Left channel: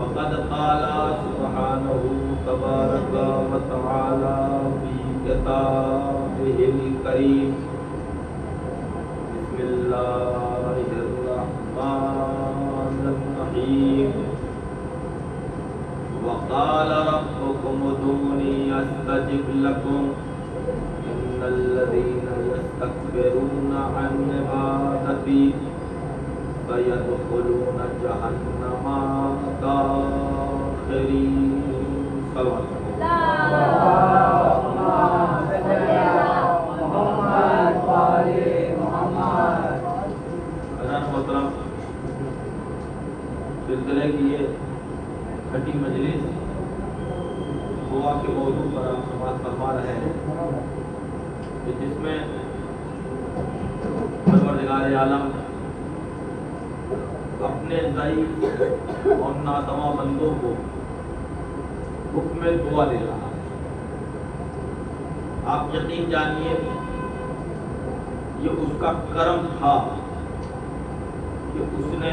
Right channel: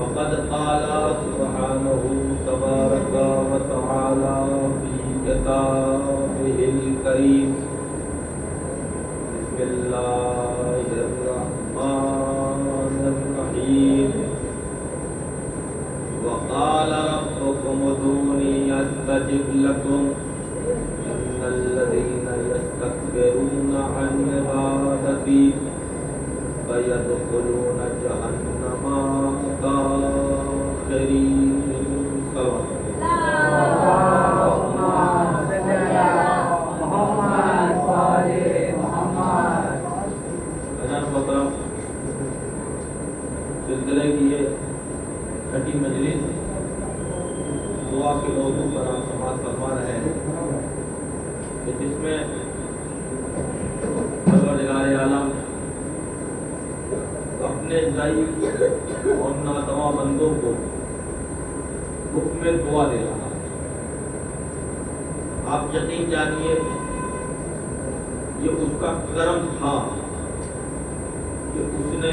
فقد قال سبحانه تبارك وتعالى في كتابه الكريم بسم الله الرحمن الرحيم وقال ربكم ادعوني استجب لكم ان الذين يستكبرون عن عبادتي فيدخلون جهنم داخرين. صلوات سلسلے کی یہ چھٹی مجلس دعا کے موضوع پر ہم سماعت فرما رہے ہیں کہ جس میں پروردگار عالم اپنے ضعیف اور ناتواں بندوں کو حکم دعا دے رہا ہے. آپ یقین جانیے یہ اس کا کرم تھا کہ اس نے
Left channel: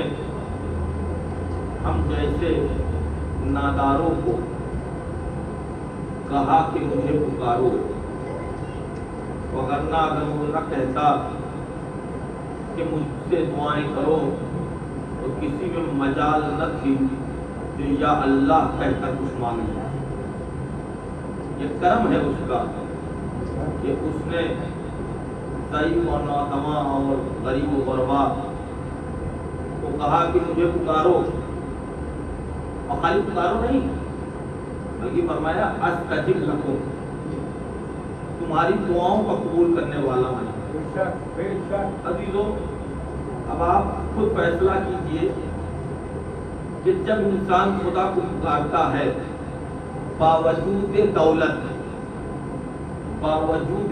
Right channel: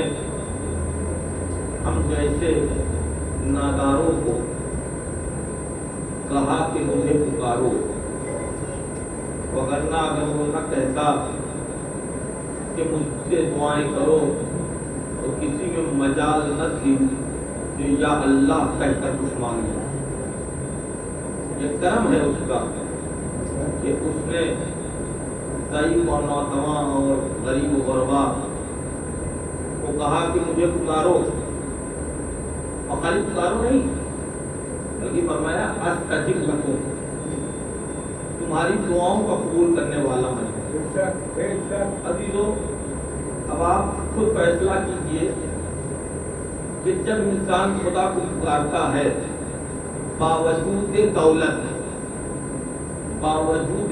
ہم جیسے ناداروں کو کہا کہ مجھے پکارو، وگرنہ اگر وہ نہ کہتا کہ مجھ سے دعائیں کرو تو کسی میں مجال نہ تھی کہ یا اللہ کہہ کر کچھ مانگا. یہ کرم ہے اس کا کہ اس نے ضعیف اور ناتواں اور غریب و غربا کو کہا کہ مجھے پکارو، اور خالی پکارو نہیں بلکہ فرمایا استجب لکم، تمہاری دعاؤں کا قبول کرنے والا میں. عزیزو اب آپ خود فیصلہ کیجئے کہ جب انسان خدا کو پکارتا ہے باوجود دولت، باوجود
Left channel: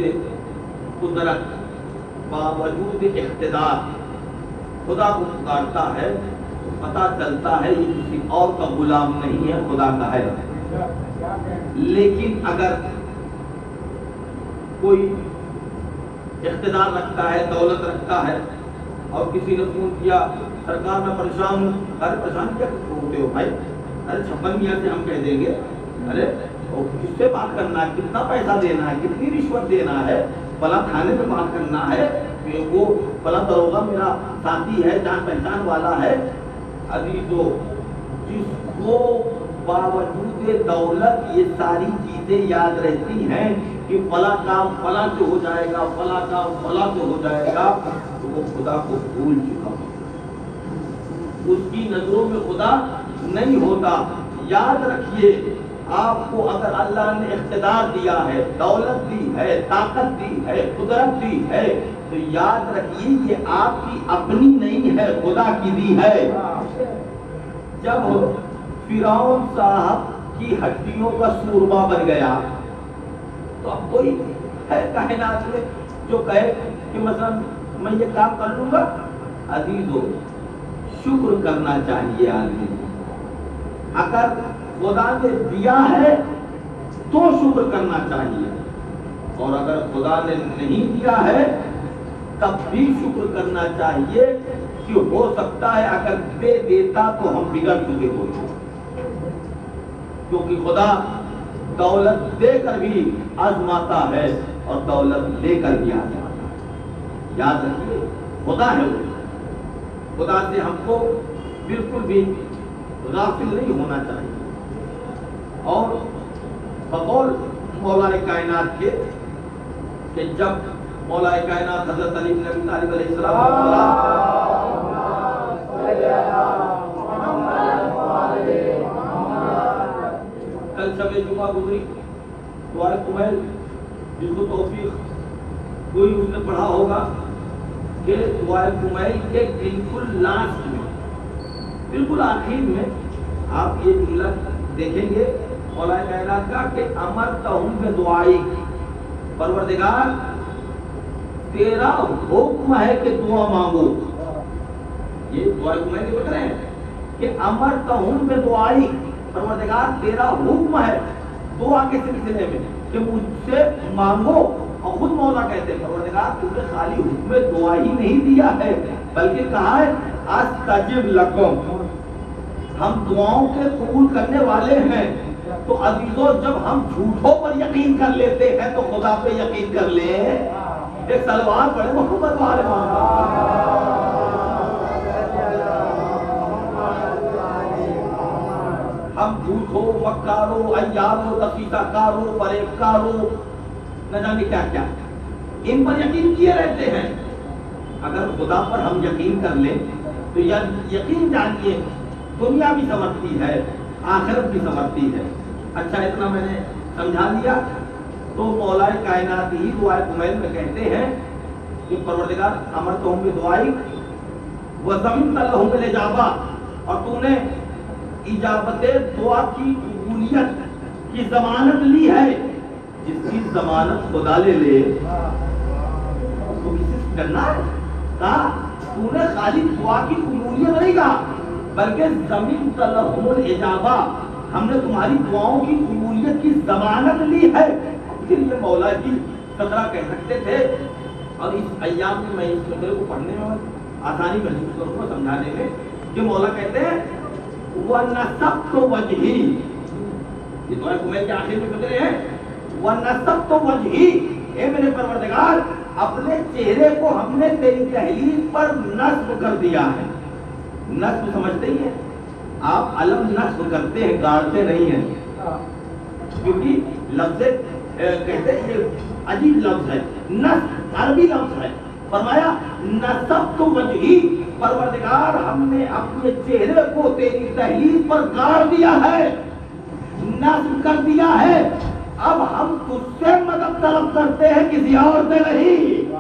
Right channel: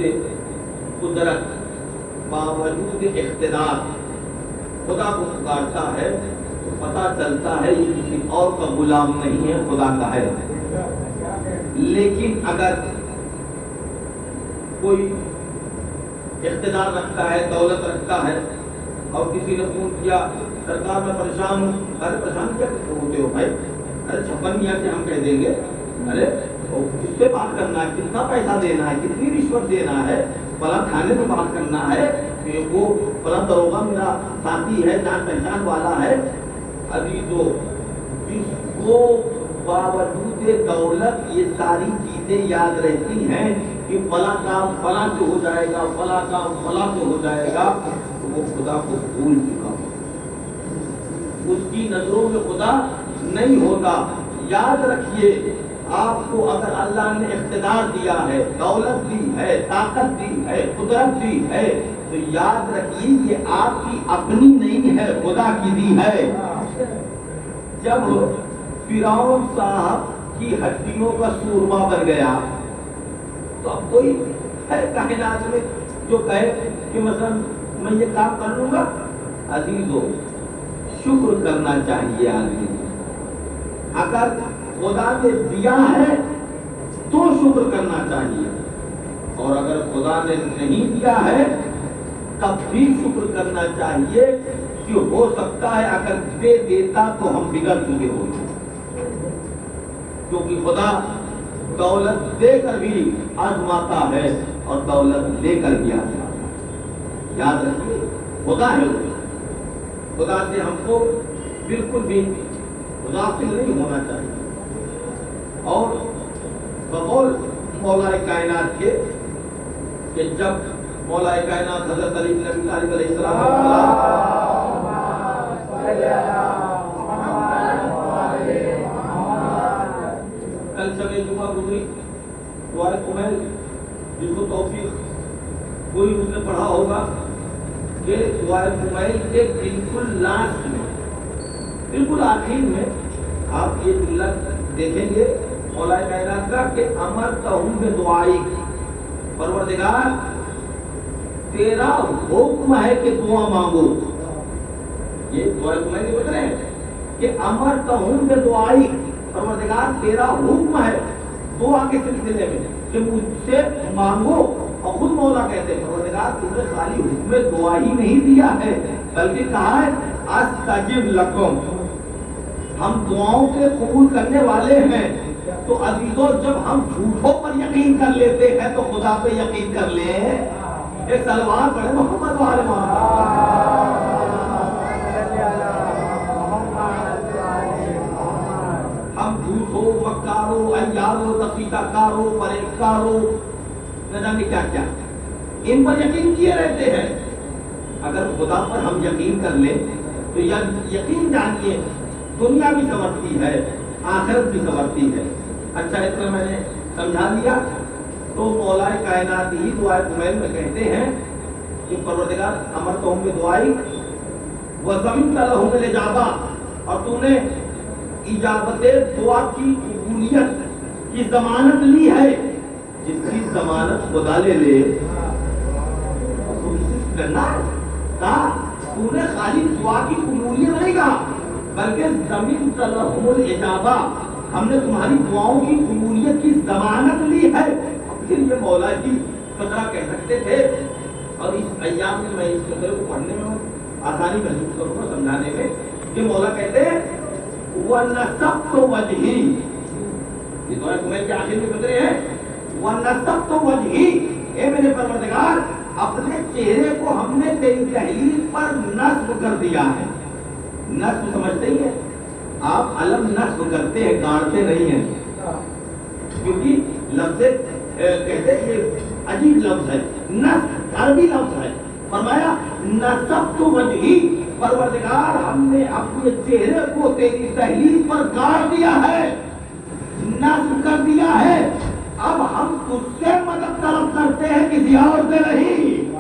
قدرت، باوجود اقتدار خدا کو پکارتا ہے تو پتہ چلتا ہے یہ کسی اور کا غلام نہیں ہے، خدا کا ہے. لیکن اگر کوئی اقتدار رکھتا ہے، دولت رکھتا ہے اور کسی نے فون کیا سرکار میں پریشان ہوں، ارے پریشان کیا ہوتے ہو بھائی، ارے 56 میاں سے ہم کہہ دیں گے، ارے کس سے بات کرنا ہے، کتنا پیسہ دینا ہے، کتنی رشوت دینا ہے، فلاں تھانے میں بات کرنا ہے، کہ وہ فلاں دروگا میرا ساتھی ہے، جان پہچان والا ہے۔ عزیزو، جس کو باوجود دولت یہ ساری چیزیں یاد رہتی ہیں کہ فلاں کام فلاں سے ہو جائے گا، فلاں کام فلاں سے ہو جائے گا، تو وہ خدا کو بھول چکا ہو، اس کی نظروں میں خدا نہیں ہوتا۔ یاد رکھیے، آپ کو اگر اللہ نے اقتدار دیا ہے، دولت دی ہے، طاقت دی ہے، قدرت دی ہے، تو یاد رکھیے یہ آپ کی اپنی نہیں ہے، خدا کی دی ہے۔ جب فرعون صاحب کی ہڈیوں کا سورما بن گیا، تو اب کوئی ہے کائنات میں جو کہے کہ مثلا میں یہ کام کر لوں گا؟ عزیزو، شکر کرنا چاہیے آدمی۔ اگر خدا نے دیا ہے تو شکر کرنا چاہیے، اور اگر خدا نے نہیں دیا ہے تب بھی شکر کرنا چاہیے، کہ ہو سکتا ہے اگر دے دیتا تو ہم بگڑ چکے ہوتے، کیونکہ خدا دولت دے کر بھی آزماتا ہے اور دولت لے کر بھی آزماتا ہے۔ یاد رکھیے، خدا ہے وہ، خدا سے ہم کو بالکل بھی غافل نہیں ہونا چاہیے۔ اور بقول مولا کائنات کے کہ جب مولا کائنات حضرت علی بن ابی طالب علیہ السلام کل شب جمعہ گزری، دعائے کمیل، جس کو توفیق کوئی اس نے پڑھا ہوگا کہ دعائے کمیل کے بالکل لاسٹ میں، بالکل آخر میں آپ یہ جملہ دیکھیں گے مولا کائنات کا کہ امرتہم بدعائی، پروردگار تیرا حکم ہے کہ دعا مانگو۔ یہ دعائے کمیل کے بتا رہے ہیں کہ امرتہم بدعائی، پروردگار تیرا حکم ہے دعا کے سلسلے میں کہ مجھ سے مانگو۔ اور خود مولا کہتے ہیں پروردگار تم نے خالی حکم دعا ہی نہیں دیا ہے، بلکہ کہا ہے استجب لکم، ہم دعاؤں کے قبول کرنے والے ہیں۔ تو عزیزو، جب ہم جھوٹوں پر یقین کر لیتے ہیں تو خدا پہ یقین کر لیں۔ ایک سلوات پڑھے محمد وآل محمد۔ ہم جھوٹوں، مکاروں، عیاروں، دقیقہ کاروں، فریب کاروں، نہ جانے کیا کیا ان پر یقین کیے رہتے ہیں۔ اگر خدا پر ہم یقین کر لیں تو یقین جانیے دنیا بھی سنورتی ہے، آخرت بھی سنورتی ہے۔ اچھا، اتنا میں نے سمجھا لیا تو مولا کائنات ہی دعائے کمیل میں کہتے ہیں کہ پروردگار امرتہم بدعائی وضمنت لہم الاجابہ، اور تم نے اجابت دعا کی قبولیت کی ضمانت لی ہے۔ جس کی ضمانت خدا لے لے اس کو کسی سے کرنا ہے؟ کہا تم نے خالی دعا کی قبولیت نہیں کہا، بلکہ ضمنت لہم الاجابہ، ہم نے تمہاری دعاؤں کی قبولیت کی ضمانت لی ہے۔ پھر یہ مولا کی قدرہ کہہ سکتے تھے، اور اس ایام میں میں اس قدرے کو پڑھنے میں آسانی محسوس کروں گا سمجھانے میں، کہ مولا کہتے ہیں وَنَسَبْتُ وَجْهِي، یہ دعائے کمیل کے آخر میں قدرے ہیں، وَنَسَبْتُ وَجْهِي، اے میرے پروردگار اپنے چہرے کو ہم نے تیری تحلیل پر نصب کر دیا ہے۔ نصب سمجھتے ہی ہیں آپ، علم نصب کرتے ہیں، گاڑتے نہیں ہیں، کیونکہ لفظ کہتے ہیں یہ عجیب لفظ ہے، نصب عربی لفظ ہے۔ فرمایا نصبت وجہی، پروردگار ہم نے اپنے چہرے کو تیری تحلیل پر گاڑ دیا ہے، نصب کر دیا ہے، اب ہم تجھ سے مدد طلب کرتے ہیں، کسی اور سے نہیں۔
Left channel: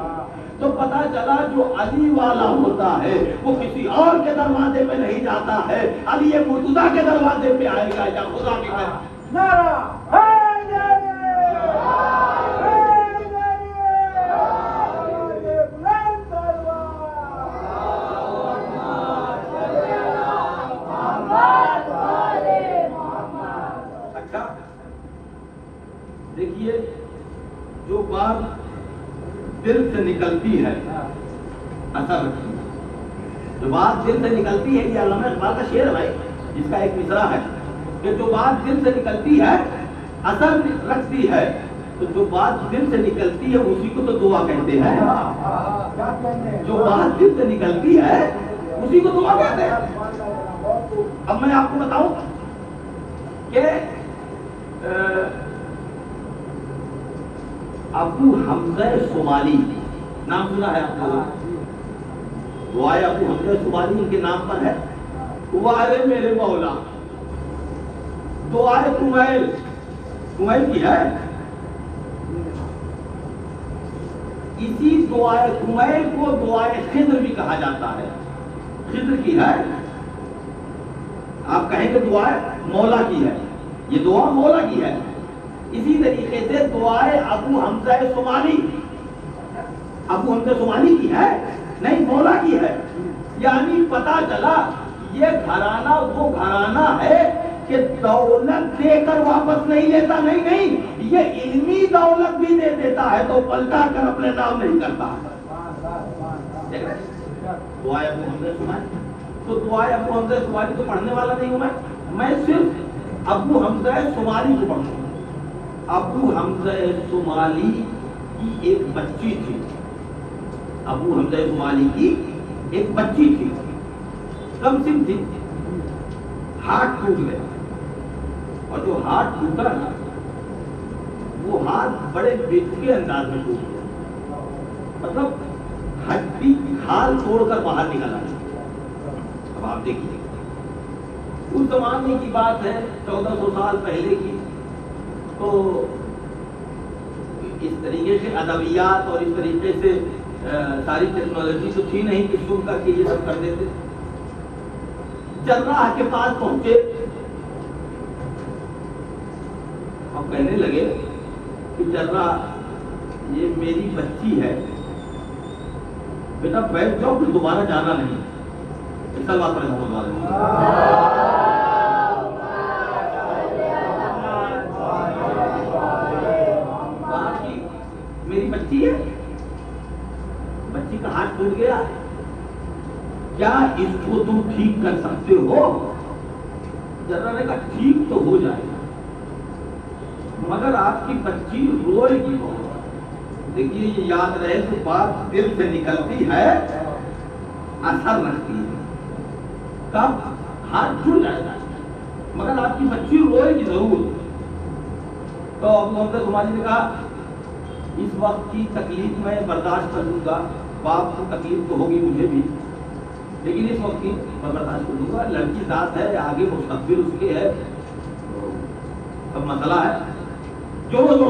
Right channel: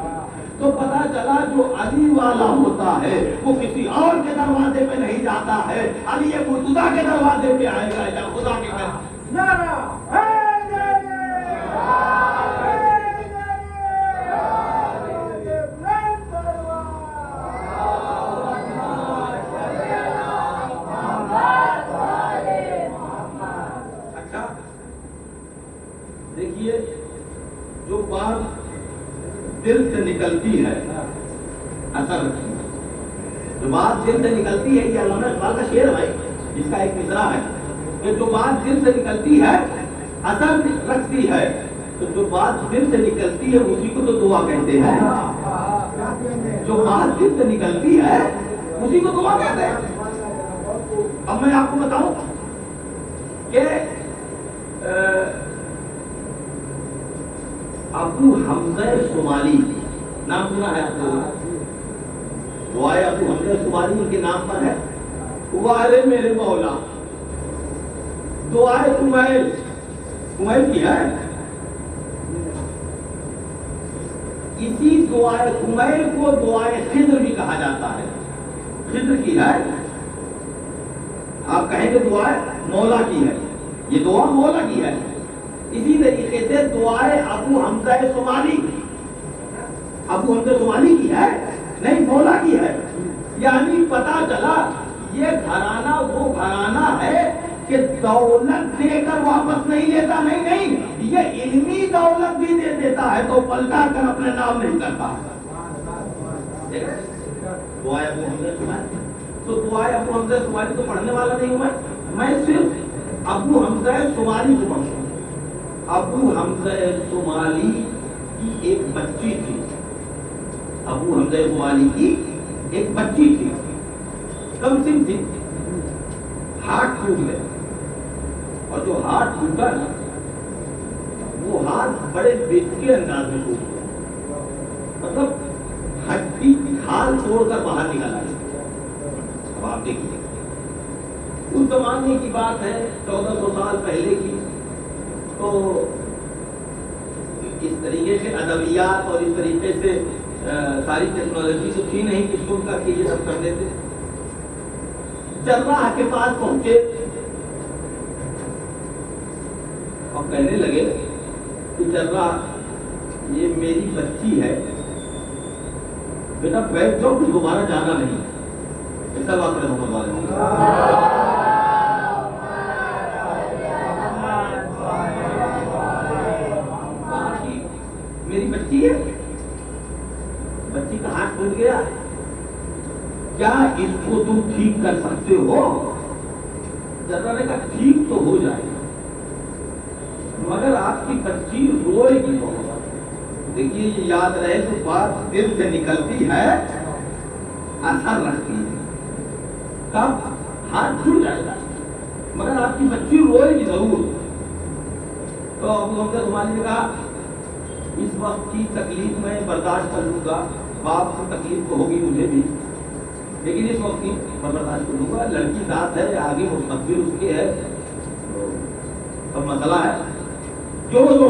تو پتا چلا جو علی والا ہوتا ہے وہ کسی اور کے دروازے پہ نہیں جاتا ہے، علی مرتضیٰ کے دروازے پہ آئے گا یا خدا کے اچھا دیکھیے، جو بات دل سے نکلتی ہے اثر رکھتی ہے، جو بات دل سے نکلتی ہے، یہ علامہ اقبال کا شعر ہے بھائی، جس کا ایک مصرع ہے کہ جو بات دل سے نکلتی ہے اثر رکھتی ہے، تو جو بات دل سے نکلتی ہے اسی کو تو دعا کہتے ہیں۔ جو بات دل سے نکلتی ہے اسی کو دعا کہتے ہیں. اب میں آپ کو بتاؤں کہ ابو حمزہ صومالی نام سنا ہے آپ کو؟ دعائے ابو حمزہ صومالی ان کے نام پر ہے. وارے میرے مولا دعائے کمیل کی ہے. اسی دعائے کمیل کو دعائے خضر بھی کہا جاتا ہے. خضر کی ہے. آپ کہیں گے دعائے مولا کی ہے. یہ دعا مولا کی ہے. اسی طریقے سے دعائے ابو حمزہ صومالی کی ہے, نہیں مولا کی ہے. یعنی پتا چلا یہ گھرانہ وہ گھرانہ ہے کہ دولت دے کر واپس نہیں لیتا. نہیں, یہ علمی دولت بھی دے دیتا ہے تو پلٹا کر اپنے نام نہیں کرتا. دعائے ابو حمزہ صومالی, تو دعائے ابو حمزہ صومالی کو پڑھنے والا نہیں ہوں میں صرف ابو حمزہ صومالی کو پڑھوں. ابو حمزہ صومالی کی ایک بچی تھی. ابو حمزہ صومالی کی ایک بچی تھی, کم سن تھی, ہاتھ ٹوٹ گیا. اور جو ہاتھ ٹوٹا نا وہ ہاتھ بڑے بےتکے انداز میں ٹوٹ گیا. مطلب ہڈی کھال توڑ کر باہر نکل آئی. اب آپ دیکھیے اس زمانے کی بات ہے, 1400 سال پہلے کی. تو اس طریقے سے ادویات اور اس طریقے سے ساری ٹیکنالوجی تو تھی نہیں کہ سن کر کے یہ سب کر دیتے. جراح کے پاس پہنچے اور کہنے لگے کہ جراح یہ میری بچی ہے, بیٹا بیٹھ جاؤ, پھر دوبارہ جانا نہیں. ایسا بات کرے محمد والے میری بچی ہے, بچی کا ہاتھ ٹوٹ گیا, کیا اس کو تم ٹھیک کر سکتے ہو؟ جراح نے کہا ٹھیک تو ہو جائے مگر آپ کی بچی روئے گی بہت. دیکھیے یہ یاد رہے تو بات دل سے نکلتی ہے اثر رکھتی ہے. کب ہاتھ ٹوٹ جائے گا مگر آپ کی بچی روئے گی ضرور. تو ابو حمزہ صومالی نے کہا اس وقت کی تکلیف میں برداشت کر لوں گا, باپ کی تکلیف تو ہوگی مجھے بھی, لیکن اس وقت کی میں برداشت کر لوں گا. لڑکی ذات ہے, آگے مستقبل اس کے ہے, سب مسئلہ ہے. جوڑو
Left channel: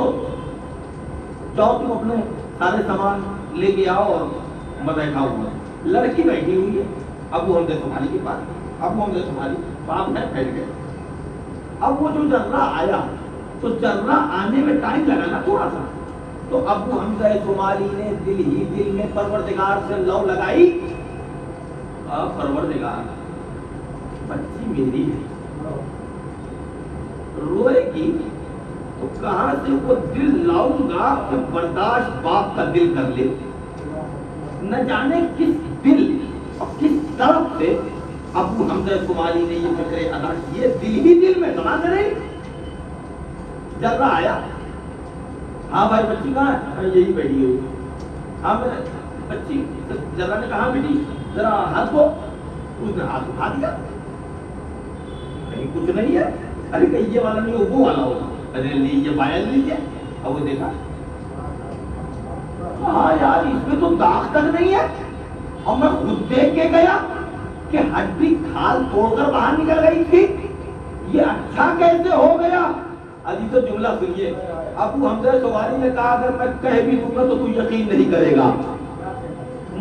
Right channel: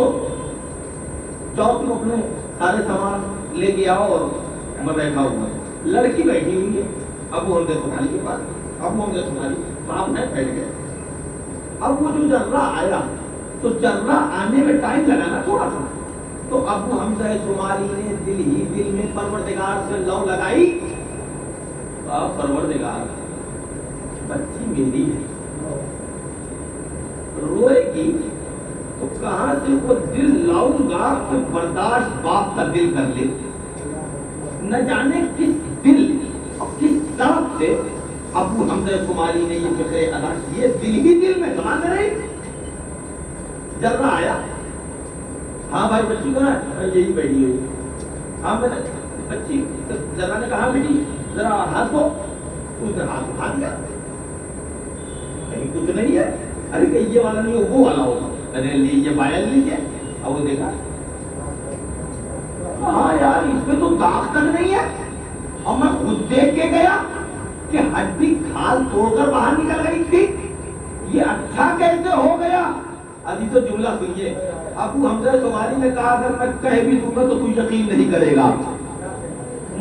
جاؤ تم اپنے سارے سامان لے کے آؤ اور میں بیٹھا ہوں. لڑکی بیٹھی ہوئی ہے ابو حمزہ صومالی کے پاس. ابو حمزہ صومالی باپ ہے, بیٹھ گئے. اب وہ جو جراح آیا تو جراح آنے میں ٹائم لگا نا تھوڑا سا, تو ابو حمزہ صومالی نے دل ہی دل میں پروردگار سے لو لگائی, پروردگار بچی میری ہے, روئے گی تو کہاں سے وہ دل لاؤں گا کہ برداشت باپ کا دل کر لے. نہ جانے کس دل اور کس طرف سے ابو حمزہ صومالی نے یہ فکرے ادا کیے, دل ہی دل میں سما کرے. جراح آیا, ہاں بھائی بچی کہاں ہے؟ یہی بیٹھی ہوئی. ہاں میرے بچی. جراح نے کہا بیٹی ذرا ہاتھ کو. اس نے ہاتھ اٹھا دیا, کہیں کچھ نہیں ہے. ارے کہ یہ والا نہیں وہ والا ہوگا. ارے لیجیے پائل لیجیے. اب وہ دیکھا, ہاں یار اس میں تو داغ تک نہیں ہے. اور میں خود دیکھ کے گیا کہ ہڈی کھال توڑ کر باہر نکل گئی تھی. یہ اچھا کیسے ہو گیا؟ عزیز تو جملہ سنیے. ابو حمزہ صومالی نے کہا اگر میں کہہ بھی دوں گا تو تو یقین نہیں کرے گا.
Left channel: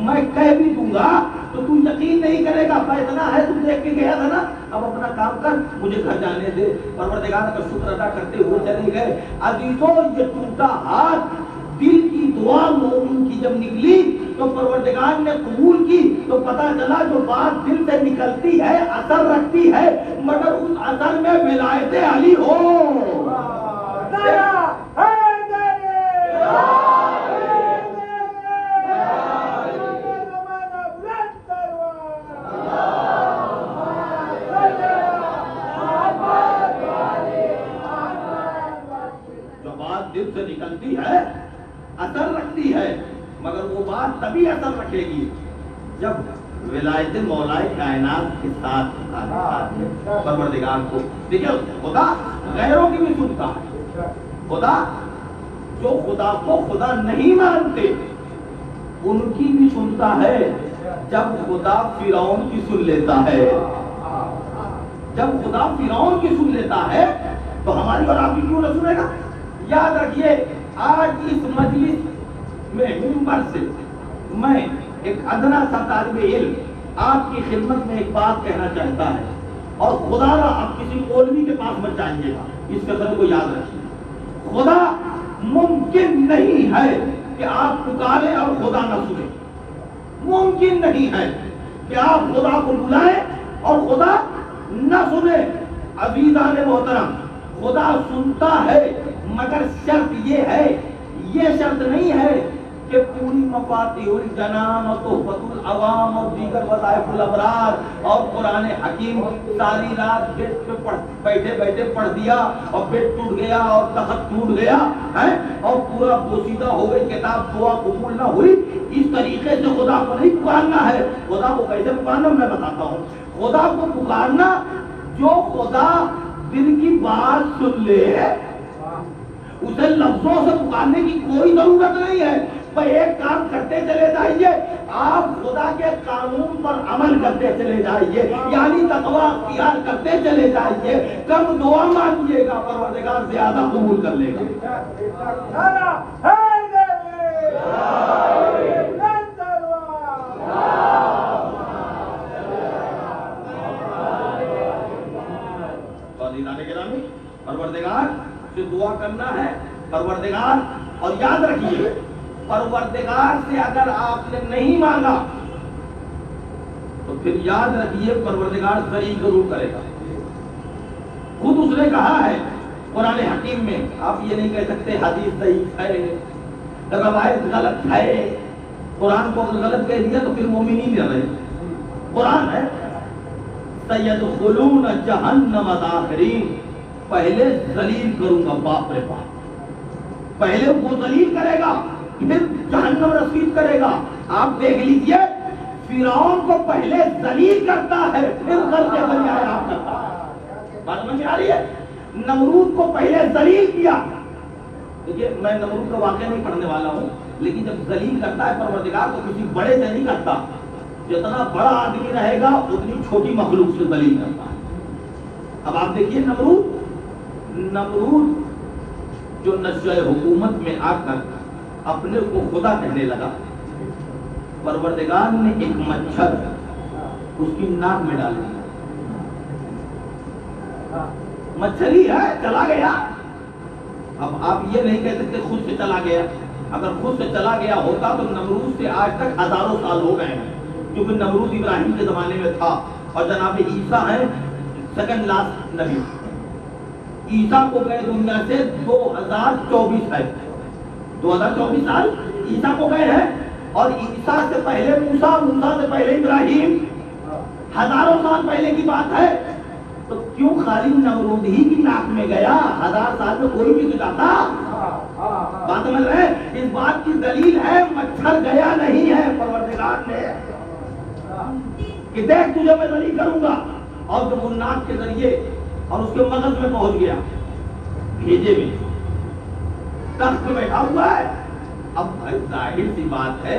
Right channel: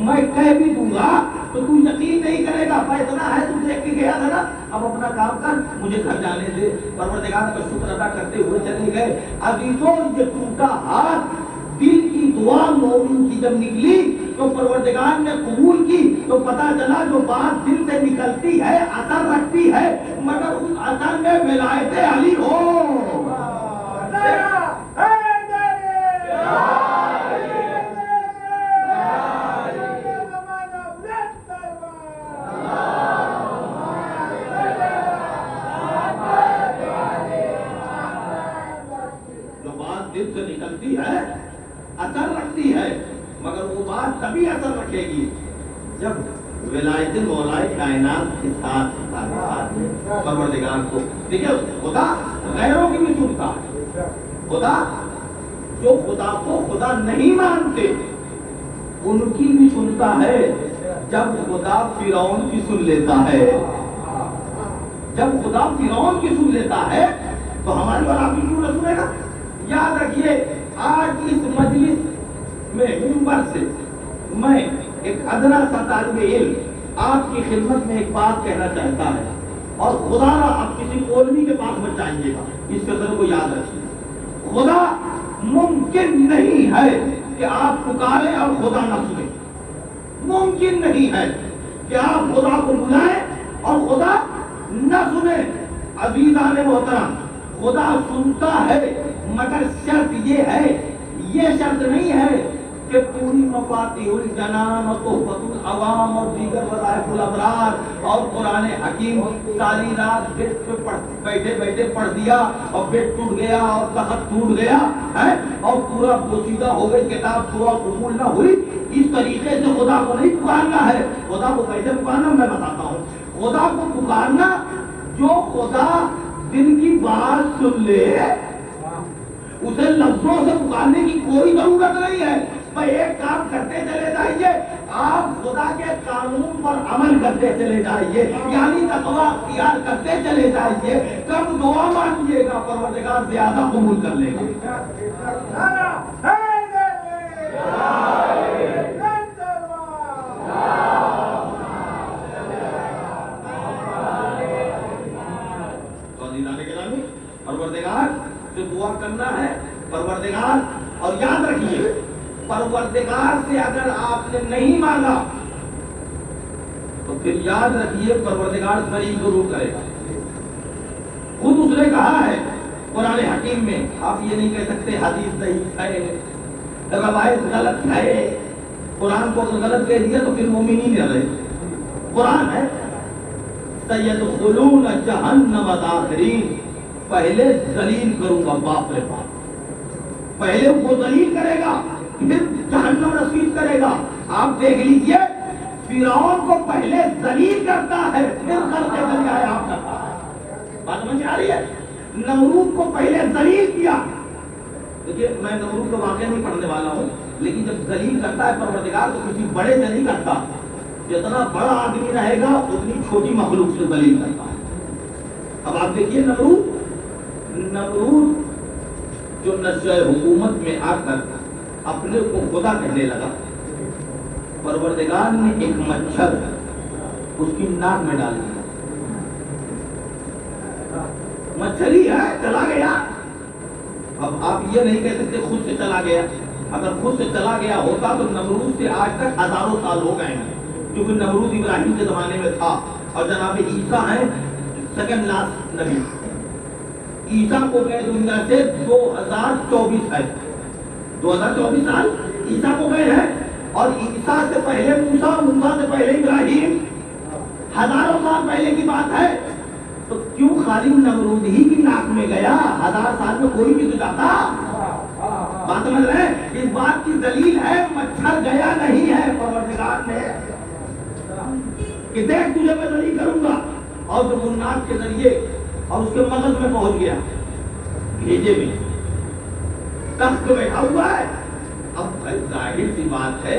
میں کہہ بھی دوں گا تو تو یقین نہیں کرے گا. فیصلہ ہے, تو دیکھ کے گیا تھا نا, اب اپنا کام کر, مجھے گھر جانے دے. پروردگار کا شکر ادا کرتے ہوئے چلے گئے. عزیزوں یہ ٹوٹا ہاتھ دل کی دعا مومن کی جب نکلی تو پروردگار نے قبول کی, تو پتا چلا جو بات دل سے نکلتی ہے اثر رکھتی ہے, مگر اس اثر میں ولایت علی ہو. جو بات دل سے نکلتی ہے اثر رکھتی ہے, مگر وہ بات تبھی اثر رکھے رکھے گی جب ولایت مولائے کائنات کے ساتھ پروردگار کو. دیکھیں خدا غیروں کی بھی سنتا ہے. خدا جو خدا کو خدا نہیں مانتے ان کی بھی سنتا ہے. جب خدا فرعون کی سن لیتا ہے, جب خدا فرعون کی سن لیتا ہے تو ہماری اور آپ کی کیوں نہ سنے گا؟ یاد رکھیے آج اس مجلس میں منبر سے میں ایک ادنا سا طالب علم آپ کی خدمت میں ایک بات کہنا چاہتا ہے, اور خدا نہ آپ کسی مولوی کے پاس مت جائیے گا, اس قدر کو یاد رکھیے. خدا ممکن نہیں ہے کہ آپ پکاریں اور خدا نہ سنے. ممکن نہیں ہے کہ آپ خدا کو بلائیں اور خدا نہ سنے. عزیزان محترم, خدا سنتا ہے مگر شرط یہ ہے, یہ شرط نہیں ہے کہ پوری مفاتیح الجنان اور تحفۃ العوام اور دیگر وظائف الابرار اور قرآن حکیم ساری رات بیڈ پہ بیٹھے بیٹھے پڑھ دیا اور بیڈ ٹوٹ گیا اور تخت ٹوٹ گیا ہے اور پورا بوسیدہ ہو گئی کتاب, دعا قبول نہ ہوئی. اس طریقے سے خدا کو نہیں پکارنا ہے. خدا کو کیسے پکارنا میں بتاتا ہوں. خدا کو پکارنا جو خدا دل کی بات سن لے اسے لفظوں سے پکارنے کی کوئی ضرورت نہیں ہے. بھائی ایک کام کرتے چلے جائیے, آپ خدا کے قانون پر عمل کرتے چلے جائیے, یعنی تقویٰ اختیار کرتے چلے جائیے. کم دعا مانگیے گا پروردگار زیادہ قبول کر لے گا. پروردگار سے دعا کرنا ہے پروردگار, اور یاد رکھیے پروردگار سے اگر آپ نے نہیں مانگا تو پھر یاد رکھیے پروردگار صحیح ضرور کرے گا. خود اس نے کہا ہے قرآن حکیم میں, آپ یہ نہیں کہہ سکتے حدیث صحیح ہے, روایت غلط ہے. قرآن کو غلط کہہ دیا تو پھر مومنین نہ رہے. قرآن ہے سیدخلون جہنم داخرین, پہلے ذلیل کروں گا باپ رے باپ, پہلے وہ ذلیل کرے گا پھر جہنم رسید کرے گا. آپ دیکھ لیجئے فرعون کو پہلے ذلیل کرتا ہے پھر غلطے بن آیا. بات سمجھ آ رہی ہے؟ نمرود کو پہلے ذلیل کیا. دیکھیے میں نمرود کا واقعہ نہیں پڑھنے والا ہوں, لیکن جب ذلیل کرتا ہے پروردگار تو کسی بڑے سے نہیں کرتا. جتنا بڑا آدمی رہے گا اتنی چھوٹی مخلوق سے ذلیل کرتا. اب آپ دیکھیے نمرود جو نشہ حکومت میں آ کر اپنے کو خدا کہنے لگا, پروردگار نے ایک مچھر اس کی ناک میں ڈال دیا. مچھر ہی ہے, چلا گیا. اب آپ یہ نہیں کہہ سکتے خود سے چلا گیا. اگر خود سے چلا گیا ہوتا تو نمرود سے آج تک ہزاروں سال ہو گئے ہیں, کیونکہ نمرود ابراہیم کے زمانے میں تھا اور جناب عیسیٰ ہیں سیکنڈ لاسٹ نبی. عیسیٰ کو گئے دنیا سے 2024 ہے, 2024 سال عیسیٰ کو گئے ہیں, اور عیسیٰ سے پہلے موسیٰ, موسیٰ سے پہلے ابراہیم, ہزاروں سال پہلے کی بات ہے. تو کیوں خالی نمرود ہی کی ناک میں گیا؟ 1000 سال میں کوئی بھی تو جاتا. بات سمجھ رہے ہیں؟ اس بات کی دلیل ہے مچھر گیا نہیں ہے پروردگار نے کہ دیکھ تجھے میں ذلیل کروں گا. اور جب وہ ناک کے ذریعے اور اس کے مغز میں پہنچ گیا, بھیجے میں تخت پہ بیٹھا ہوا ہے. اب ظاہر سی بات ہے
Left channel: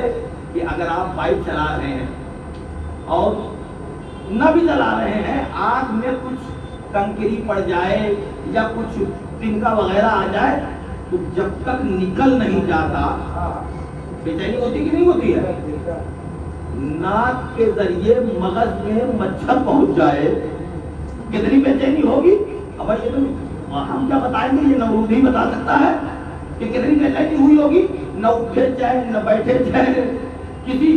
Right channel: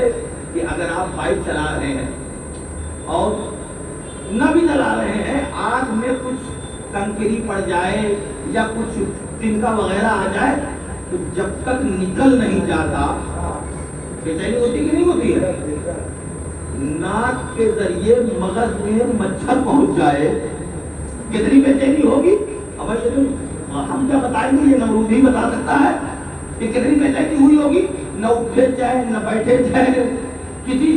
کہ اگر آپ بائک چلا رہے ہیں اور نہ بھی چلا رہے ہیں, آنکھ میں کچھ کنکری پڑ جائے یا کچھ تنکا وغیرہ آ جائے تو جب تک نکل نہیں جاتا بے چینی ہوتی کہ نہیں ہوتی ہے؟ ناک کے ذریعے مغز میں مچھر پہنچ جائے کتنی بے چینی ہوگی؟ اب یہ تو ہم کیا بتائیں گے, یہ نمرود ہی بتا سکتا ہے کہ کتنی بے چینی ہوئی ہوگی. نہ اٹھے جائے نہ بیٹھے جائے, کسی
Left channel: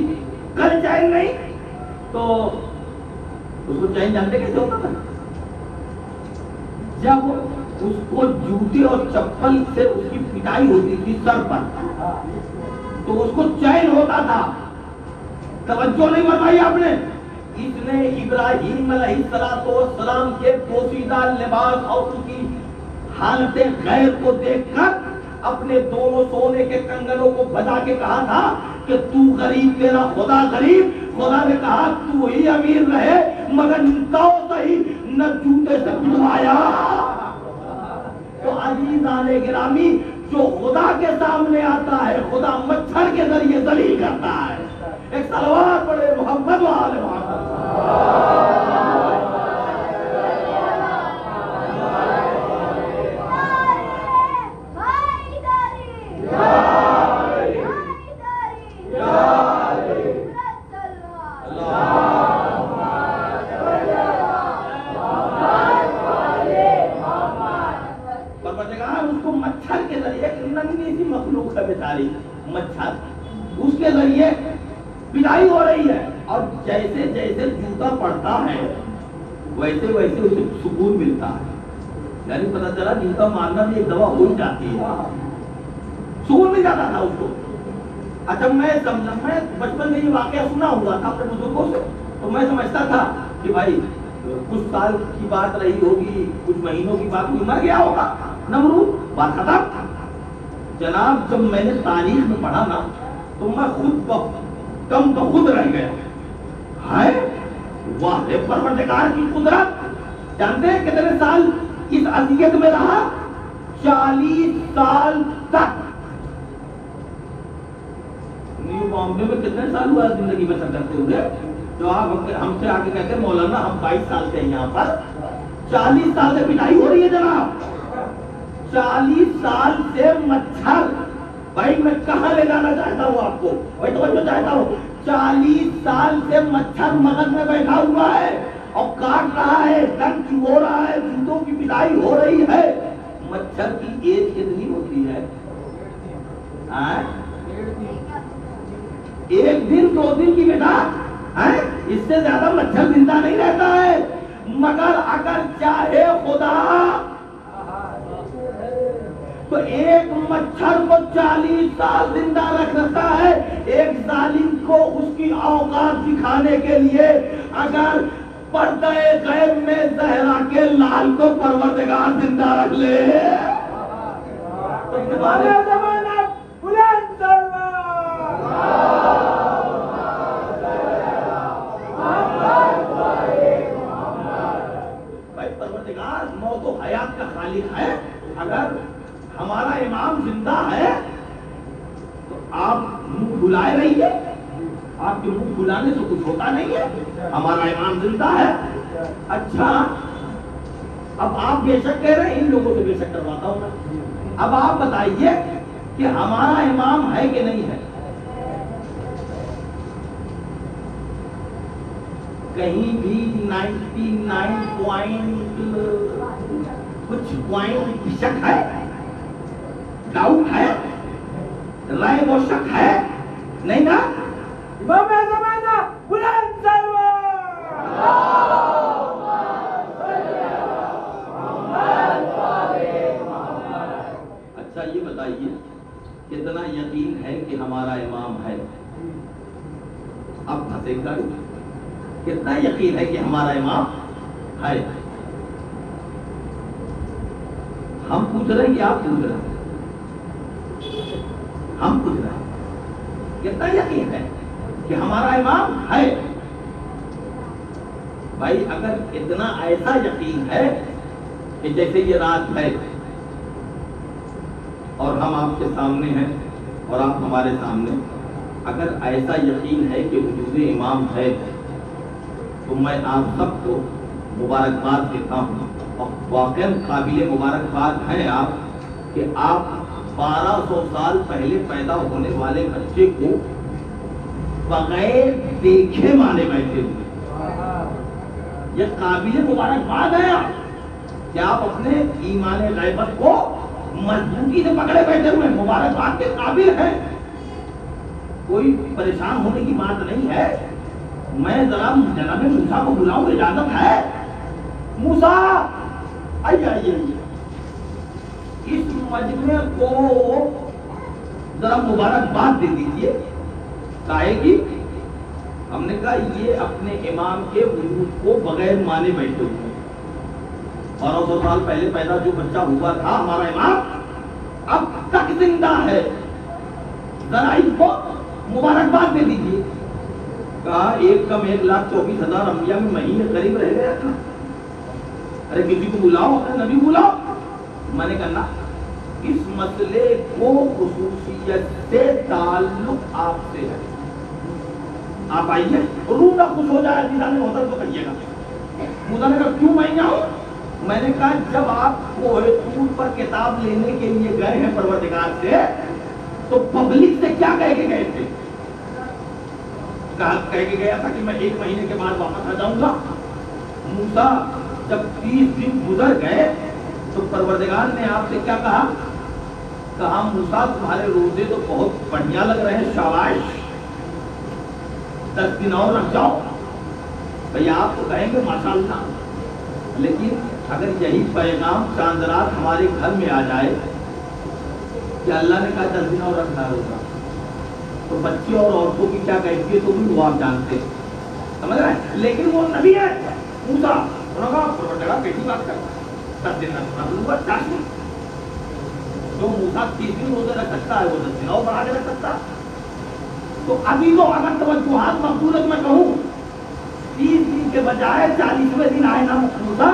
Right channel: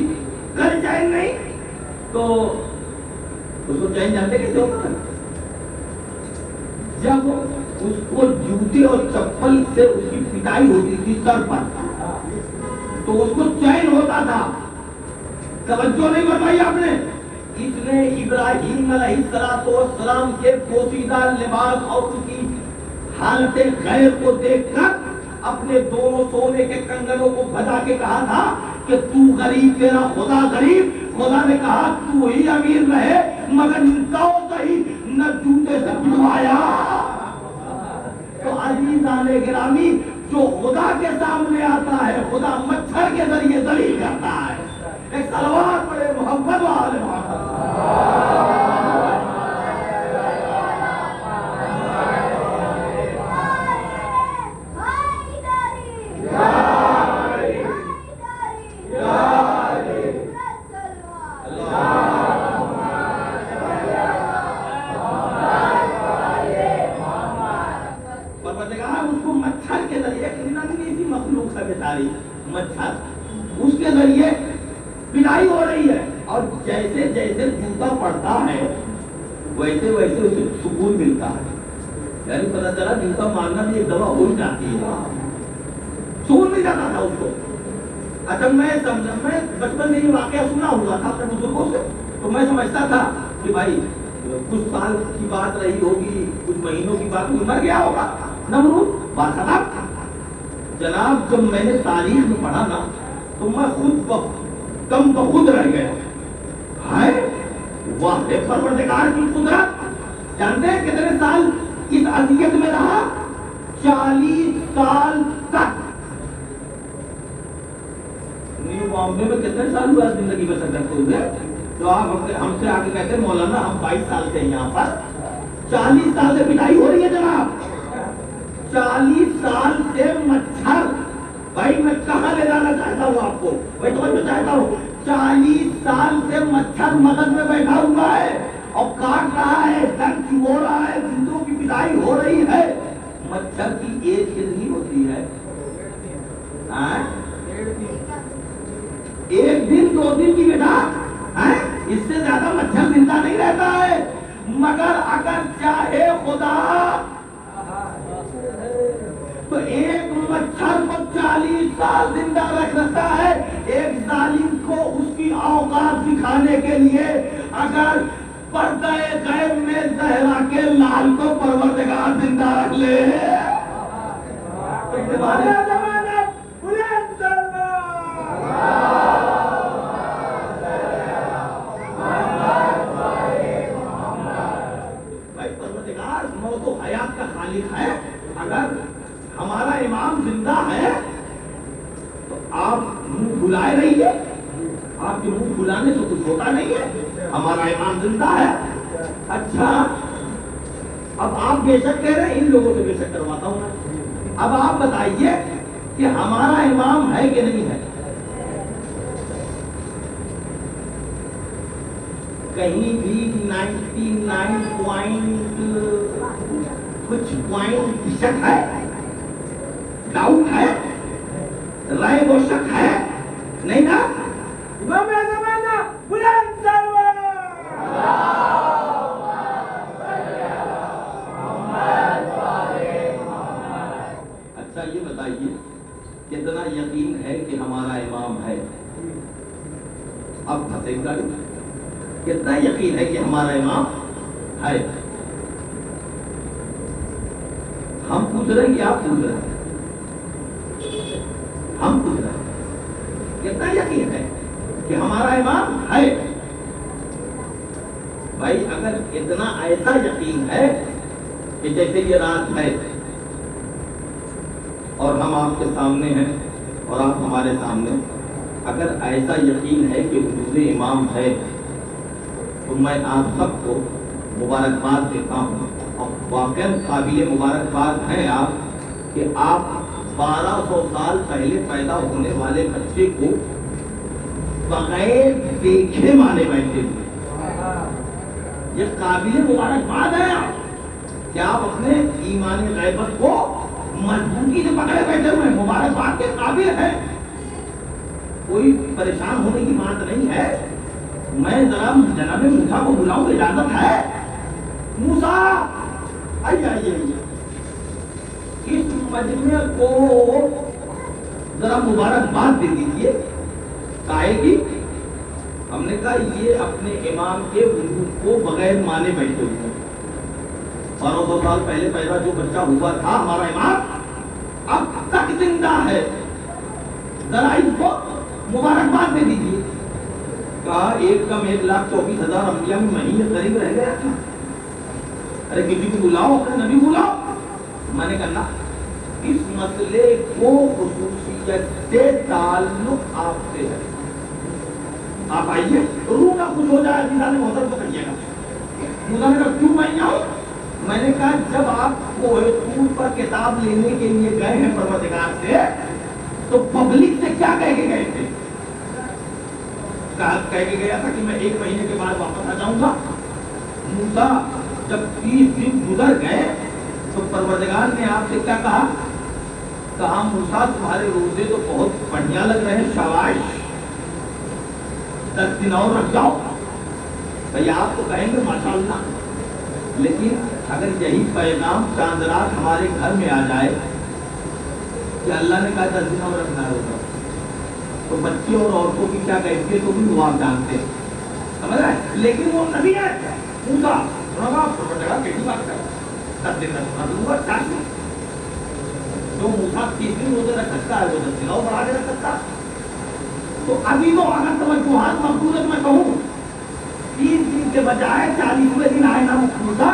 کر جائے نہیں, تو اس کو چین جانتے کیسے ہوتا تھا؟ جب اس کو جوتے اور چپل سے اس کی پٹائی ہوتی تھی سر پر تو اس کو چین ہوتا تھا. توجہ نہیں فرمائی آپ نے؟ اس نے ابراہیم علیہ السلام کے پوشیدہ لباس اور ان کی حالت غیر کو دیکھ کر اپنے دونوں سونے کے کنگنوں کو بجا کے کہا تھا کہ تو غریب تیرا خدا غریب. خدا نے کہا تو ہی امیر رہے مگر تو صحیح نہ جوتے سے پٹوایا. تو عزیزان گرامی جو خدا کے سامنے آتا ہے خدا مچھر کے ذریعے ذلیل کرتا ہے. ایک صلوات پڑھے محمد و آل محمد. مخلوق ہے بیچاری مچھر اس کے ذریعے پٹائی ہو رہی ہے اور جیسے جیسے جوتا پڑتا ہے ویسے ویسے اسے سکون ملتا ہے. یعنی پتہ چلا جوتا مارنا بھی ایک دوا ہو ہی جاتی ہے, سکون مل جاتا تھا اس کو. اچھا میں بچپن میں یہ واقعہ سنا ہوا تھا اپنے بزرگوں سے تو میں سمجھتا تھا کہ بھائی کچھ سال کی بات رہی ہوگی کچھ مہینوں کی بات ہوگی مر گیا ہوگا نمرود بات ختم. جناب جب میں نے تاریخ میں پڑھا نا تو میں خود کم بخود رہ گیا. ہائے واہ پروردگار کی قدرت. جانتے ہیں کتنے سال اس اذیت میں رہا؟ 40 سال تک. معاملے میں کتنے سال ہوا زندگی میں سفر کرتے ہوئے جو آپ ہم سے آگے کہتے ہیں مولانا ہم 22 سال سے ہیں یہاں پر. 40 سال سے پٹائی ہو رہی ہے جناب. 40 سال سے مچھر. بھائی میں کہاں لے جانا چاہتا ہوں آپ کو وہی تو چاہتا ہوں. 40 سال سے مچھر مغز میں بیٹھا ہوا ہے اور کاٹ رہا ہے درد ہو رہا ہے جوتوں کی پٹائی ہو رہی ہے. مچھر کی ایج کتنی ہوتی ہے؟ ایک دن 2 دن کی بیٹا اس سے زیادہ مچھر زندہ نہیں رہتا ہے. مگر اگر چاہے خدا تو ایک مچھر کو 40 سال زندہ رکھ سکتا ہے. ایک ظالم کو اس کی اوقات دکھانے کے لیے اگر پردہ غیب میں زہرا کے لال کو پروردگار زندہ رکھ لے. بھائی پروردگار موت و حیات کا خالق ہے. اگر ہمارا امام زندہ ہے تو آپ منہ کھلائے رہیے. آپ کے منہ کھلانے سے کچھ ہوتا نہیں ہے. ہمارا امام زندہ ہے. اچھا اب آپ بے شک کہہ رہے ہیں ان لوگوں سے بے شک کرواتا ہوں. اب آپ بتائیے کہ ہمارا امام ہے کہ نہیں ہے؟ کہیں بھی 99 کچھ پوائنٹ شک ہے, ڈاؤٹ ہے, رائے و شک ہے نہیں نا؟ امام زمانہ بلند اچھا یہ بتائیے کتنا یقین ہے کہ ہمارا امام ہے؟ اب پھنسے گا کتنا یقین ہے کہ ہمارا امام ہے؟ ہم پوچھ رہے ہیں کہ آپ پوچھ رہے ہیں؟ ہم پوچھ رہے ہیں کتنا یقین ہے کہ ہمارا امام ہے؟ بھائی اگر اتنا ایسا یقین ہے کہ جیسے یہ رات ہے اور ہم آپ کے سامنے ہیں اور آپ ہمارے سامنے, اگر ایسا یقین ہے کہ وجود امام ہے تو میں آپ سب کو مبارکباد دیتا ہوں. اور واقعا قابل مبارکباد ہیں آپ کہ آپ 1200 سال پہلے پیدا ہونے والے بچے کو بغیر دیکھے مانے بیٹھے ہوئے. یہ قابل مبارکباد ہے کہ آپ اپنے ایمان غیبت کو مضبوطی سے پکڑے بیٹھے ہوئے مبارکباد کے قابل ہیں. کوئی پریشان ہونے کی بات نہیں ہے. میں ذرا جناب موسیٰ کو بلاؤں, اجازت ہے؟ موسیٰ آئیے اس مجمع کو ذرا مبارکباد دے دیجیے. کہے گی ہم نے کہا یہ اپنے امام کے وجود کو بغیر مانے بیٹھے ہوئے 1200 سال پہلے پیدا جو بچہ ہوا تھا ہمارا امام اب تک زندہ ہے. ذرا ان کو مبارکباد دے دیجیے. کہا 1,24,000 انبیاء میں مہینے قریب رہ گیا تھا. ارے کسی کو بلاؤ, نبی بلاؤ. میں نے کہا اس مسئلے کو خصوصیت سے تعلق آپ سے ہے, آپ آئیے. روح نہ خوش ہو جائے عزیزان محترم پکڑیے گا. موسیٰ نے کہا کیوں میں آؤں؟ میں نے کہا جب آپ کوہ طور پر کتاب لینے کے لیے گئے ہیں پروردگار سے, تو پبلک سے کیا کہہ کے گئے تھے؟ کہہ کے گیا تھا کہ میں 1 مہینے کے بعد واپس آ جاؤں گا. موسیٰ جب 30 دن گزر گئے تو پروردگار نے آپ سے کیا کہا؟ کہا موسیٰ تمہارے روزے تو بہت بڑھیا لگ رہے ہیں, شاباش, 10 دن اور رکھ جاؤ. بھئی آپ تو کہیں گے ماشاءاللہ, لیکن اگر یہی پیغام چاند رات ہمارے گھر میں آ جائے کہ اللہ نے کہا 10 دن اور رکھنا روزہ, تو بچے اور عورتوں کی کیا کہتی ہے تو بھی آپ جانتے, سمجھ رہے ہیں. لیکن وہ نبی ہے موسیٰ, انہوں نے کہا پروردگار کیسی بات کرتا, 10 دن رکھنا لوں گا, 10 دن. جو موسیٰ 30 دن روزے رکھ سکتا ہے وہ 10 دن اور بڑھا کے رکھ سکتا ہے. تو ابھی تو اگر توجہات مقبولت میں کہوں 30 دن کے بجائے 40ویں دن آئے نا موسیٰ,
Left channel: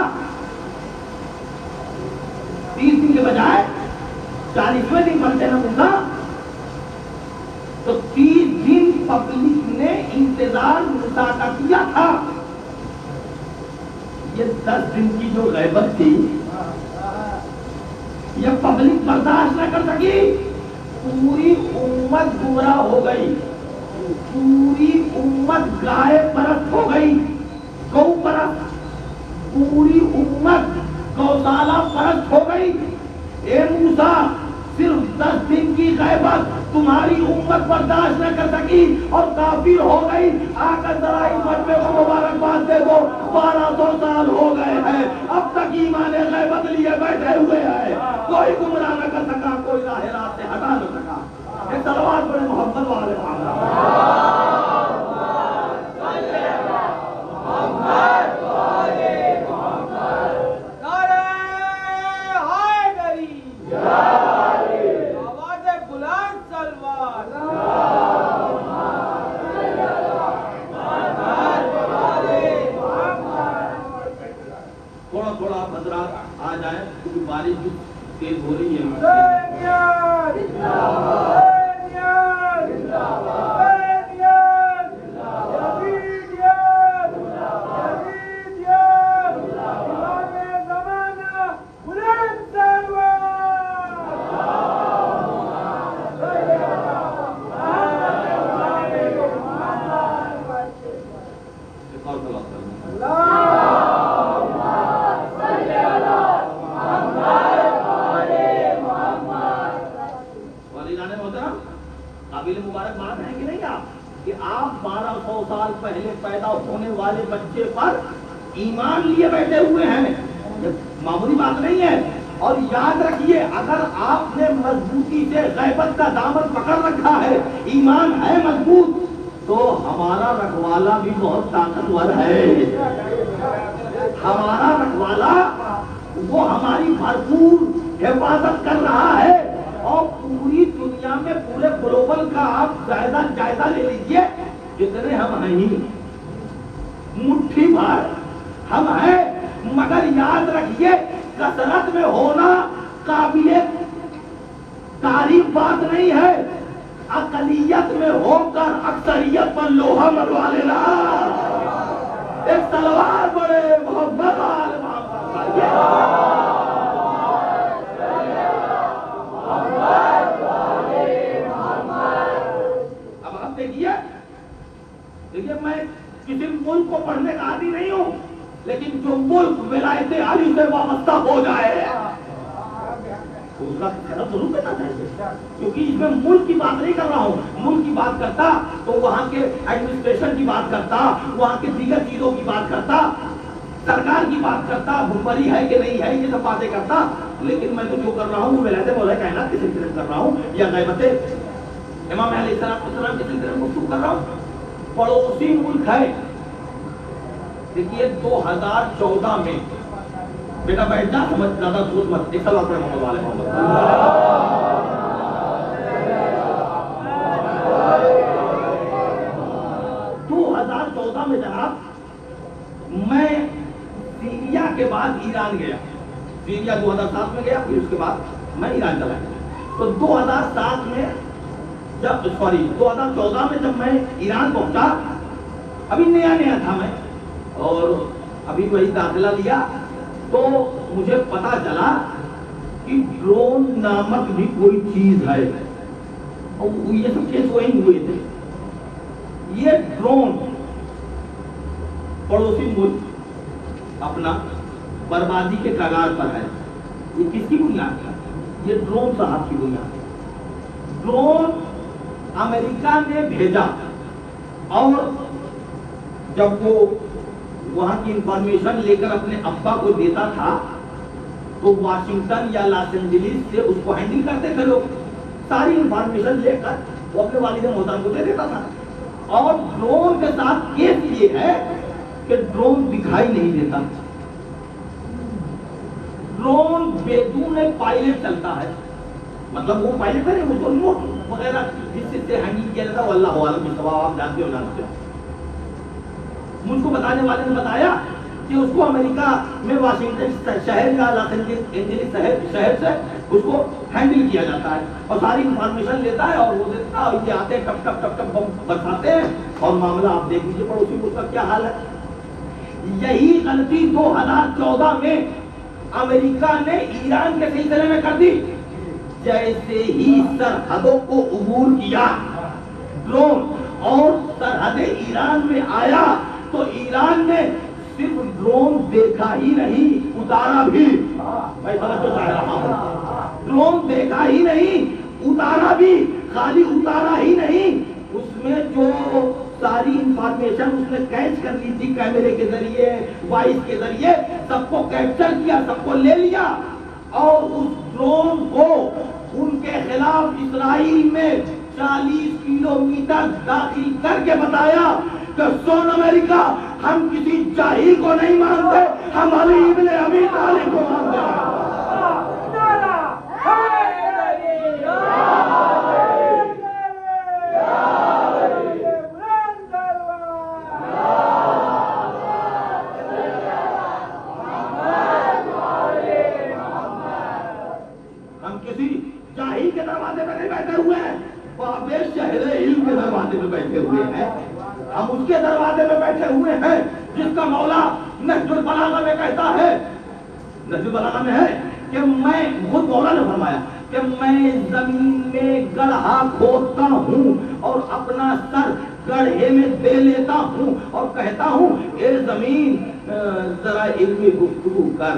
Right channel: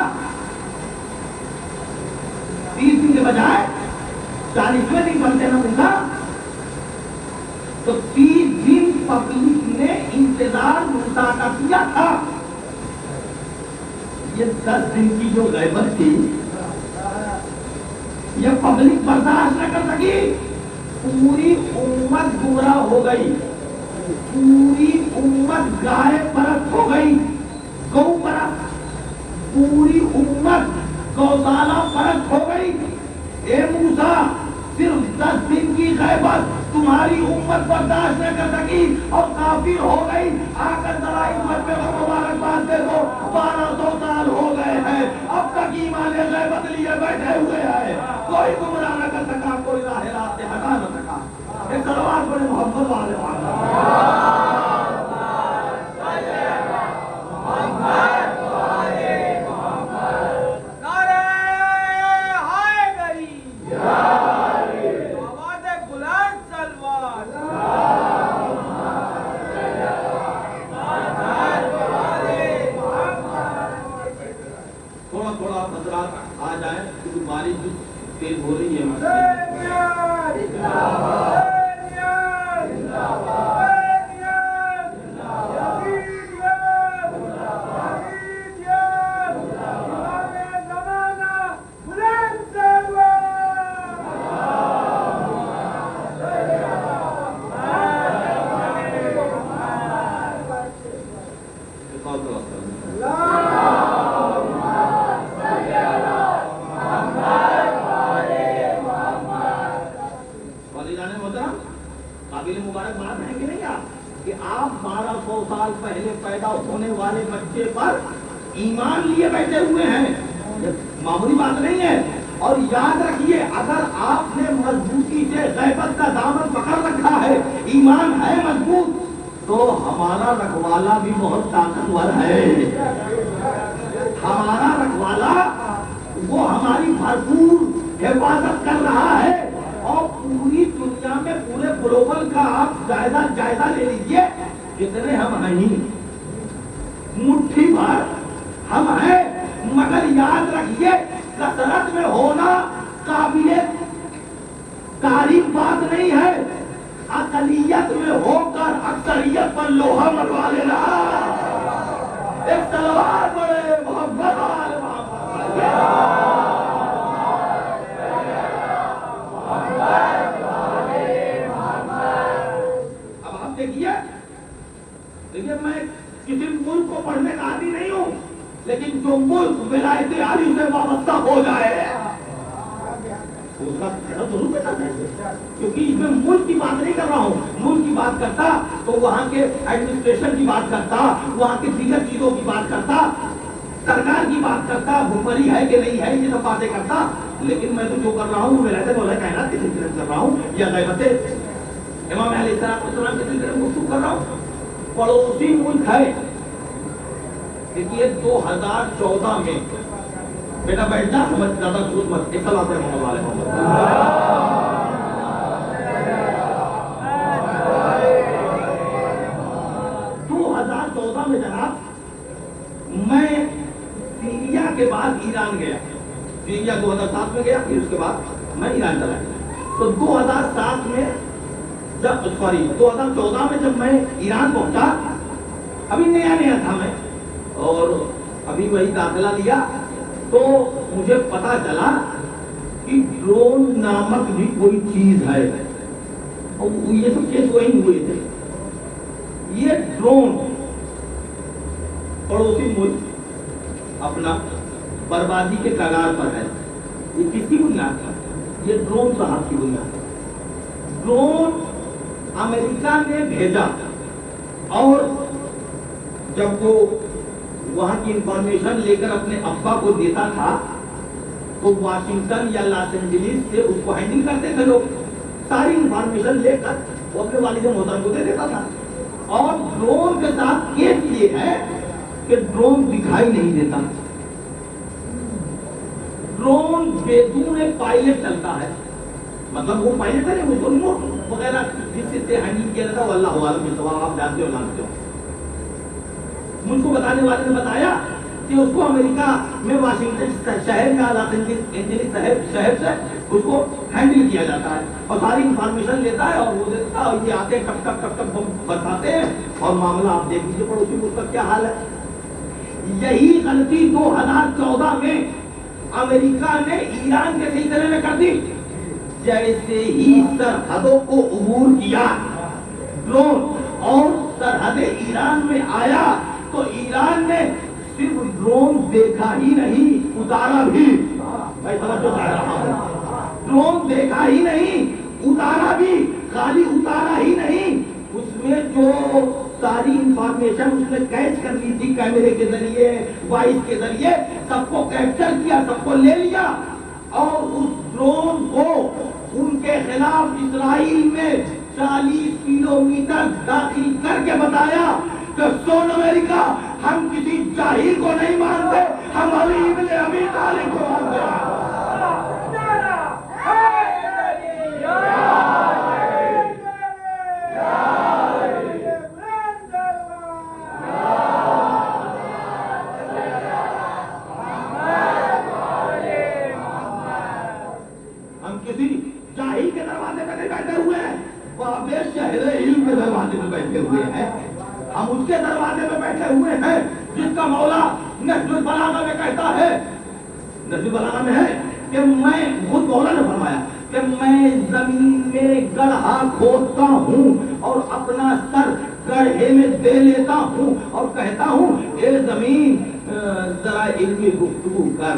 30 دن کے بجائے 40ویں دن بنتے نا موسیٰ, تو 30 دن پبلک نے انتظار موسیٰ کا کیا تھا. یہ 10 دن کی جو غیبت تھی یہ پبلک برداشت نہ کر سکی. پوری امت گمراہ ہو گئی, پوری امت گائے پرست ہو گئی, گو پرست, پوری امت گوشالہ پرست ہو گئی. اے موسیٰ صرف 10 دن کی غیبت تمہاری امت برداشت نہ کر سکی اور کافر ہو گئی. آ کر ذرا اس بچے کو مبارکباد دے دو, 1200 سال ہو گئے ہیں اب تک ایمان غیبت لیے بیٹھے ہوئے ہیں. کوئی گمراہ نہ کر سکا, کوئی راہ راست سے ہٹا نہ سکا. ایک صلوات پڑھیں محمد والے تیز ہو رہی ہے. قابل مبارکباد ہے کہ نہیں آپ کہ آپ 1200 سال پہلے پیدا ہونے والے بچے پر ایمان لیے بیٹھے ہوئے ہیں. یہ معمولی بات نہیں ہے. اور یاد رکھیے اگر آپ نے مضبوطی سے غیبت کا دامن پکڑ رکھا ہے, ایمان ہے مضبوط, تو ہمارا رکھوالا بھی بہت طاقتور ہے. ہمارا رکھوالا وہ ہماری بھرپور حفاظت کر رہا ہے. اور پوری دنیا میں پورے گلوبل کا آپ جائزہ لے لیجئے, جتنے ہم ہیں مٹھی بھر ہم ہیں, مگر یاد رکھیے کثرت میں ہونا قابل تعریف بات نہیں ہے. اقلیت میں ہو کر اکثریت پر لوہا منوا لینا. ایک تلوار بڑے محمد والے اب آپ دیکھیے میں کسی ملک کو پڑھنے کا عادی نہیں ہوں, لیکن جو ملک ولایت علی سے وابستہ ہو جائے اس کا ضرور کرنا چاہیے, کیونکہ اس میں ملک کی بات نہیں کر رہا ہوں. ملک کی بات کرتا تو وہاں کے ایڈمنسٹریشن کی بات کرتا, وہاں کی دیگر چیزوں کی بات کرتا, سرکار کی بات کرتا, حکمرانی ہے کہ نہیں ہے, یہ سب باتیں کرتا. لیکن میں تو جو کر رہا ہوں وہ ولایت مولا کائنات کے سلسلے میں کر رہا ہوں, یا غیبت امام علیہ السلام کے سلسلے میں گفتگو کر رہا ہوں. پڑوسی ملک ہے, دیکھیے 2014 میں بیٹا بیٹھ جا, سمجھ زیادہ سوچ مت, ایک سال پر محمد والے محمد 2014 میں جناب میں سیریا کے بعد ایران گیا. سیریا 2007 میں گیا, پھر اس کے بعد میں ایران چلا گیا. تو 2007 میں 2014 میں جب میں ایران پہنچا, ابھی نیا تھا میں, اور ابھی وہی داخلہ لیا, تو مجھے پتا چلا کہ ڈرون نامک بھی کوئی چیز ہے. اور یہ سب کیس وہی ہوئے تھے. یہ ڈرون پڑوسی ملک اپنا بربادی کے کگار پر ہے. یہ کس کی بنیاد ہے؟ یہ ڈرون صاحب کی بنیاد ہے. ڈرون امریکہ نے بھیجا, اور جب وہ وہاں کی انفارمیشن لے کر اپنے ابا کو دیتا تھا تو واشنگٹن یا لاس اینجلس سے اس کو ہینڈل کرتے تھے لوگ. ساری انفارمیشن لے کر وہ اپنے والد محترم کو دے دیتا تھا. اور ڈرون کے ساتھ کیس یہ ہے کہ ڈرون دکھائی نہیں دیتا. ڈرون بدون پائلٹ چلتا ہے, مطلب وہ پائلٹ ہے, اس کو ریموٹ وغیرہ جس سے ہینڈل کیا جاتا ہے, واللہ عالم بالصواب, آپ جانتے ہو جانتے ہو. مجھ کو بتانے والے نے بتایا کہ اس کو امریکہ میں واشنگٹن شہر یا لاس اینجلس شہر سے اس کو ہینڈل کیا جاتا ہے, اور ساری انفارمیشن لیتا ہے, اور وہ دیتا ہے, اور یہ آتے ہیں ٹپ ٹپ ٹپ ٹپ بم برساتے ہیں, اور معاملہ آپ دیکھ لیجیے پڑوسی ملک کا کیا حال ہے. یہی غلطی 2014 میں امریکہ نے ایران کے سلسلے میں کر دی. جیسے ہی سرحدوں کو عبور کیا ڈرون, اور سرحد ایران میں آیا, تو ایران نے صرف ڈرون دیکھا ہی نہیں, اتارا بھی. میں توجہ چاہ رہا ہوں, ڈرون دیکھا ہی نہیں, اتارا بھی. خالی اتارا ہی نہیں, اس میں جو ساری انفارمیشن اس نے کیچ کر لی تھی کیمرے کے ذریعے, وائس کے ذریعے, سب کو کیپچر کیا, سب کو لے لیا, اور اس ڈرون کو ان کے خلاف اسرائیل میں 40 کلومیٹر داخل کر کے بتایا کہ سن امریکہ, ہم کسی جاہل کو نہیں مانتے, ہم علی ابن ابی طالب کو مانتے ہیں. ہم کسی جاہل کے دروازے پہ نہیں بیٹھے ہوئے ہیں, بابے شہر علم کے دروازے پہ بیٹھے ہوئے ہیں. ہم اس کے دروازے پہ بیٹھے ہوئے ہیں جس کا مولا نہج البلاغہ میں کہتا ہے, نہج البلاغہ میں ہے کہ میں, خود مولا نے فرمایا کہ میں زمین میں گڑھا کھودتا ہوں اور اپنا سر گڑھے میں دے لیتا ہوں, اور کہتا ہوں اے زمین ذرا علمی گفتگو کر.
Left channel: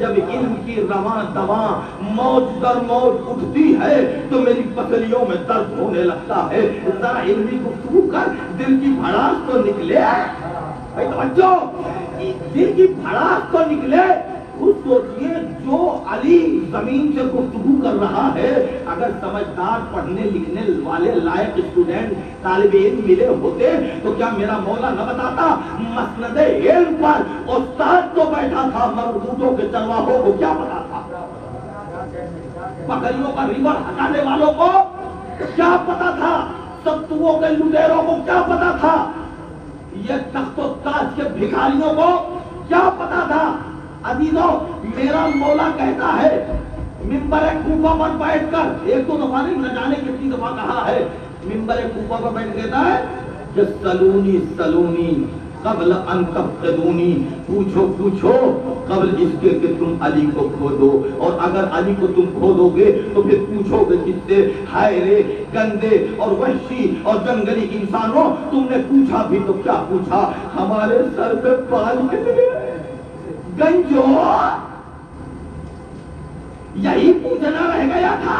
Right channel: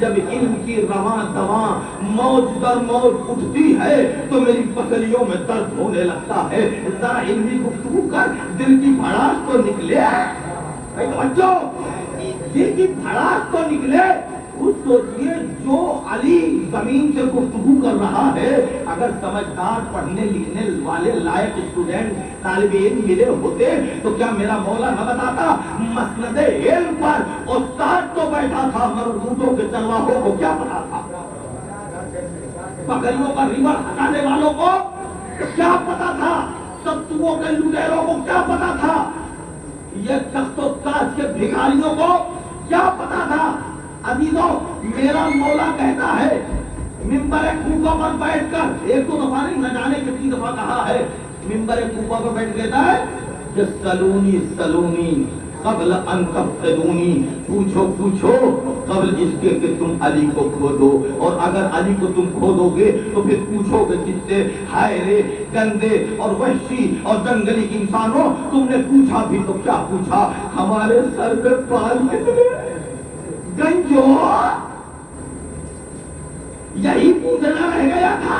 جب علم کی رواں دواں موج در موج اٹھتی ہے تو میری پسلیوں میں درد ہونے لگتا ہے. ذرا علمی گفتگو کر, دل کی بھڑاس تو نکلے. توجہ, دل کی بھڑاس تو نکلے. خود سوچئے جو علی زمین سے گفتگو کر رہا ہے, اگر سمجھدار پڑھنے لکھنے والے لائق اسٹوڈنٹ طالب علم ملے ہوتے تو کیا میرا مولا نہ بتاتا؟ مسند علم پر استاد تو بیٹھا تھا, مگر اونٹوں کے چرواہوں کو کیا پتا تھا؟ بکریوں کا ریوڑ ہٹانے والوں کو کیا پتا تھا؟ ستوؤں کے لٹیروں کو کیا پتا تھا؟ یہ تخت و تاج کے بھکاریوں کو کیا پتا تھا؟ عزیزوں, میرا مولا کہتا ہے منبر کوفہ پر بیٹھ کر, ایک دو دفعہ نہیں, نہ جانے کتنی دفعہ کہا ہے, منبر کوفہ پر بیٹھ کہتا ہے کہ سلونی سلونی قبل ان تفتدونی, پوچھو پوچھو قبل اس کے کہ تم علی کو کھودو, اور اگر علی کو تم کھودو گے تو پھر پوچھو گے کس سے؟ ہائے رے گندے اور وحشی اور جنگلی انسانوں, تم نے پوچھا بھی تو کیا پوچھا؟ ہمارے سر پہ بال کتنے گنجو, یہی پوچھنا رہ گیا تھا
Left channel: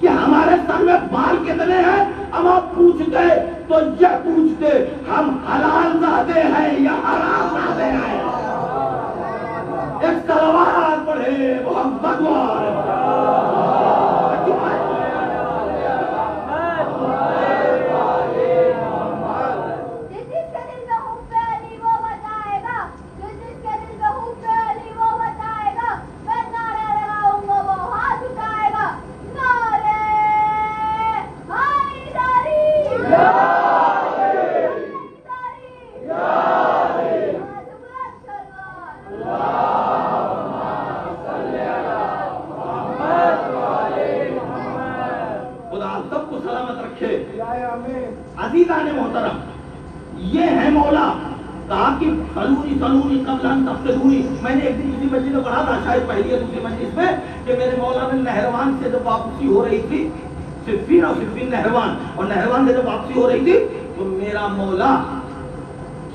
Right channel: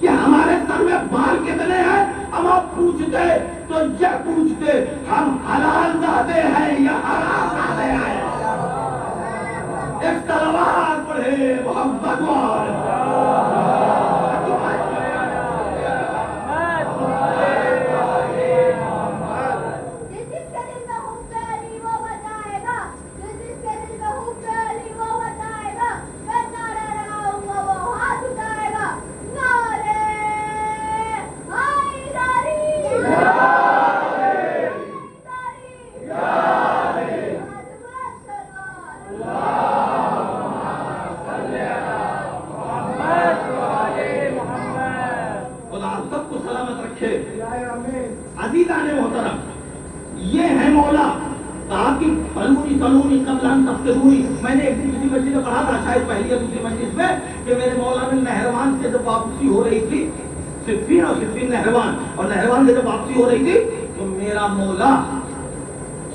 کہ ہمارے سر میں بال کتنے ہیں. ہم آپ پوچھتے تو یہ پوچھتے ہم حلال زادے ہیں یا حرام زادے ہیں. ایک تلوار پڑھے محمد کہا کہ سلونی قبل ان تفتنونی. میں نے ایک دن کسی مسجد میں پڑھا تھا، شاید پہلی یا دوسری مجلس میں، کہ میرے مولانا نہروان سے جب واپسی ہو رہی تھی، صفین نہروان، اور نہروان سے جب واپسی ہو رہی تھی تو میرا مولا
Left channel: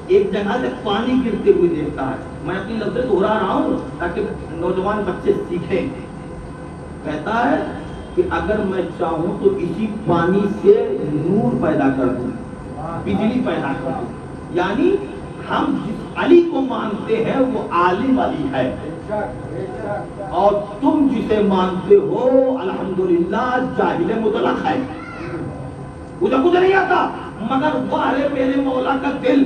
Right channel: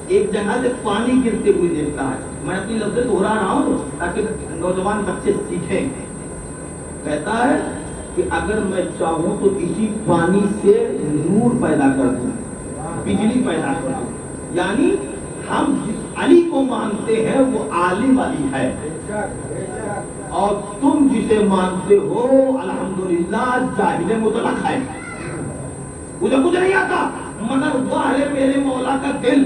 ایک جگہ سے پانی گرتے ہوئے دیکھتا ہے. میں اپنی لفظ دہرا رہا ہوں تاکہ نوجوان بچے سیکھیں. کہتا ہے کہ اگر میں چاہوں تو اسی پانی سے نور پیدا کر دوں، بجلی پیدا کر دوں. یعنی ہم جس علی کو مانتے ہیں وہ عالم علی ہے، اور تم جسے مانتے ہو الحمدللہ جاہل مطلق ہے. مجھے کچھ نہیں آتا، مگر وہ ہے میرے مولا کا دل.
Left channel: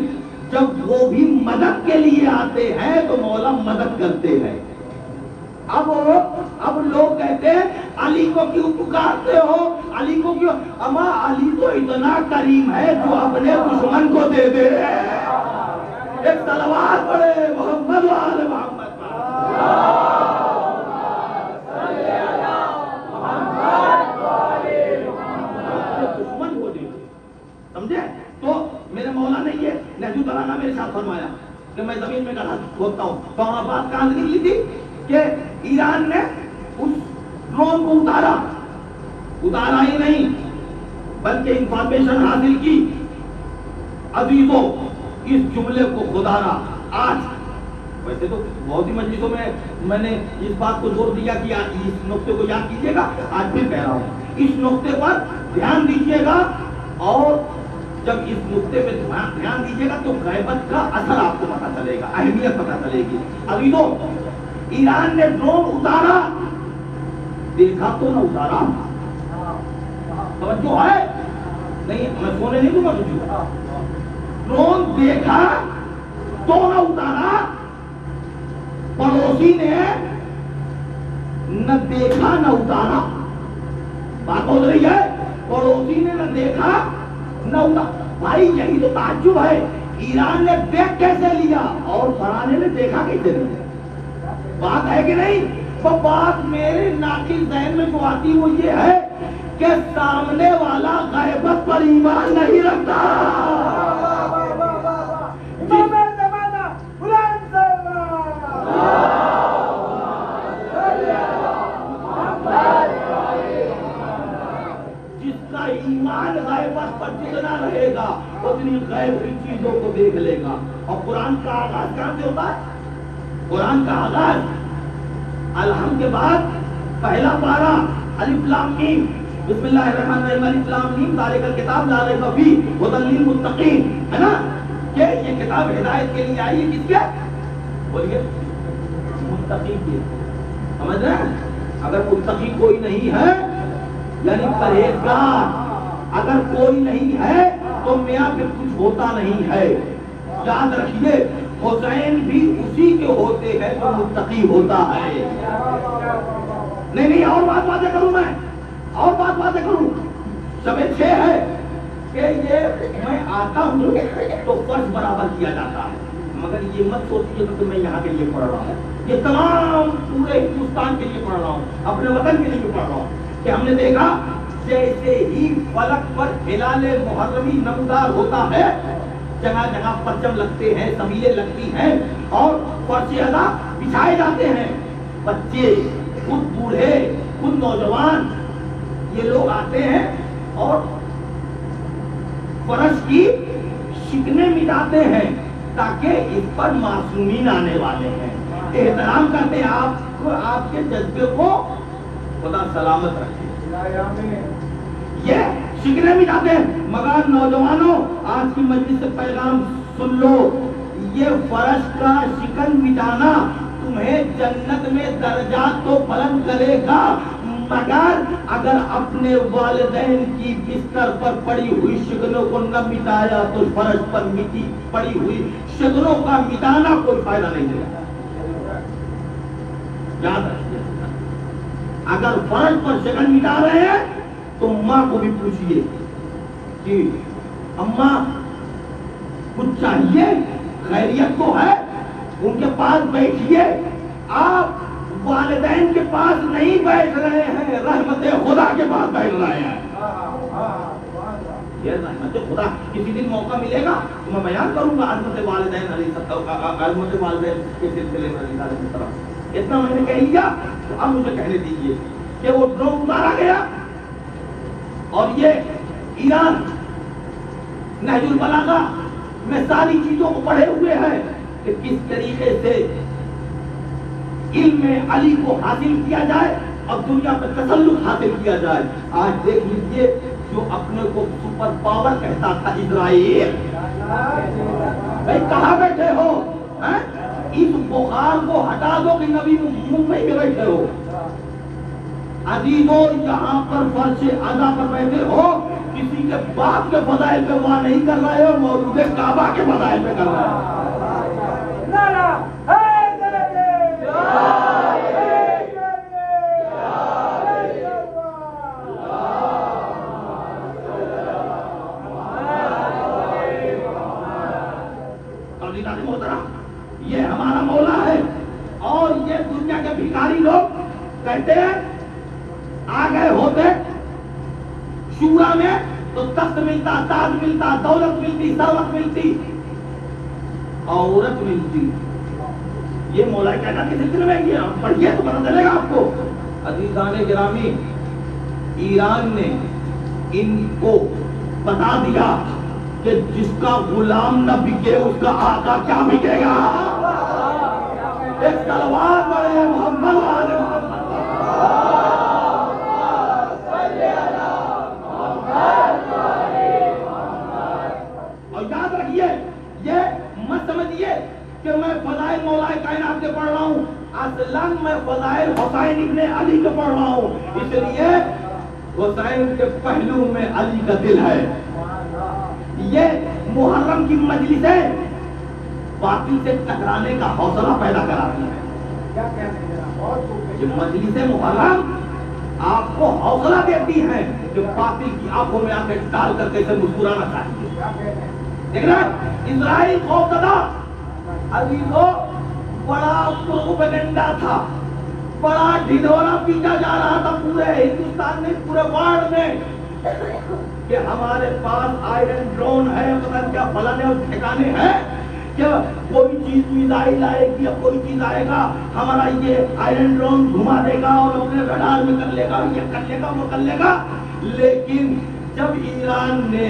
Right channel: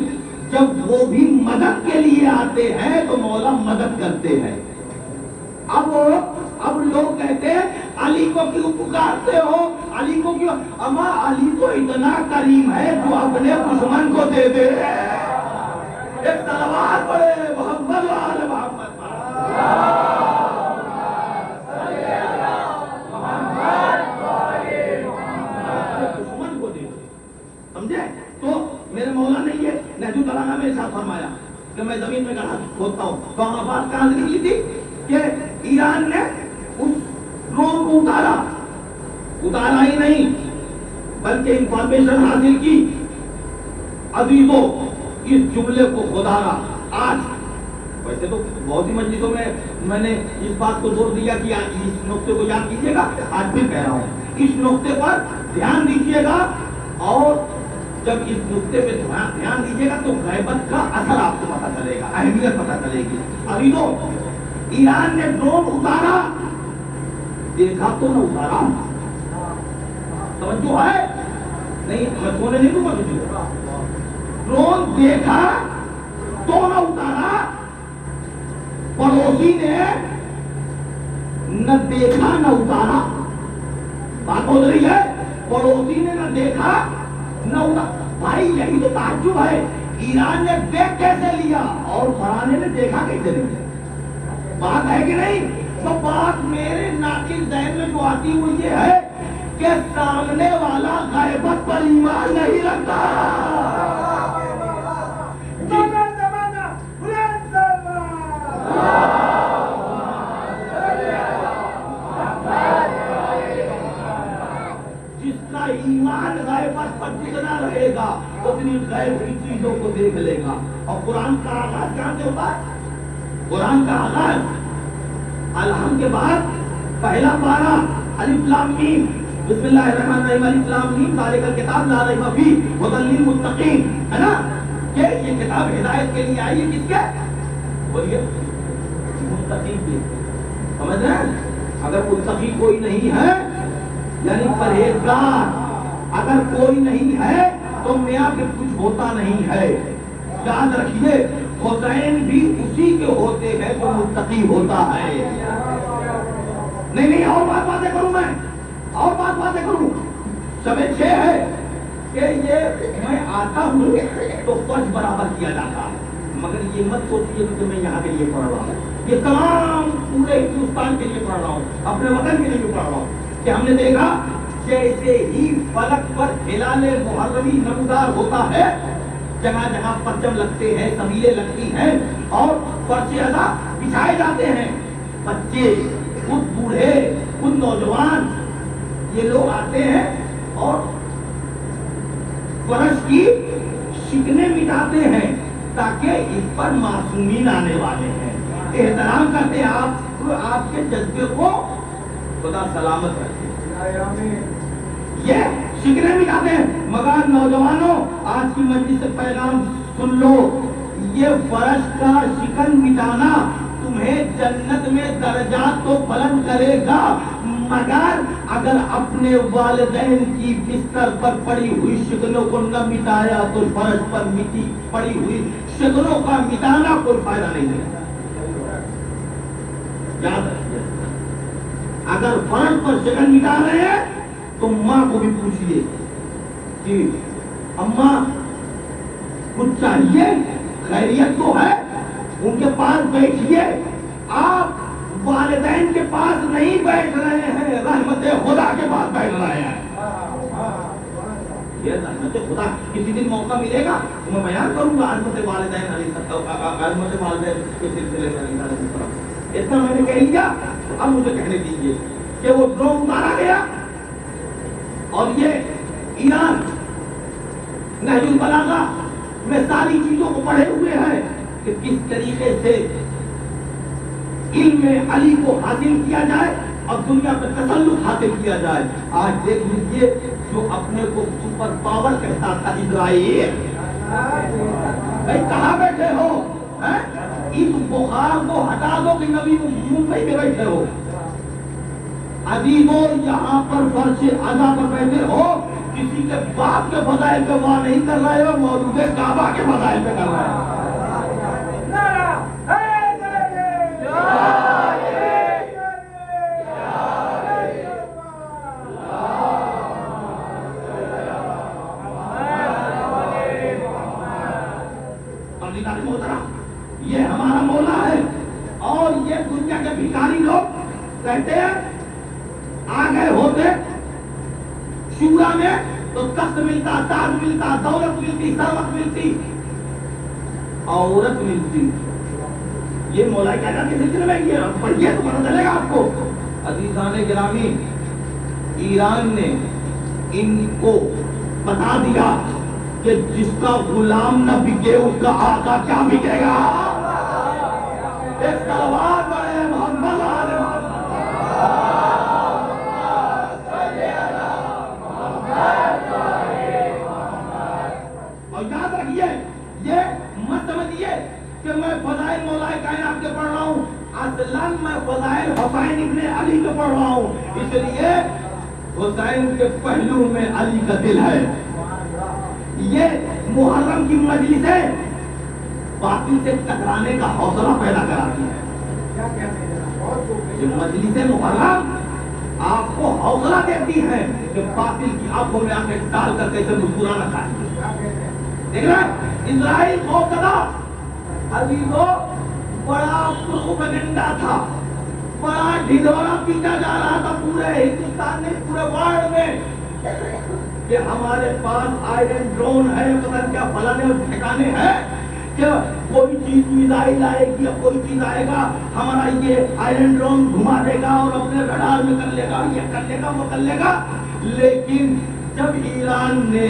جب وہ بھی مدد کے لیے آتے ہیں تو مولا مدد کرتے ہیں. اب لوگ کہتے ہیں علی کو کیوں پکارتے ہو، علی کو کیوں؟ اما علی تو اتنا کریم ہے جو اپنے دشمن کو دے دے. ایک صلوات پڑھے محمد وآل محمد. دشمن کو دے دے، سمجھے؟ تو میرے مولا نے یہ نہج البلاغہ میرے ساتھ فرمایا کہ میں زمین میں گڑھا کھودتا ہوں. تو وہاں بات کہاں سے نکلی تھی کہ ایران نے اس ڈرون کو اتارا ہی نہیں بلکہ انفارمیشن حاصل کی. عزیزوں اس جملے کو خدا را آج، ویسے تو بہت ہی مجلسوں میں نے اس بات کو زور دیا کہ اس نقطے کو یاد کیجیے گا، آج پھر کہہ رہا ہوں اس نقطے پر دھیان دیجیے گا. اور جب اس نقطے پہ دھیان دیجیے گا تو غیبت کا اثر آپ کو پتہ چلے گا، اہمیت پتہ چلے گی. عزیزوں ایران نے ڈرون اتارا، دیکھا تو نہ اتارا. توجہ ہے؟ نہیں میں سونے نہیں دوں گا تجھے. ڈرون دیکھا تو نہ اتارا، پڑوسی نے نہ دیکھا نہ اتارا. بات بول رہی ہے؟ پڑوسی نے نہ دیکھا نہ اتارا. بھائی یہی تو تعجب ہے، ایران نے دیکھ کیسے لیا اور فرانے نے دیکھا کیسے لیا؟ بات ہے کہ نہیں؟ تو بات میرے ناقص ذہن میں جو آتی وہ یہ ہے کہ سامنے والا غیبت پر ایمان نہیں رکھتا. جس کا ایمان غیبت پر جتنا رہے گا اتنی غیب کی چیزوں کو دیکھ لے گا. اور قرآن کا آغاز کہاں سے ہوتا ہے؟ قرآن کا آغاز الحم کے بعد پہلا پارہ الف لام میم، بسم اللہ الرحمن الرحیم، الف لام میم ذالک الکتاب لا ریب فیہ ھدی للمتقین، ہے نا؟ کہ یہ کتاب ہدایت کے لیے آئی ہے. کس کے؟ بولیے متقی کے. سمجھ رہے ہیں؟ اگر متقی کوئی نہیں ہے یعنی پرہیزگار اگر کوئی نہیں ہے تو میاں پھر کچھ ہوتا نہیں ہے. یاد رکھیے حسین بھی اسی کے ہوتے ہیں جو متقی ہوتا ہے. نہیں اور باتیں کروں میں کروں. شب 6 ہے کہ یہ میں آتا ہوں تو فرض برابر کیا جاتا ہے، مگر یہ مت سوچیے کہ میں یہاں کے لیے پڑھ رہا ہوں، یہ تمام پورے ہندوستان کے لیے پڑھ رہا ہوں، اپنے وطن کے لیے بھی پڑھ رہا ہوں. کہ ہم نے دیکھا جیسے ہی فلک پر ہلال محرمی نمودار ہوتا ہے، جگہ جگہ پرچم لگتے ہیں، سمیلیں لگتی ہیں اور فرش ادا بچھائے جاتے ہیں. بچے، خود بوڑھے، خود نوجوان، یہ لوگ آتے ہیں اور فرش کی شکنیں مٹاتے ہیں تاکہ اس پر معصومین آنے والے ہیں. احترام کرتے ہیں آپ کے جذبے کو خدا سلامت رکھے. یہ شکنیں مٹاتے ہیں. مگر نوجوانوں آج کی مجلس سے پیغام سن لو، یہ فرش کا شکن مٹانا تمہیں جنت میں درجات تو بلند کرے گا، مگر اگر اپنے والدین کی بستر پر پڑی ہوئی شکنوں کو نہ مٹایا تو فرش پر پڑی ہوئی شکنوں کا مٹانا کوئی فائدہ نہیں دے گا. یاد رکھیے، اگر فرش پر شکن مٹا رہے ہیں تو ماں کو بھی پوچھئے کہ اماں کچھ چاہیے، خیریت تو ہے، ان کے پاس بیٹھیے. آپ والدین کے پاس نہیں بیٹھ رہے ہیں، رحمت خدا کے پاس بیٹھ رہے ہیں. یہ رحمت خدا. کسی دن موقع ملے گا تو میں بیان کروں گا عظمت والدین علیہ مجھے والدین کے سلسلے میں اتنا میں نے کہہ لیا، تو اب مجھے کہنے دیجیے کہ وہ ڈرون اتارا گیا اور یہ ایران نہج البلاغہ میں ساری چیزوں کو پڑھے ہوئے ہیں کہ کس طریقے سے علم علی کو حاصل کیا جائے اور دنیا میں تسلط حاصل کیا جائے. آج دیکھ لیجیے جو اپنے کو سپر پاور کہتا تھا اسرائیل، بھائی کہاں بیٹھے ہو؟ اس بخار کو ہٹا دو کہ نبی ممبئی میں بیٹھے ہو. عزیزوں یہاں پر فرش اعلیٰ پر بیٹھے ہو، کسی کے باپ کے فضائل پہ واہ نہیں کر رہے ہو، مولود کعبہ کے فضائل پہ کر رہے ہو. یہ ہمارا مولا ہے اور یہ دنیا کے بھکاری لوگ کہتے ہیں آ گئے ہوتے شورا میں تو تخت ملتا، تاج ملتا، دولت ملتی، ثروت ملتی، عورت ملتی. یہ مولا کہنا کے سلسلے میں یہ پڑھیے تو پتہ چلے گا آپ کو. عزیزان گرامی، ایران نے ان کو بتا دیا کہ جس کا غلام نہ بکے اس کا آقا کیا بکے گا. ایک تلوار بڑے محمد والے اور یاد رکھیے، یہ مت سمجھیے کہ میں فضائل مولا کائنات کے پڑھ رہا ہوں، اصلاً میں فضائل حسین ابن علی کے پڑھ رہا ہوں. اس لیے حسین کے پہلو میں علی کا دل ہے. یہ محرم کی مجلسیں باطل سے ٹکرانے کا حوصلہ پیدا کراتی ہے. یہ مجلس محرم آپ کو حوصلہ دیتی ہیں کہ باطل کی آنکھوں میں آنکھیں ڈال کر کیسے مسکرانا چاہیے. دیکھ رہے ہیں اسرائیل خوفزدہ عزیزوں بڑا پروپیگنڈا تھا، بڑا ڈھنڈورا پیٹا جا رہا تھا پورے ہندوستان میں، پورے ورلڈ میں کہ ہمارے پاس آئرن ڈرون ہے، پتہ کیا فلانے اور ٹھکانے ہیں، کیا کوئی چیز میزائل آئے گی یا کوئی چیز آئے گا ہمارا یہ آئرن ڈرون گھما دے گا اور اپنے رڈار میں کر لے گا، یہ کر لے گا، وہ کر لے گا. لیکن جب ایران نے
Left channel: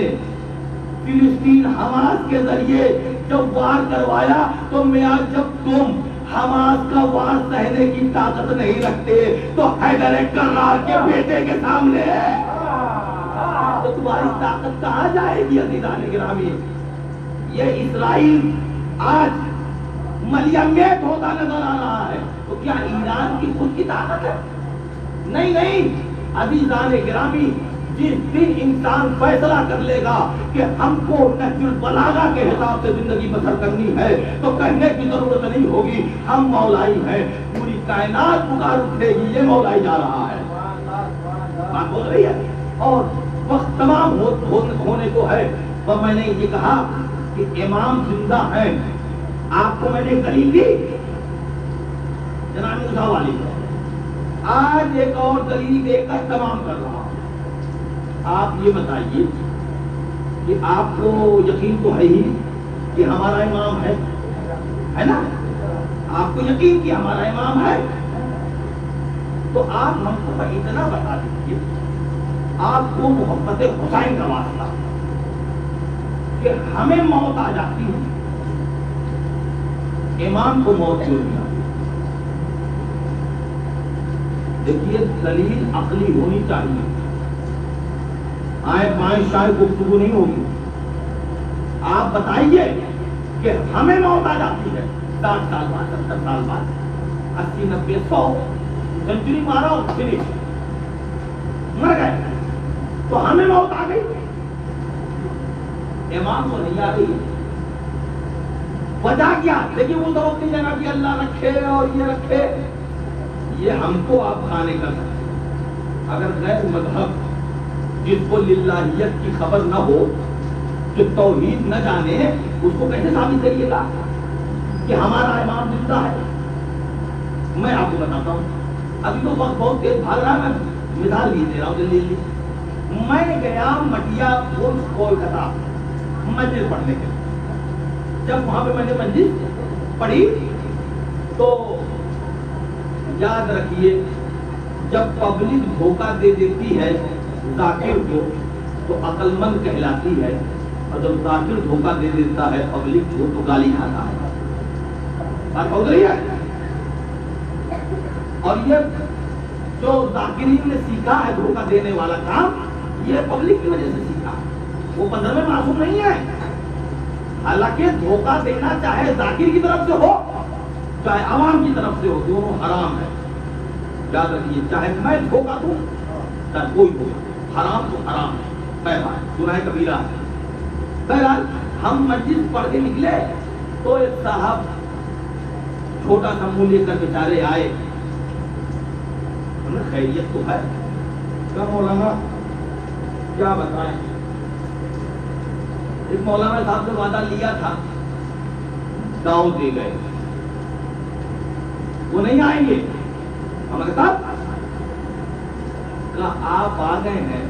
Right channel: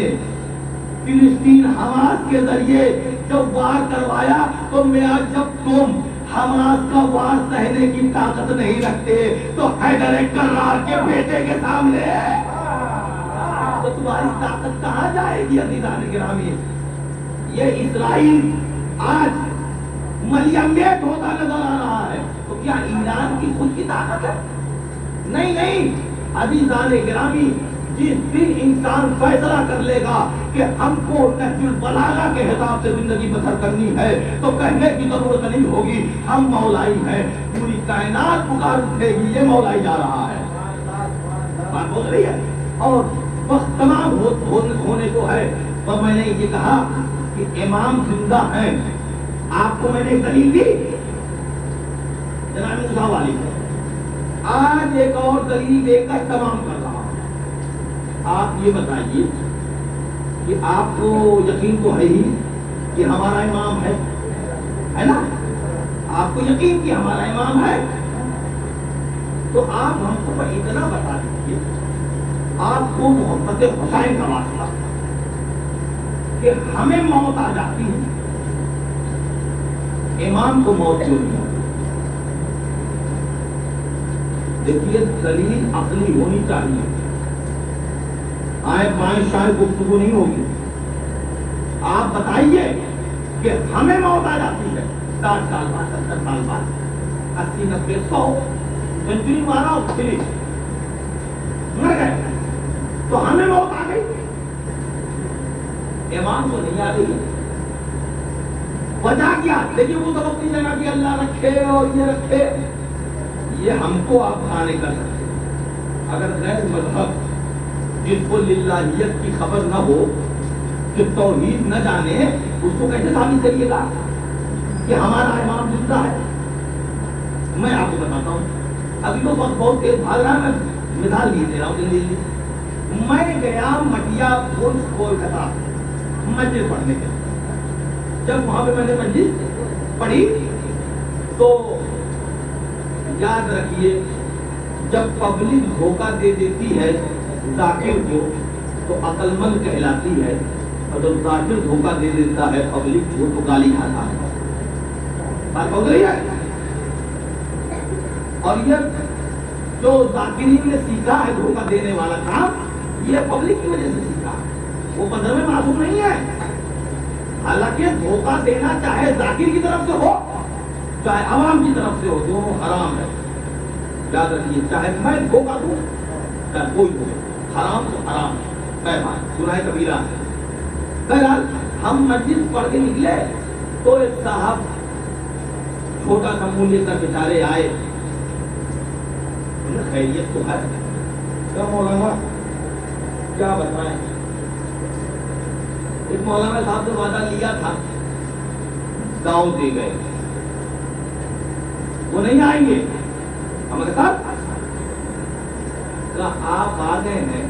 فلسطین حماس کے ذریعے جب وار کروایا تو میں جب تم حماس کا وار سہنے کی طاقت نہیں رکھتے تو حیدر کرار کے بیٹے کے سامنے تو تمہاری طاقت کہاں جائے گی. عزیزان گرامی، یہ اسرائیل آج ملیمیت ہوتا نظر آ رہا ہے تو کیا ایران کی خود کی طاقت ہے؟ نہیں نہیں. عزیزان گرامی، جس دن انسان فیصلہ کر لے گا کہ ہم کو نہج البلاغہ کے حساب سے زندگی بسر کرنی ہے تو کہنے کی ضرورت نہیں ہوگی ہم مولائی ہیں. پوری کائنات پکار اٹھے گی یہ مولائی جا رہا ہے، بات ہو رہی ہے اور وقت تمام ہونے کو ہے. تو میں نے یہ کہا کہ امام زندہ ہیں. آپ کو میں نے دلیل دی جناب موسیٰ والی، آج ایک اور دلیل دے کر تمام کر رہا ہوں. آپ یہ بتائیے کہ آپ کو یقین تو ہے ہی کہ ہمارا امام ہے نا؟ آپ کو یقین کہ ہمارا امام ہے تو آپ ہم کو اتنا بتا دیجیے، آپ کو محبت حسین کا واسطہ کہ ہمیں موت آ جاتی ہے، امام کو موت کیوں نہیں آتی؟ دیکھیے دلیل عقلی ہونی چاہیے، آئے بائیں شاید گفتگو نہیں ہوگی. آپ بتائیے کہ ہمیں موت آ جاتی ہے 60 سال بعد، 70 سال بعد، 80 90 100 سینچری مارا اور پھر مر گئے تو ہمیں موت آ گئی، امام کو نہیں آ گئی. وجہ کیا؟ لیکن وہ سمجھتی ہے نا کہ اللہ رکھے اور یہ رکھے، یہ ہم کو آپ کھانے کر سکتے. اگر غیر مذہب جس کو للہیت کی خبر نہ ہو، جو توحید نہ جانے، اس کو کیسے ثابت کریے گا کہ ہمارا امام زندہ ہے؟ میں آپ کو بتاتا ہوں، ابھی تو وقت بہت تیز بھاگ رہا ہے، میں مثال بھی دے رہا ہوں جلدی. میں گیا مٹیا کولکتہ مسجد پڑھنے کے لیے، جب وہاں پہ میں نے مجلس پڑھی تو یاد رکھیے جب پبلک دھوکہ دے دیتی ہے ذاکر کو تو عقل مند کہلاتی ہے، اور جب ذاکر دھوکہ دے دیتا ہے پبلک کو تو گالی کھاتا ہے۔ بات سمجھ رہی ہے؟ اور یہ جو ذاکرین نے سیکھا ہے دھوکہ دینے والا کام، یہ پبلک کی وجہ سے سیکھا، وہ 15ویں معصوم نہیں ہے۔ حالانکہ دھوکہ دینا چاہے ذاکر کی طرف سے ہو چاہے عوام کی طرف سے ہو، دونوں حرام ہے۔ یاد رکھیے، چاہے میں دھوکہ دوں چاہے کوئی ہو، حرام تو حرام ہے، بہرحال گناہ کبیرہ ہے۔ بہرحال ہم مسجد پڑھ کے نکلے تو ایک صاحب چھوٹا سا منہ لے کر بیچارے آئے، خیریت تو ہے کیا مولانا، کیا بتائیں؟ ایک مولانا صاحب سے وعدہ لیا تھا، گاؤں دے گئے، وہ نہیں آئیں گے۔ ہمارے ساتھ آپ آ گئے ہیں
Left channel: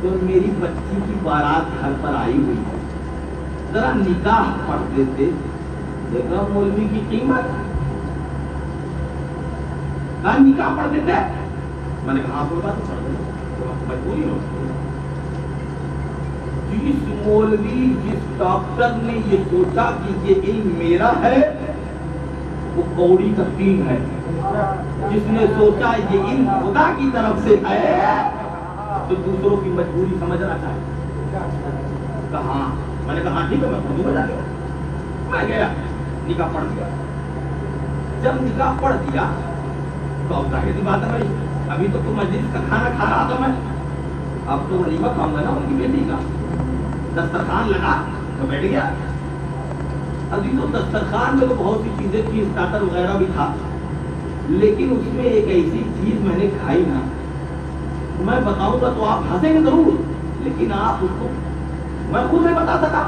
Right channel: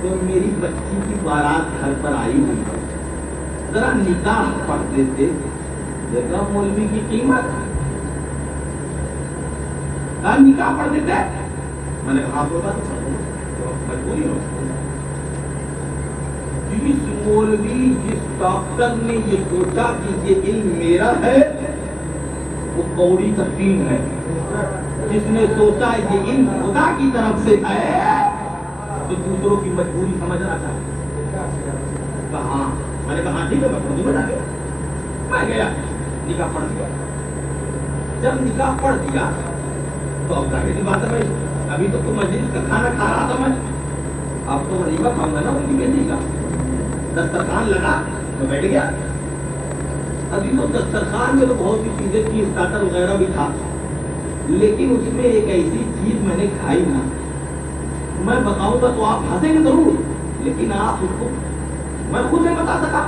تو میری بچی کی بارات گھر پر آئی ہوئی ہے، ذرا نکاح پڑھ دیتے، دیکھا مولوی کی قیمت، کہا نکاح پڑھ دیتے، میں نے کہا کوئی بات پڑھ دو، مجبوری ہو۔ جس مولوی جس ڈاکٹر نے یہ سوچا کہ یہ علم میرا ہے وہ کوڑی تقسیم ہے، جس نے سوچا یہ علم خدا کی طرف سے ہے تو دوسروں کی مجبوری سمجھنا چاہیے۔ کہا میں نے کہا ٹھیک ہے میں خود بتا گیا، میں گیا نکاح پڑھ دیا۔ جب نکاح پڑھ دیا تو اب ظاہر سی بات ہے بھائی، ابھی تو مجلس کا کھانا کھا رہا تھا میں، اب تو ولیمہ کھاؤں گا نا ان کی بیٹی کا، دسترخوان لگا تو بیٹھ گیا۔ ابھی تو دسترخوان میں تو بہت سی چیزیں تھی، اسٹارٹر وغیرہ بھی تھا، لیکن اس میں ایک ایسی چیز میں نے کھائی نا، میں بتاؤں گا تو آپ ہنسیں گے ضرور، لیکن آپ اس کو میں خود نہیں بتا سکا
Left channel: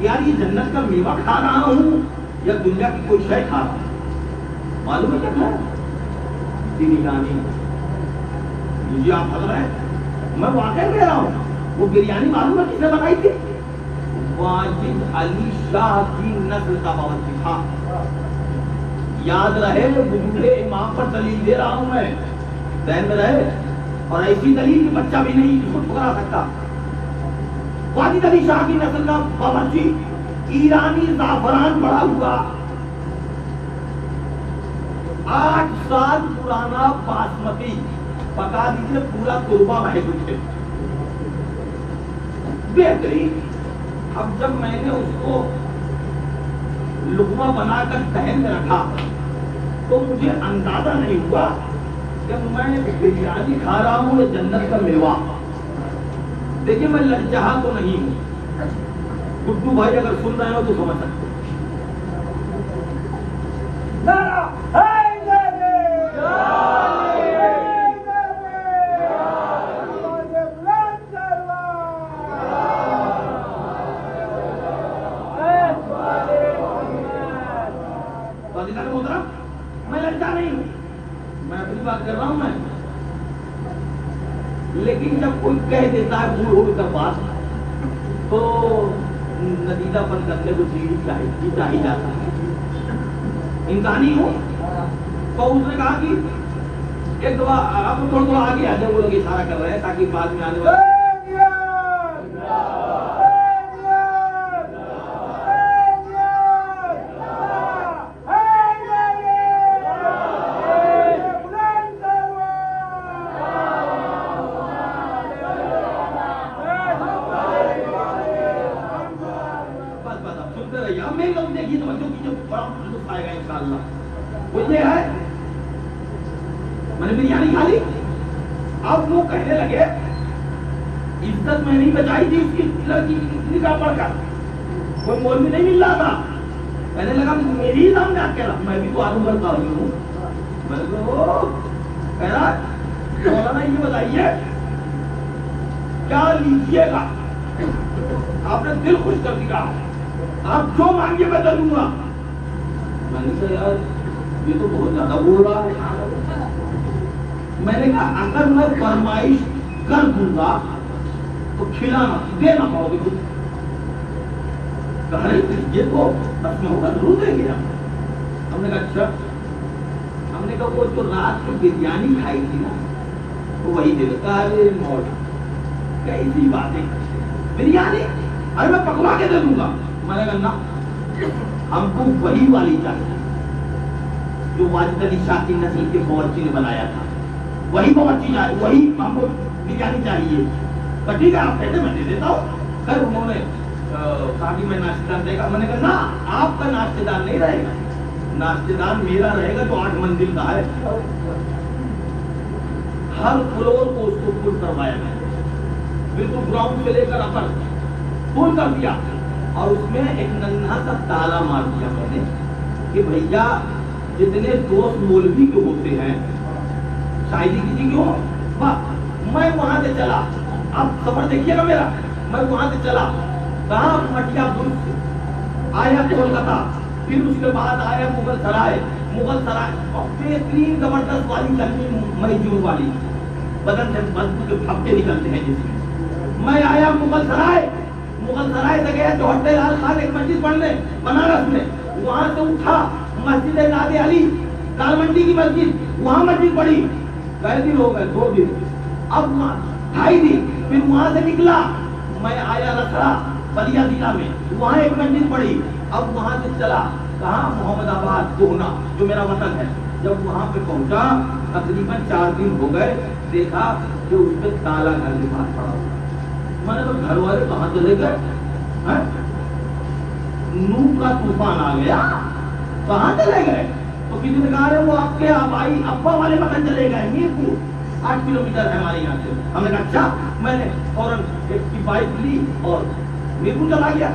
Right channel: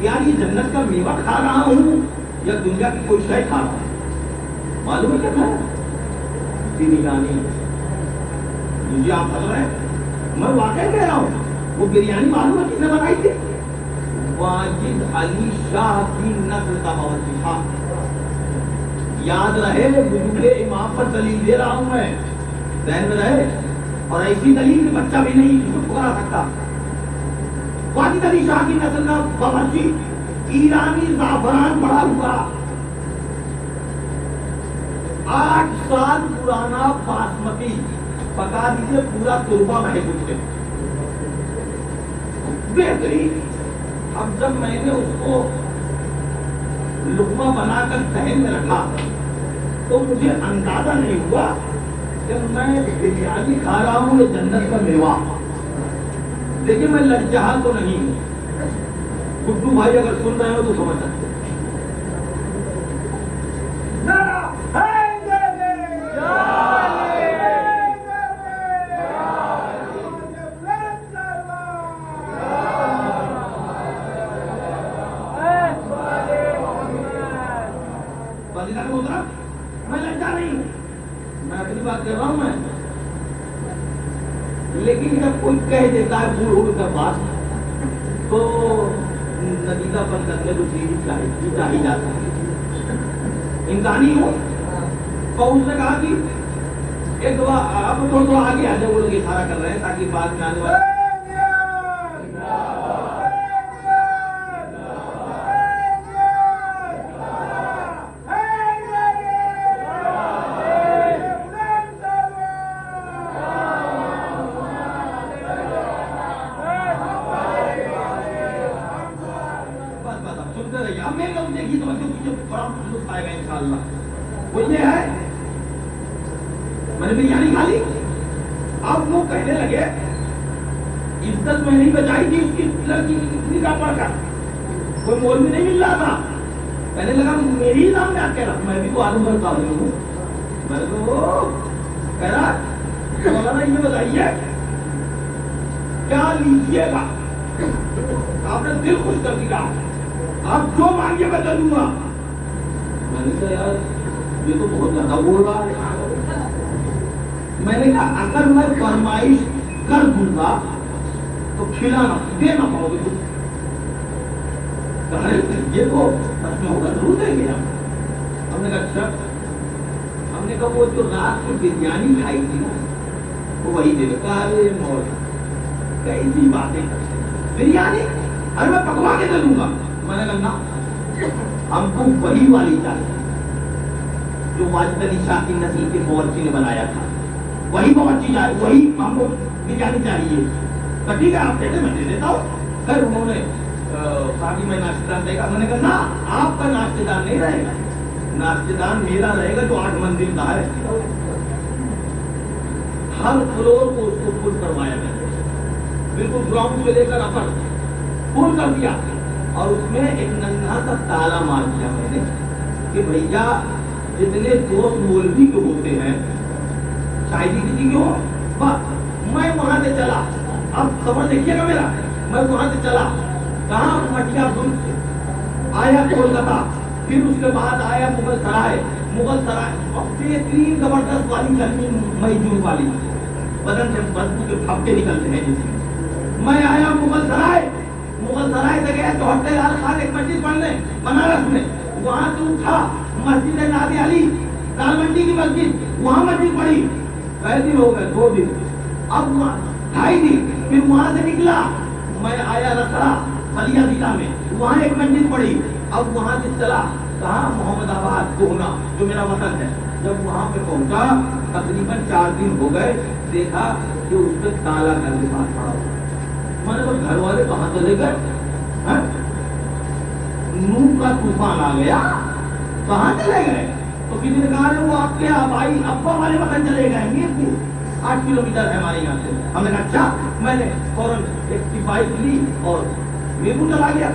یار یہ جنت کا میوہ کھا رہا ہوں یا دنیا کی کوئی شے کھا رہا ہوں۔ معلوم ہے کیا کھایا؟ بریانی۔ مجھے آپ ہنس رہے ہیں، میں واقعی کہہ رہا ہوں، وہ بریانی معلوم ہے کس نے بنائی تھی؟ واجد علی شاہ کی نسل کا باورچی تھا۔ یاد رہے وجود امام پر دلیل دے رہا ہوں میں، ذہن میں رہے، اور ایسی دلیل بچہ بھی نہیں جس کو ٹھکرا سکتا۔ واجد علی شاہ کی نسل کا باورچی، ایرانی زعفران پڑا ہوا، 8 سال پرانا باسمتی، پکا دیجیے پورا تربا بہے گئے، بہترین۔ اب جب میں نے اس کو لقمہ بنا کر ذہن میں رکھا تو مجھے اندازہ نہیں ہوا کہ میں بریانی کھا رہا ہوں یہ جنت کا میوہ۔ لیکن میں لجہا تو نہیں ہوں، گڈو بھائی اگر سن رہے ہو تو سمجھ سکتے ہو۔ میں لجا نہیں ہوں، میں اپنی بات کر رہا ہوں میں، لیکن جب کوئی کہہ دیتا ہے بھول اڑ کر بات تو نتیجہ پن کرنے کو چاہ ہی جاتا ہے، انسانی ہوں۔ تو اس نے کہا کہ ایک دفعہ آپ تھوڑا آگے آ جائے، وہ لوگ اشارہ کر رہے ہیں تاکہ بعد میں آنے والے وہ یہ ہے میں نے بریانی کھا لی۔ اب وہ کہنے لگے عزت میں نہیں بچائی تھی اس کی لڑکی کی نکاح پڑھ کر، کوئی مولوی نہیں مل رہا تھا، کہنے لگا میری نام یاد کہہ رہا، میں بھی تو آدم بھر کا ہوں، میں نے کہہ رہا مولانا یہ بتائیے کیا لیجیے گا؟ آپ نے دل خوش کر دیا، آپ جو مانگیے میں دے دوں گا۔ میں نے کہا یار یہ تو بہت زیادہ بول رہا ہے۔ میں نے کہا اگر میں فرمائش کر دوں گا تو کھلانا دینا پاؤ گے تم؟ کہا یہ تو 10 ہوگا ضرور دیں گے ہم نے کہا اچھا. ہم نے کہا وہ جو رات کو بریانی کھائی تھی نا وہی دے دے. کہا ارے مولا کیسی باتیں کرتے بریانی ارے میں پکوا کے دے دوں گا. میں نے کہا نا ہم کو وہی والی چاہیے جو واجد علی شاہ کی نسل کے باورچی نے بنایا تھا. وہی باورچی چاہیے وہی ہم کو بریانی چاہیے. تو ٹھیک ہے آپ کہتے میں دے دیتا ہوں. پھر انہوں نے کہا کہ میں ناشتے دان دے گا. میں نے کہا نا آپ کا ناشتے دان نہیں رہے گا. ناشتے دان میرا رہے گا جو 8 منزل کا ہے. ہر فلور کو اس کو فل کروایا میں نے بالکل گراؤنڈ سے لے کر اپر فل کر دیا. اور اس میں ایک ننھا سا تالا مار دیا میں نے کہ بھیا جتنے دوست مولوی کے ہوتے ہیں شاید کسی کی ہو. میں وہاں سے چلا. اب سفر دیکھیے گا میرا. میں وہاں سے چلا کہاں مٹیا برج سے آیا کولکاتہ. پھر اس کے بعد آیا مغل سرائے. مغل سرائے بہترین زبردست والی گرمی مئی جون والی بدن سے بدبو کے پھپکے نکلتے ہیں جس میں. میں آیا مغل سرائے. مغل سرائے سے گیا چوہٹے لال خان ایک مسجد پڑھنے بنارس میں. وہاں سے اٹھا مسجد نادر علی دال منڈی کی مسجد وہاں مسجد پڑھی. کئی دن ہو گئے 2 دن اب 2.5 دن. پھر وہاں سے نکلا میں آیا رسڑا بلیا ضلع میں وہاں ایک مسجد پڑھی. اب وہاں سے چلا کہاں محمد آباد کوہنا جو میرا وطن ہے. جب وہاں پہ پہنچا تقریباً 4 دن ہو گئے. دیکھا کہ اس پہ تالا گھر کے پاس پڑا. میں نے کہا گھر والے کہاں چلے گئے. نوح کا طوفان آ گیا کہاں چلے گئے. تو کسی نے کہا وہ آپ کے آبائی ابا والے مکان چلے گئے. میرپور 8 کلومیٹر ہے ہمارے یہاں سے. ہم نے کہا اچھا. میں نے فوراً ایک کی بائک لی اور میرپور چلا گیا.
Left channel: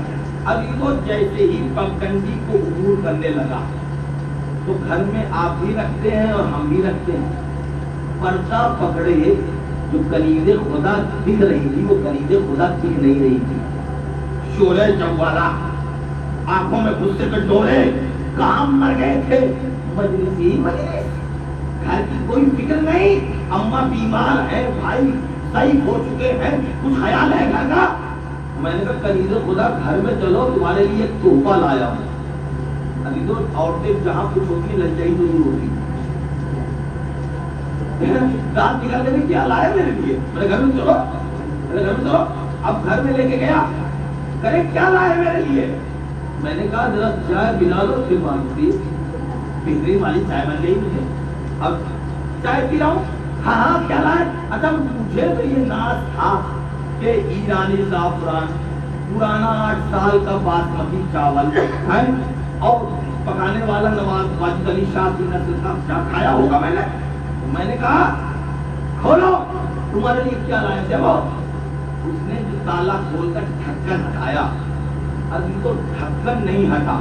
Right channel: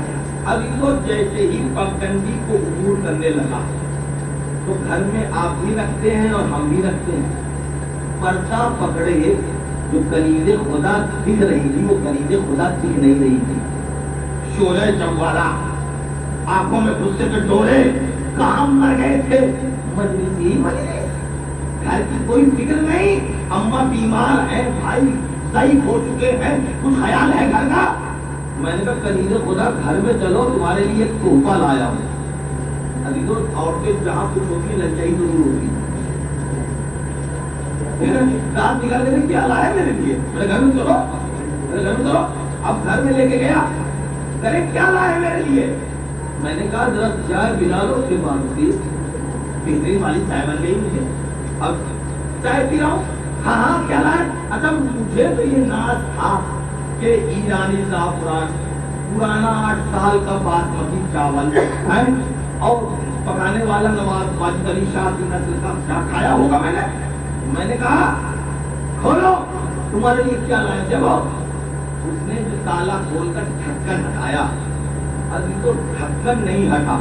اب ان کو جیسے ہی پگڈنڈی کو عبور کرنے لگا تو گھر میں آپ بھی رکھتے ہیں اور ہم بھی رکھتے ہیں. پردہ پکڑے جو کلید خدا دکھ رہی تھی وہ کلید خدا دکھ نہیں رہی تھی. شعلہ جوالا آنکھوں میں غصے کے ڈورے کام مر گئے تھے. مجلس ہی مجلس گھر کی کوئی فکر نہیں. اماں بیمار ہیں بھائی ضعیف ہو چکے ہیں کچھ خیال ہے گھر کا. میں نے کہا کلید خدا گھر میں چلو تمہارے لیے ایک تحفہ لایا ہوں. ابھی تو عورتیں جہاں کچھ ہوتی للچائی ضرور ہوتی دانت نکالنے میں کیا لایا میرے لیے. میرے گھر میں چلو میرے گھر میں چلو. اب گھر میں لے کے گیا کرے کیا لایا میرے لیے. میں نے کہا ذرا چائے پلا لو. پھر مانگتی بہترین والی چائے بن گئی مجھے. اب چائے پی رہا ہوں. ہاں ہاں کیا لائے. اچھا مجھے تو یہ ناز تھا کہ ایرانی زعفران پرانا 8 سال کا باسمتی چاول ہے اور پکانے والا نواز واجد علی شاہ کی نسل کا کیا کھایا ہوگا میں نے. میں نے کہا کھولو تمہارے لیے کیا لائے. دیکھو اس نے جو تالا کھول کر ڈھکن ہٹایا. اب ان کو ڈھکن نہیں ہٹا.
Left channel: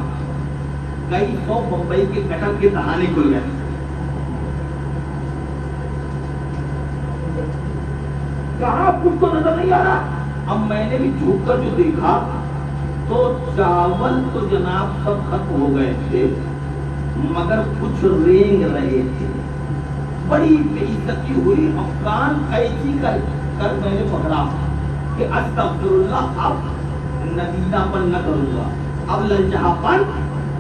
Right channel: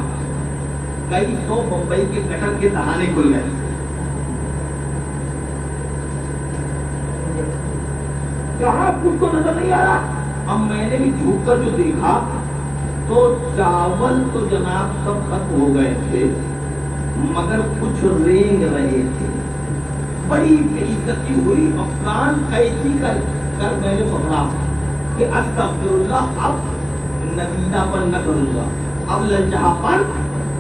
کئی 100 بمبئی کے کٹر کے دہانے کھل گئے. کہاں کچھ تو نظر نہیں آ رہا. اب میں نے بھی جھوک کر جو دیکھا تو چاول تو جناب سب ختم ہو گئے تھے مگر کچھ رینگ رہے تھے. بڑی بے عزتی ہوئی. اور کان قیچی کر میں نے پکڑا کہ استغفر اللہ اب ندیدہ پر نہ کروں گا اب للچہا پر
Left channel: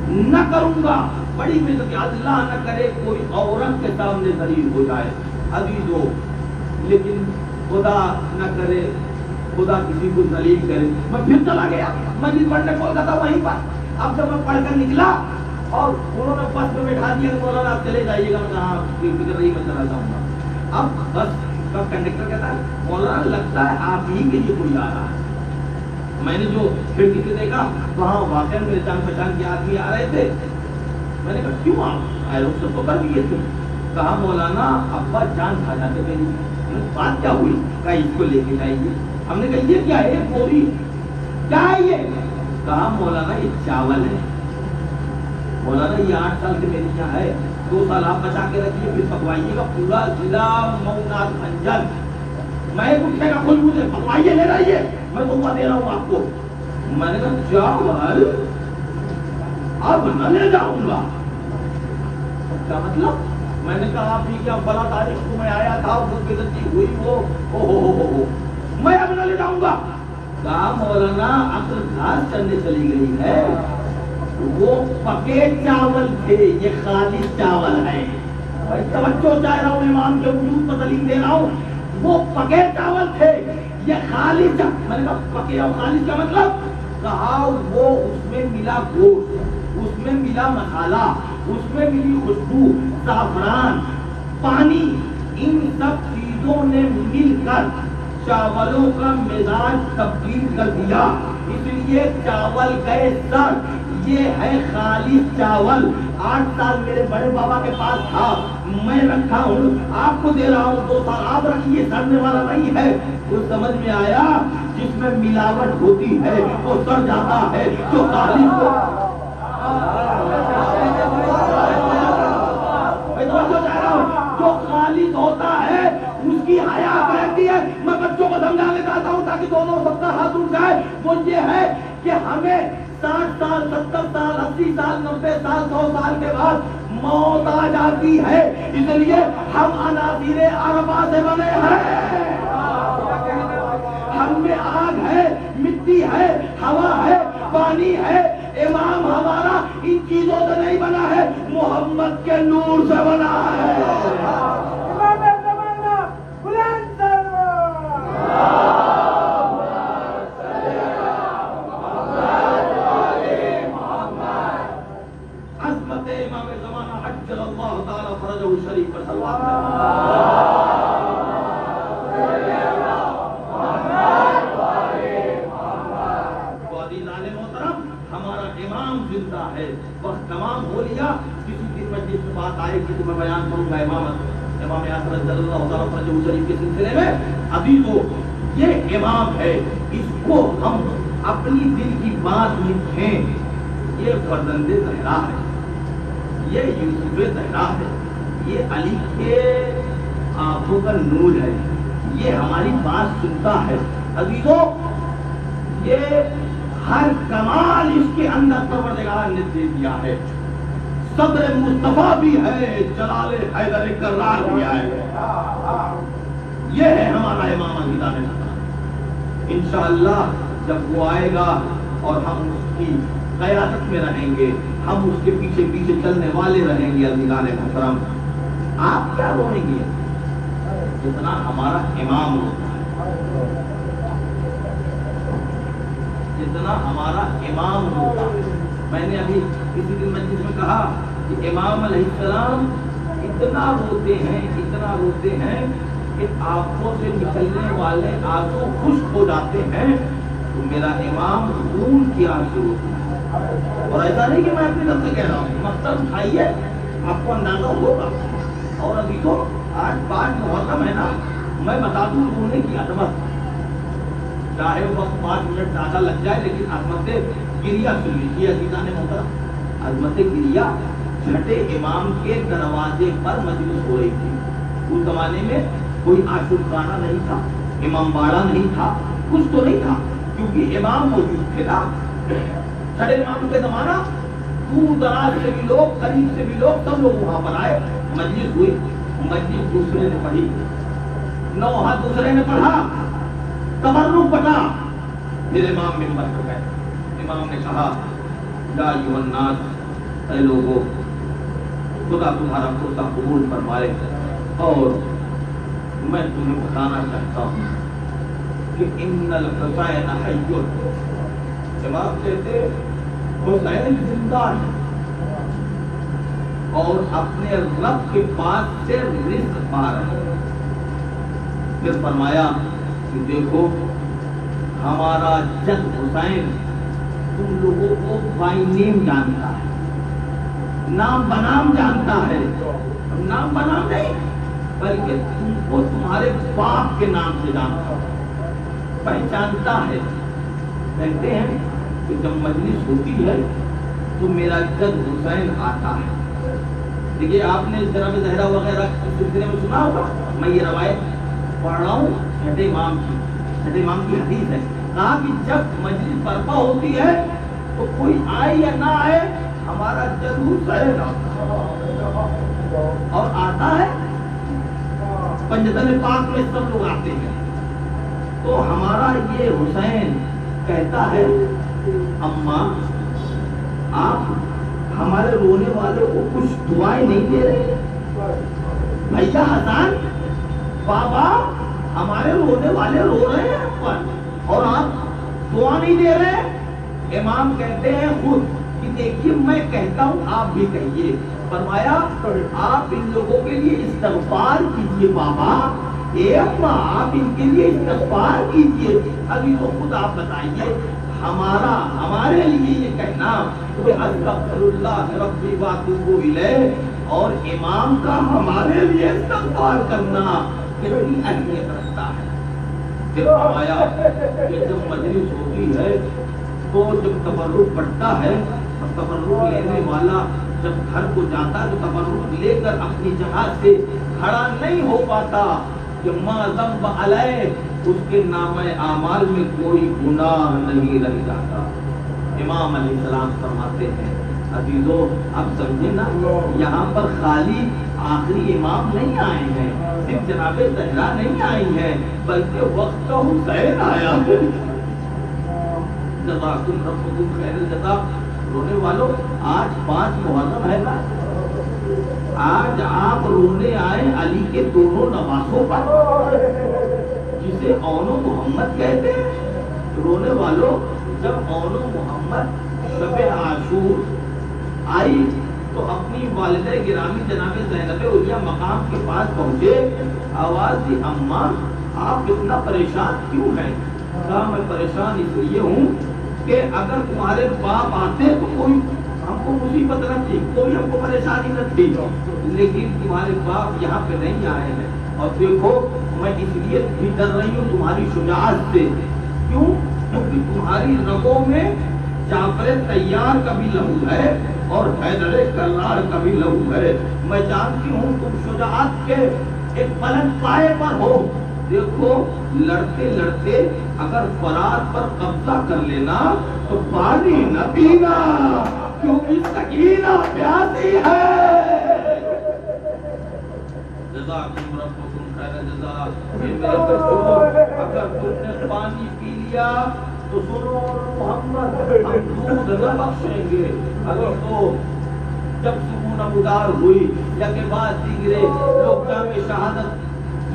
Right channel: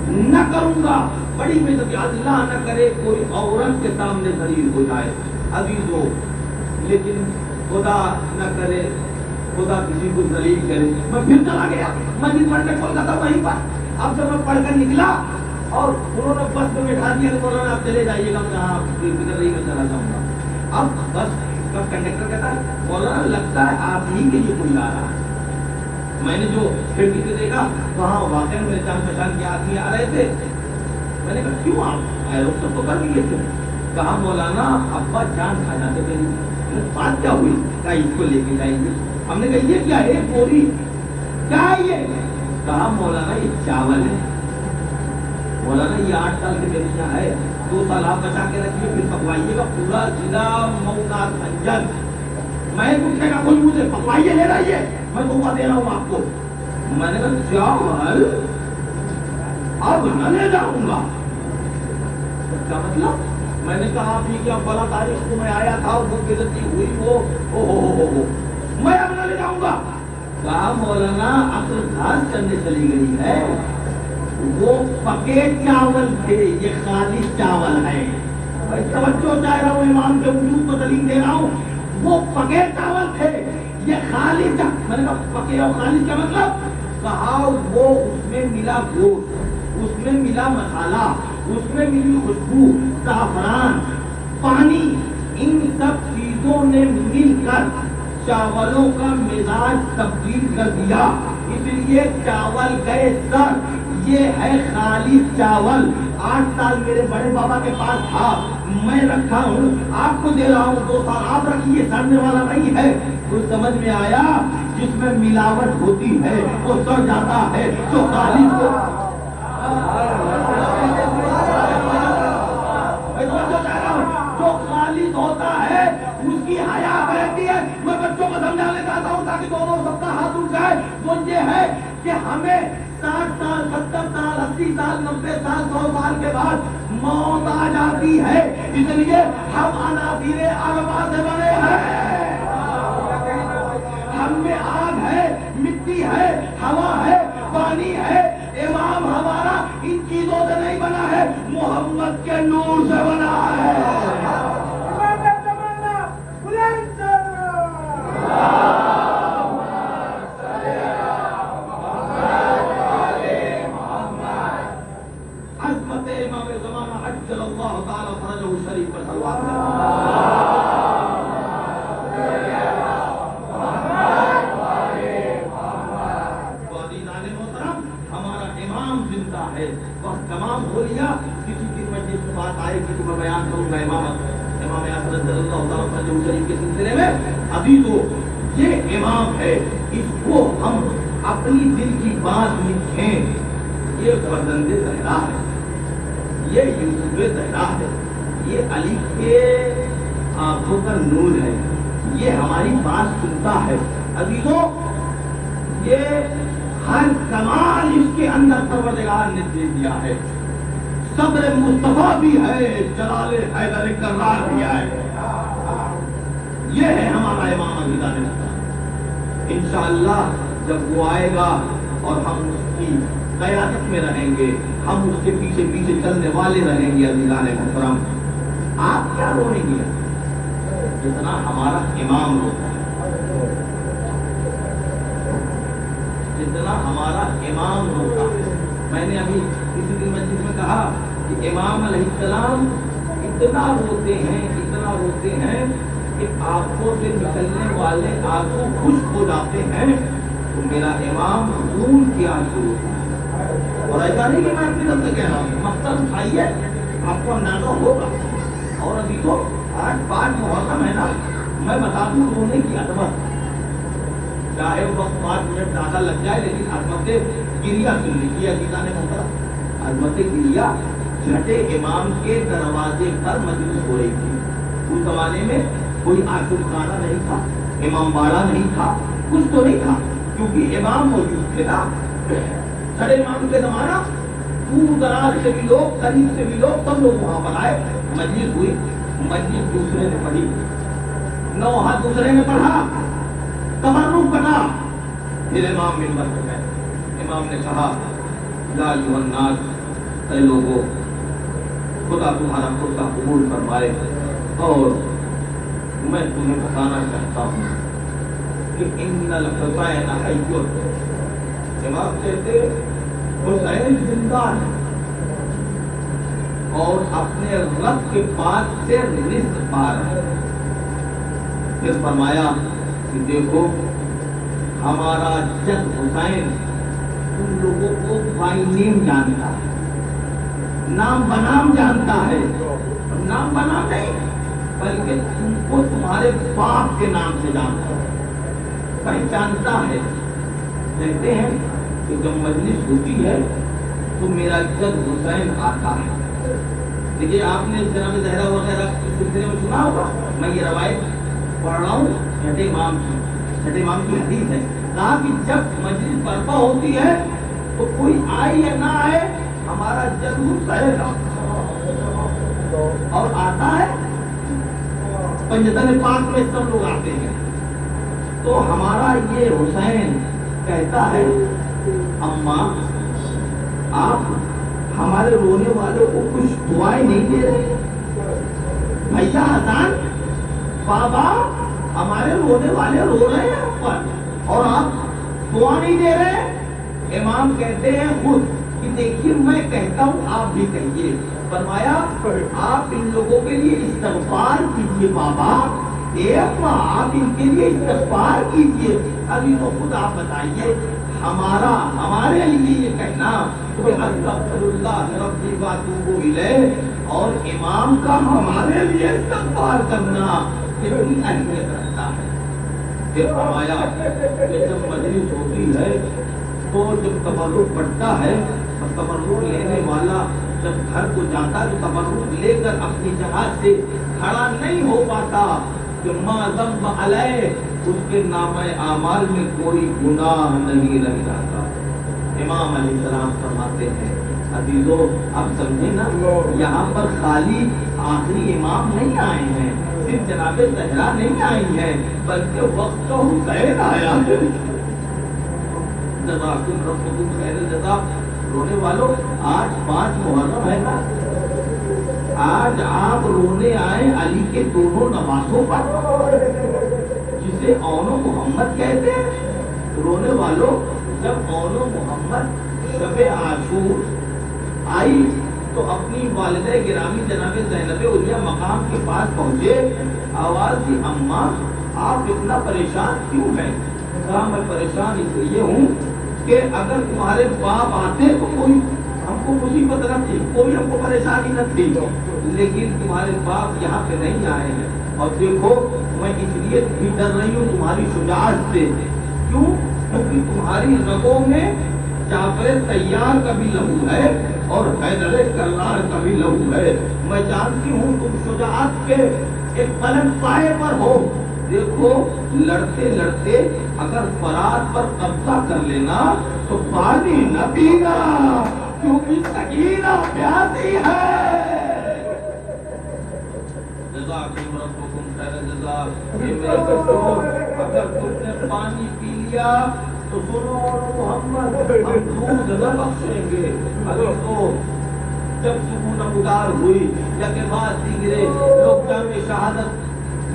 نہ کروں گا. بڑی بے عزتی. اللہ نہ کرے کوئی عورت کے سامنے ذلیل ہو جائے عزیزو. لیکن خدا نہ کرے خدا کسی کو ذلیل کرے. میں پھر چلا گیا مسجد پڑھنے کولکاتہ وہیں پر. اب جب میں پڑھ کر نکلا اور انہوں نے بس میں بٹھا دیا کہ مولانا آپ چلے جائیے گا. میں کہا کوئی فکر نہیں میں چلا جاؤں گا. اب بس کا کنڈکٹر کہتا ہے مولانا لگتا ہے آپ ہی کے لیے کوئی آ رہا ہے. میں نے جو کھڑکی سے دیکھا وہاں واقعی میرے جان پہچان کے آدمی آ رہے تھے. میں نے کہا کیوں آپ آئے سب تو کر دیے تھے. کہا مولانا ابا جان کھا جاتے میری. بات کیا ہوئی. کہا اس کو لے کے جائیے. ہم نے کہا یہ کیا ہے پوری کیا ہے یہ. کہا مولانا یہ چاول ہے. مولانا یہ 8 سال کے میرے ہے 2 سال آپ بچا کے رکھیے پھر پکوائیے گا پورا ضلع مئونات بھنجن. میں اٹھے گا کچھ مجھے پکوائیے لے رہیے میں تحفہ دے رہا ہوں آپ کو. میں نے کہا چاول اب نہ لے جاؤں گا. کیا مطلب. میں نے کہا آپ کیا فلاں تاریخ کو میں آیا تھا وہ بے عزتی ہوئی وہ ہو میں اب نہ لے جاؤں گا. کہا مولانا عقل گھاس چلنے چلی گئی ہے، وہ پکے چاول تھے، یہ خالص چاول ہے۔ بھائی توجہ چاہ رہا ہوں، امام کے وجود کو تعلیم دے رہا ہوں۔ وہ پکے چاول تھے، یہ خالص، میں نے کہا پکے اور خالص کا مطلب؟ کہا وہ اس میں ملا گوشت، اس میں ملا مسالہ، اس میں ملی خوشبو، زعفران، پانی، ان سب چیزوں نے مل کر چاولوں کا مزاج تبدیل کر دیا، اس لیے چاول گئے سر۔ یہ ہے خالص چاول۔ 8 سال میرے بڑے بابا کے پاس تھا، میں رکھا ہوں، آپ کو دے رہا ہوں، 2 سال آپ رکھیے، سڑنے والا نہیں ہے۔ تو سمجھ میں آیا جس میں ملاوٹ ہوتی ہے وہ سڑ جاتا ہے، جو خالص جو خالص ہوتا ہے اس کی حیات رہتی ہے۔ میں بچوں کو سمجھانے چاہتا ہوں تاکہ دونوں سب کا ہاتھ اٹھ جائے، وہ یہ ہے کہ ہمیں 60 سال 70 سال 80 سال 90 سال 100 سال کے بعد موت آ جاتی ہے، اس لیے ہم عناصر اربعہ سے بنے ہیں۔ ہم میں آگ ہے، مٹی ہے، ہوا ہے، پانی ہے۔ امام ہمارا ان چیزوں سے نہیں بنا ہے، محمد کے نور سے بنا ہے۔ عظمت امام زمانہ عجل اللہ تعالی فرجہ شریف پر صلوات زندہ ہے۔ وقت تمام ہو لیا، کسی دن میں جس بات آئے گی تو میں بیان کروں گا امام اعظم رضی اللہ تعالیٰ عنہ شریف کے سلسلے میں۔ عزیزو، یہ امام ہے، اس کو ہم اپنی دل کی بات لکھیں۔ یہ فرزند زہرا ہے، یہ یوسف زہرا ہے، یہ علی کے آنکھوں کا نور ہے، یہ ہماری بات سنتا ہے۔ عزیزو، یہ ہر کمال اس کے اندر پروردگار نے دے دیا ہے۔ صبر مصطفیٰ بھی ہے، جلال حیدر کرار بھی ہے۔ یہ ہے ہمارا امام علی دان مصطفیٰ۔ انشاءاللہ جب وہ آئے گا اور ہم اس کی قیادت میں رہیں گے، ہم اس کے پیچھے پیچھے چلنے والے رہیں گے، عزیزان محترم، آپ کیا روئیں گے جتنا ہمارا امام ہوتا ہے، جتنا ہمارا امام ہوتا ہے۔ میں نے ابھی کسی دن مجلس میں کہا کہ امام علیہ السلام اتنا روتے ہیں، اتنا روتے ہیں کہ آنکھوں سے نکلنے والے آنسو خشک ہو جاتے ہیں، تو میرا امام خون کی آنسو ہوتا ہے۔ اور ایسا نہیں کہ میں اپنی طرف سے کہہ رہا ہوں، مقصد اٹھائیے، آپ کو اندازہ ہوگا۔ اور ابھی تو آج 5 محرم ہے نا، میں بتا دوں رونے کی عظمت، چاہے وہ وقت 5 منٹ زیادہ لگ جائے، لیکن عظمت گریا سن لیجیے عزیزان محترم۔ عظمت گریا چھٹے امام کے دروازے پر مجلس ہو رہی تھی۔ اس زمانے میں کوئی عاشق خانہ نہیں تھا، امام باڑہ نہیں تھا، کچھ تو نہیں تھا، کیونکہ امام موجود تھے نا۔ چھٹے امام کے زمانہ دور دراز سے بھی لوگ، قریب سے بھی لوگ، سب لوگ وہاں پر آئے، مجلس ہوئی، مجلس دوسرے نے پڑھی، نوحہ دوسرے نے پڑھا، تبرک بٹا، پھر امام منبر پر گئے۔ امام نے کہا یا ایھا الناس، اے لوگوں، خدا تمہارا خود قبول فرمائے، اور میں تمہیں بتانا چاہتا ہوں کہ ان الحسین حی، امام کہتے حسین زندہ ہے اور اپنے رب کے پاس سے رزق پا رہے ہیں۔ پھر فرمایا کہ دیکھو ہمارا جد حسین تم لوگوں کو بائی نیم جانتا ہے، نام بنام جانتا ہے، نام بنام نہیں بلکہ تم کو تمہارے باپ کے نام سے جانتا ہے، پہچانتا ہے۔ کہتے ہیں کہ جب مجلس ہوتی ہے تو میرا جد حسین آتا ہے۔ دیکھیے آپ نے جناب زہرا وغیرہ اس سلسلے میں سنا ہوگا، میں یہ روایت پڑھ رہا ہوں چھٹے امام کی حدیث ہے۔ کہا کہ جب مجلس برپا ہوتی ہے تو کوئی آئے یا نہ آئے، ہمارا جد حسین اور آتا ہے۔ پنجتن پاک میں سب لوگ آتے ہیں، تو ہمارا یہ حسین کہتا ہے اماں آپ ہمارے رونے والوں کو کچھ دعائیں نہیں دے رہے؟ بھیا حسن بابا ہمارے رونے والے رو رہے ہیں اور آپ دعا نہیں دے رہے؟ امام کہتے ہیں خود کہ دیکھیے میں کہتا ہوں آپ بھی کہیے. فرمایا آپ ان لوگوں کے لیے استغفار کیجیے بابا. آپ ان کے لیے استغفار کیجیے. ابھی تو خود آپ بتائیے ہمارے لیے یہ کہنا کہ استغفر اللہ ربی واتوب الیہ اور امام کا ہمارے لیے استغفار کرنا کتنی اہمیت رکھتا ہے. پھر فرمایا کہ جب مجلس ہوتی ہے تو جب تبرک بڑھتا ہے اور تبرک لینے والا جب گھر کو جاتا تو تبرک لے کر اپنی جگہ سے کھڑا نہیں ہو پاتا کہ ما ذنب علیہ اس کے نامہ اعمال میں کوئی گناہ نہیں رہ جاتا. امام علیہ السلام فرماتے ہیں عزیزو اب سمجھے نا یہاں پر خالی آخری امام نہیں آئے ہیں, صرف جناب زہرا نہیں آئی ہیں, بلکہ وقت کا حسین آیا ہے. جزاکم ربکم خیر الجزا. رونے والوں آج 5 محرم ہے نا, آج آپ رونے آئے علی کے دونوں نواسوں پر جسے اون و محمد کہتے ہیں. رونے والوں جب اون و محمد شب عاشور آئی تو اپنی والدہ گرامی جناب زینب علیہ مقام کے پاس پہنچے. آواز دی اماں آپ اتنا پریشان کیوں ہیں؟ کہا میں پریشان اس لیے ہوں کہ اگر تمہارے باپ آتے تو کوئی ہم کو مصیبت نہ تھی, کوئی ہم کو پریشانی نہ تھی, لیکن تمہارے باپ یہاں پہ نہیں آئے ہیں. اور دیکھو میں اس لیے بھی ڈر رہی ہوں تمہاری شجاعت سے. کیوں؟ کیونکہ تمہاری رگوں میں جعفر طیار کا بھی لہو ہے اور حیدر کرار کا بھی لہو ہے. میں جانتی ہوں تم شجاعت کے ایک بلند پائے پر ہو. دیکھو لڑتے لڑتے اگر فرات پر قبضہ کر لینا تو پانی نہ پینا کیونکہ سکینہ پیاسی ہے. جزاکم ربکم خیر الجزا. یہ میرے بچوں اگر تم نے پانی پی لیا تو سنو محمد ہم دودھ نہ بخشیں گے. ابھی تو جب صبح نمودار ہوئی یا کے بعد دیگرے لوگ جامع شہادت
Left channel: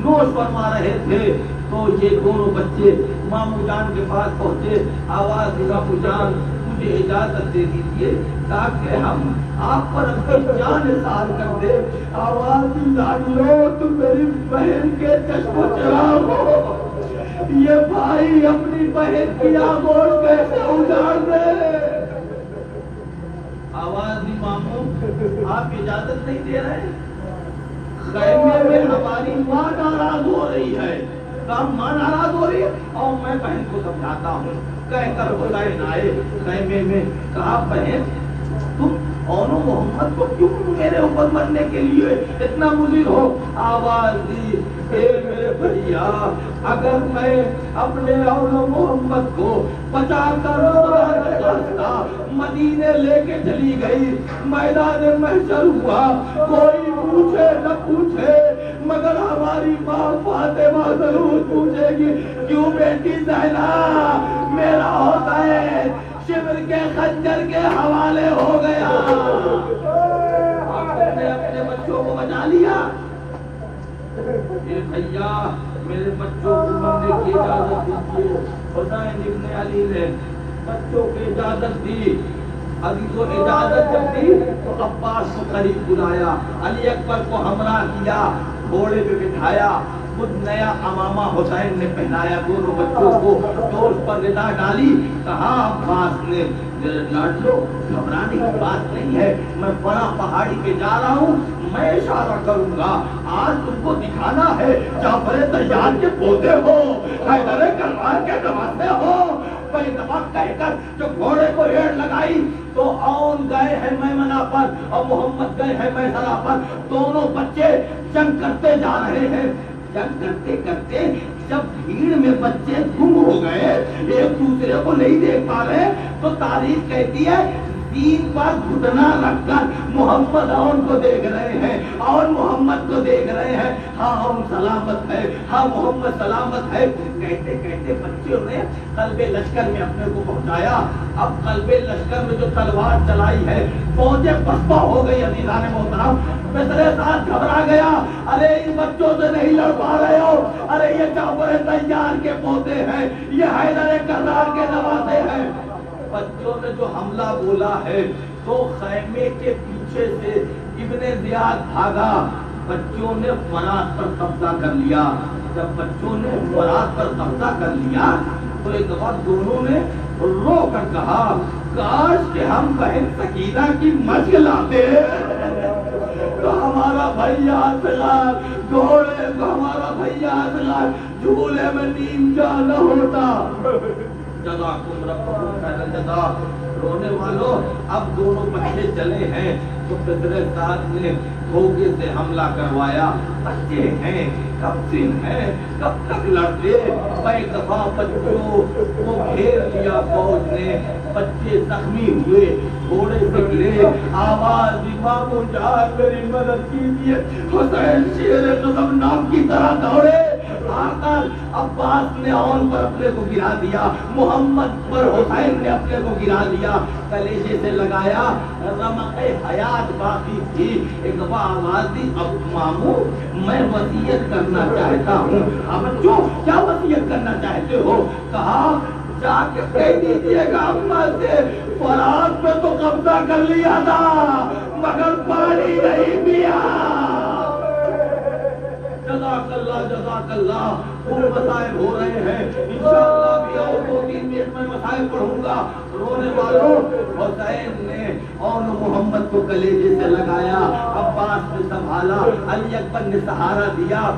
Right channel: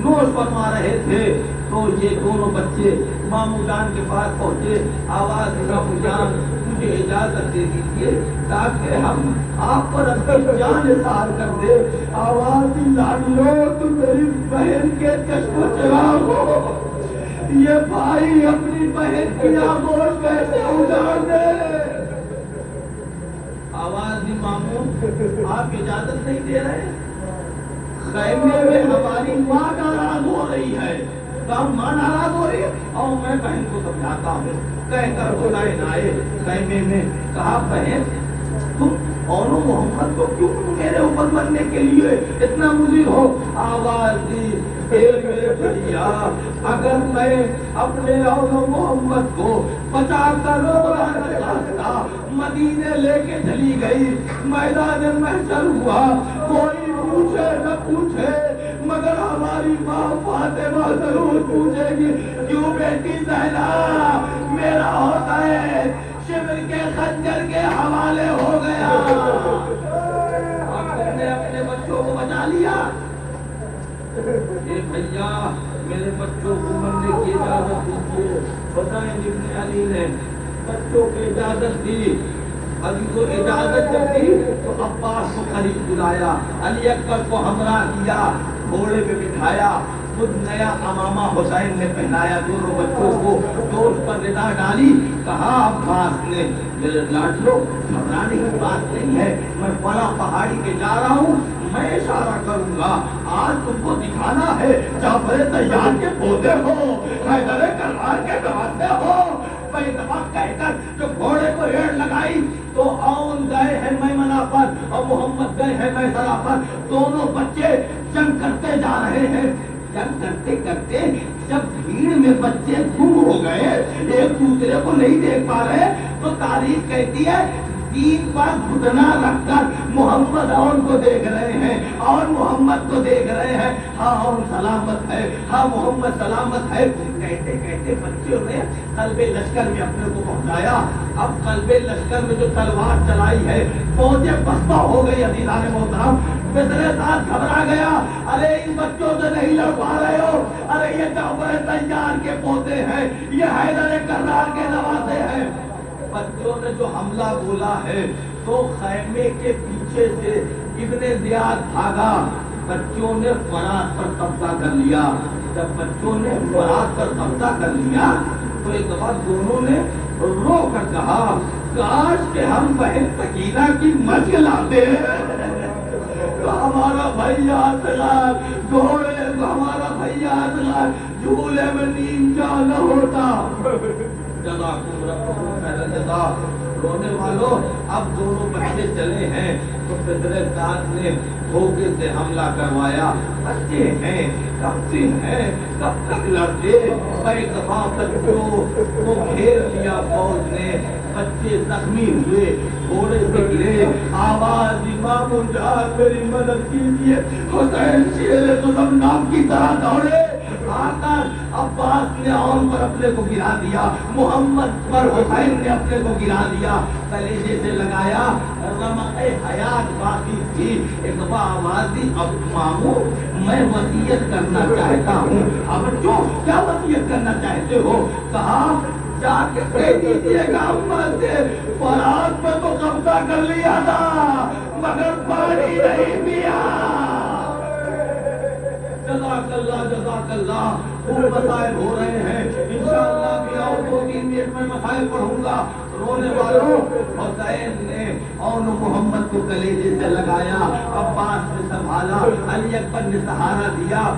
نوش فرما رہے تھے تو یہ دونوں بچے مامو جان کے پاس پہنچے. آواز دی مامو جان مجھے اجازت دے دیجیے تاکہ ہم آپ پر اپنی جان اظہار کر دے. آواز دی لاڈلو تم میری بہن کے چشم و چراغ ہو, یہ بھائی اپنی بہن کی آغوش کیسے اجاڑ دے. آواز دی مامو آپ اجازت نہیں دے رہے؟ خیمے میں ہماری ماں ناراض ہو رہی ہے. ماں ناراض ہو رہی ہے اور میں بہن کو سمجھاتا ہوں. کہہ کر حسین آئے خیمے میں. کہا بہن تم اون و محمد کو کیوں میرے اوپر مرنے کے لیے اتنا مضر ہو؟ آواز دی میرے بھیا اگر میں اپنے اون و محمد کو بچا کر مدینے لے کے چلی گئی, میدان محشر ہوا, کوئی پوچھے نہ پوچھے مگر ہماری ماں فاطمہ ضرور پوچھے گی کیوں بیٹی زینب میرا ہوتا ہے شبر کے خنجر کے حوالے ہو گیا. آپ نے اپنے بچوں کو بچا لیا. یہ بھیا میرے بچوں کو مرنے کی اجازت دیجیے. حسین ابن علی نے بچوں کی اجازت دی. علی کو اجازت جب دی تو عباس کو قریب بلایا, علی اکبر کو ہمراہ کیا, گھوڑے پہ بٹھایا, خود نیا امامہ حسین نے پہنایا دونوں بچوں کو, دوست پر ندا ڈالی. کہا عباس نے میرے لاڈلو گھبرانے کی بات نہیں ہے, میں فلاں پہاڑی پہ جا رہا ہوں, میں اشارہ کروں گا, آج تم کو دکھانا ہے جعفر طیار کے پوتے ہو, حیدر کرار کے نواسے ہو. کہہ کر جو گھوڑے کو ایڑ لگائی تو اون گئے ہیں میمنہ پر اور محمد گئے ہیں میسرہ پر. دونوں بچے جنگ کرتے جا رہے ہیں. جنگ کرتے کرتے جب بھیڑ میں بچے گم ہو گئے, ایک دوسرے کو نہیں دیکھ پا رہے, تو تاریخ کہتی ہے دین پر گھٹنا رکھ کر محمد اون کو دیکھ رہے ہیں، اور محمد کو دیکھ رہے ہیں، ہاں اون سلامت ہے، ہاں محمد سلامت ہے، کہتے کہتے بچوں نے قلب لشکر میں اپنے کو پہنچایا۔ اب قلب لشکر میں جو تلوار چلائی ہے، فوجیں پسپا ہو گئی۔ عزیزان محترم، مصر سعد گھبرا گیا، ارے ان بچوں سے نہیں لڑ پا رہے ہو، ارے یہ جعفر طیار کے پوتے ہیں، یہ حیدر کرار کے نواسے ہیں۔ بچوں نے جو حملہ بولا ہے تو خیمے کے پیچھے سے ابن زیاد بھاگا، بچوں نے فرات پر قبضہ کر لیا۔ جب بچوں نے فرات پر قبضہ کر لیا تو ایک دفعہ دونوں نے رو کر کہا، کاش کہ ہم بہن سکینہ کی مشق لاتے تو ہمارا بھیا اصغر گھوڑے کو، ہمارا بھیا اصغر جھولے میں نیم جا نہ ہوتا۔ جزاکم ربکم خیر الجزا۔ رونے والوں، اب دونوں بچے چلے ہیں تو مصر سعد نے دھوکے سے حملہ کروایا۔ بچے ہیں، کب سے ہیں، کب تک لڑتے؟ ایک دفعہ بچوں کو گھیر لیا فوج نے، بچے زخمی ہوئے، گھوڑے سے گرے، آواز امام جان میری مدد کیجیے۔ حسین شیر قدم نام کی طرح دوڑے، آ کر عباس نے اون پر اپنے کو گرا دیا، محمد پر حسین نے اپنے کو گرا دیا، کلیجے سے لگایا، رمق حیات باقی تھی۔ ایک دفعہ آواز دی، اب ماموں میں وصیت کرنا چاہتا ہوں۔ اب بچوں کیا وصیت کرنا چاہتے ہو؟ کہا جا کے کہہ دیجیے گا اماں سے، فرات پہ تو قبضہ کر لیا تھا مگر پانی نہیں پیا۔ جزاک اللہ، جزاک اللہ۔ خوب مسائل ہو رہے ہیں، انشاءاللہ بھی اور 2-3 منٹ میں مسائل پڑھوں گا۔ رونے والوں، حسین نے اون محمد کو کلیجے سے لگایا، عباس نے سنبھالا، علی اکبر نے سہارا دیا۔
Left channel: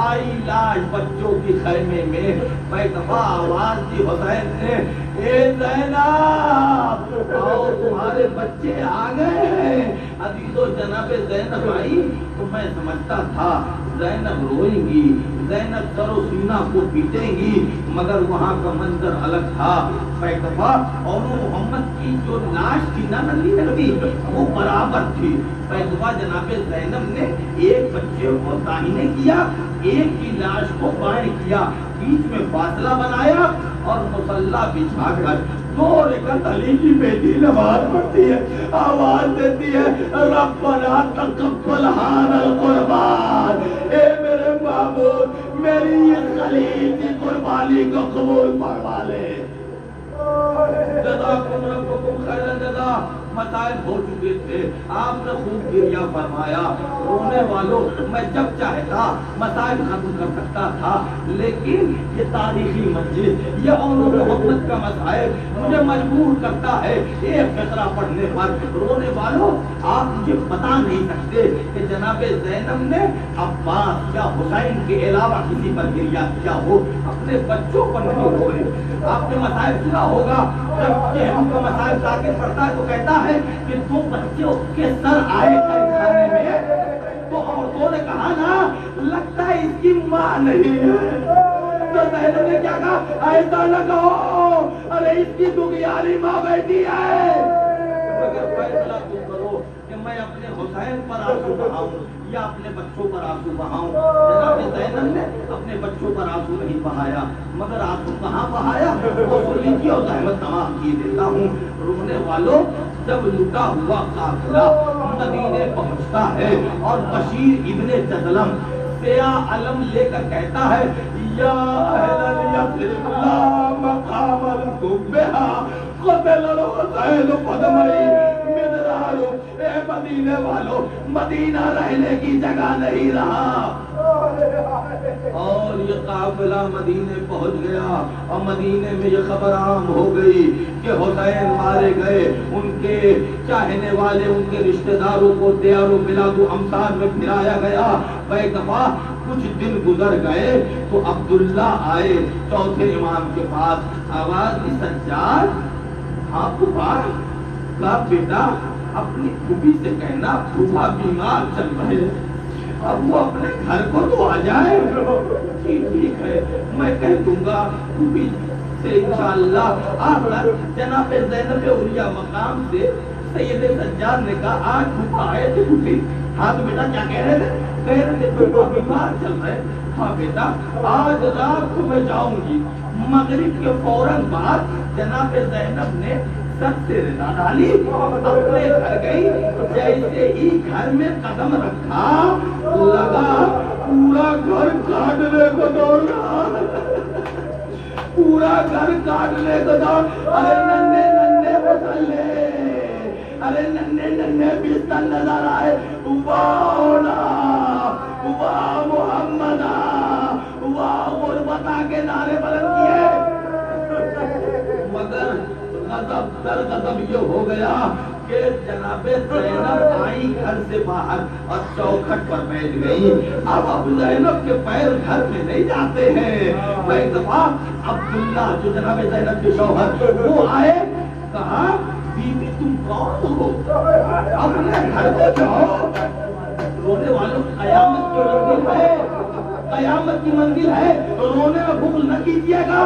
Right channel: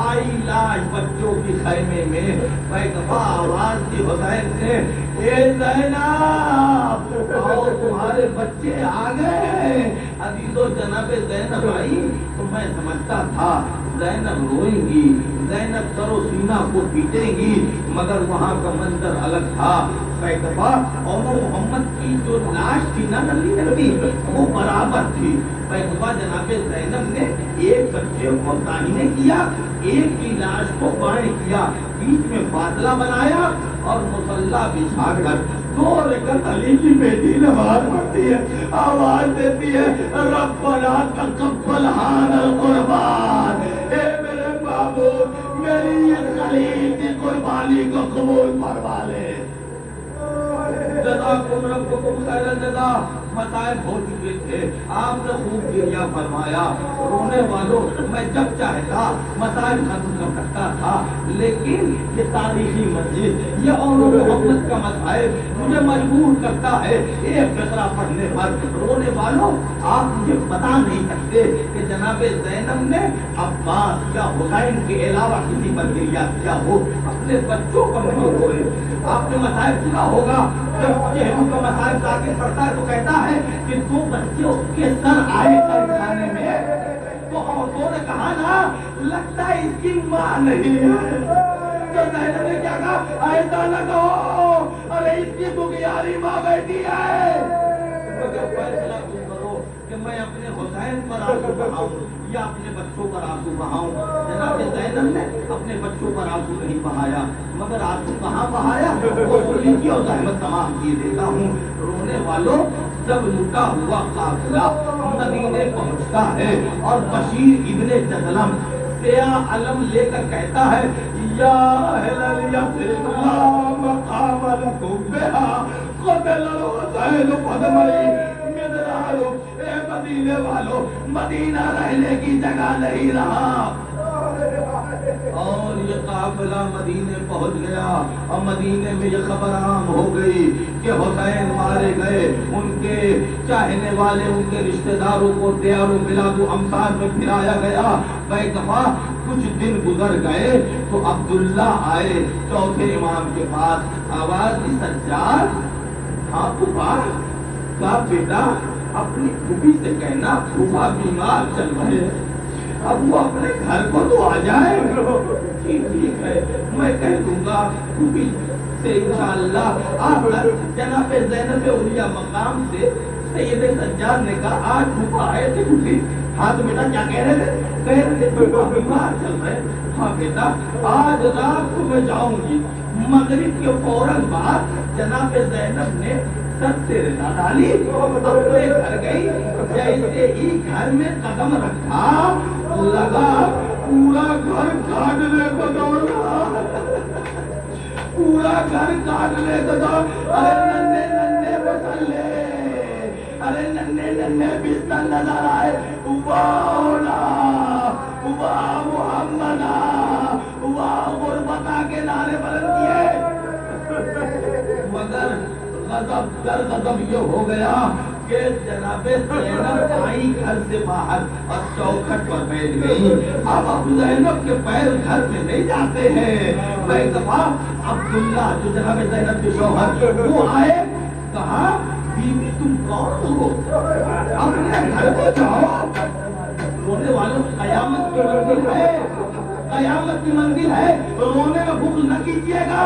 آئی لاش بچوں کی خیمے میں، ایک دفعہ آواز دی حسین نے، اے زینب آؤ تمہارے بچے آ گئے ہیں۔ عزیزو جناب زینب آئی تو میں سمجھتا تھا زینب روئیں گی، زینب سر و سینہ کو پیٹیں گی، مگر وہاں کا منظر الگ تھا۔ ایک دفعہ اور محمد کی جو لاش تھی نا نبی وہ برابر تھی۔ ایک دفعہ جناب زینب نے ایک بچے کو داہنے کیا، ایک کی لاش کو بائیں کیا، بیچ میں فاصلہ بنایا اور مصلی بچھا کر 2 رکعت علی کی بیٹی نماز پڑھتی ہے، آواز دیتی ہے، ربنا تقبل ھذا القربان، اے میرے معبود میری اس خلیل کی قربانی کو قبول فرما لے۔ جزاکم ربکم خیر الجزا۔ مسائل ہو چکے تھے، آپ نے خوب گریہ فرمایا۔ رونے والوں، میں جب چاہتا مسائل ختم کر سکتا تھا، لیکن یہ تاریخی مجلس، یہ اور محمد کا مسائل مجھے مجبور کرتا ہے ایک فقرہ پڑھنے پر۔ رونے والوں، آپ مجھے بتا نہیں سکتے کہ جناب زینب نے عباس یا حسین کے علاوہ کسی پر گریہ کیا ہو، اپنے بچوں پر نہیں ہوئے۔ آپ نے مسائل سنا ہوگا، جب چہروں کا مسائل تاکہ پڑھتا ہے تو کہتا ہے کہ 2 بچوں کے سر آئے قید خانے میں تو عورتوں نے کہا نا لگتا ہے اس کی ماں نہیں ہے، تو زینب نے کیا کہا، ایسا نہ کہو، ارے اس کی دغیاری ماں بیٹی ہے۔ اگر فیصلہ تم کرو کہ میں اپنے حسین پر آنسو بہاؤں یا اپنے بچوں پر آنسو بہاؤں۔ جناب زینب نے اپنے بچوں پر آنسو نہیں بہایا، مگر آنسو کہاں بہایا وہ سن لیجیے اور زحمت تمام کیے دیتا ہوں۔ رونے والوں، جب لٹا ہوا قافلہ مدینے پہنچتا ہے اور بشیر ابن جہلم سیاہ علم لے کر کہتا ہے، یا اہل یثرب لا مقام لکم بہا قتل الحسین فدمئی مدرار، اے مدینے والوں، مدینہ رہنے کی جگہ نہیں رہا۔ اور یہ قافلہ مدینے پہنچ گیا اور مدینے میں یہ خبر عام ہو گئی کہ حسین مارے گئے، ان کے چاہنے والے، ان کے رشتہ داروں کو دیار و بلاد و امثال میں پھرایا گیا۔ ایک دفعہ کچھ دن گزر گئے تو عبداللہ آئے چوتھے امام کے پاس، آواز دی، سجاد ہاں پھوپھا کا بیٹا اپنی پھوپھی سے کہنا پھوپھا بیمار چل رہے ہیں، اب وہ اپنے گھر کو تو آ جائے۔ ٹھیک ہے، میں کہہ دوں گا پھوپھی سے انشاءاللہ آ کر جناب زینب اولیاء مقام سے سید سجاد نے کہا آج پھوپا آئے تھے بڈھی. ہاں تو بیٹا کیا کہہ رہے تھے؟ کہہ رہے تھے پھوپا بیمار چل رہے. ہاں بیٹا آج رات کو میں جاؤں گی. مغرب کے فوراً بعد جناب زینب نے سر سے رضا ڈالی, اپنے گھر گئی. جیسے ہی گھر میں قدم رکھا لگا پورا گھر کاٹنے کو دوڑا, پورا گھر کاٹنے کو دوڑ. ارے ننھے ننھے مسلے, ارے ننھے ننھے بستر نظر آئے. واہ محمد, واہ غربتا کے نعرے بلند کیے. مگر غضب در غضب یہ ہو گیا کہ جناب زینب آئی گھر سے باہر اور چوکھٹ پر بیٹھ گئی. اب زینب کے پیر گھر میں نہیں جاتے ہیں. ایک دفعہ عبداللہ جو جناب زینب کے شوہر وہ آئے, کہا بی بی تم کون ہو, اپنے گھر کو جاؤ. رونے والوں قیامت کی منزل ہے, قیامت کی منزل ہے, رونے میں بغض نہ کیجیے گا.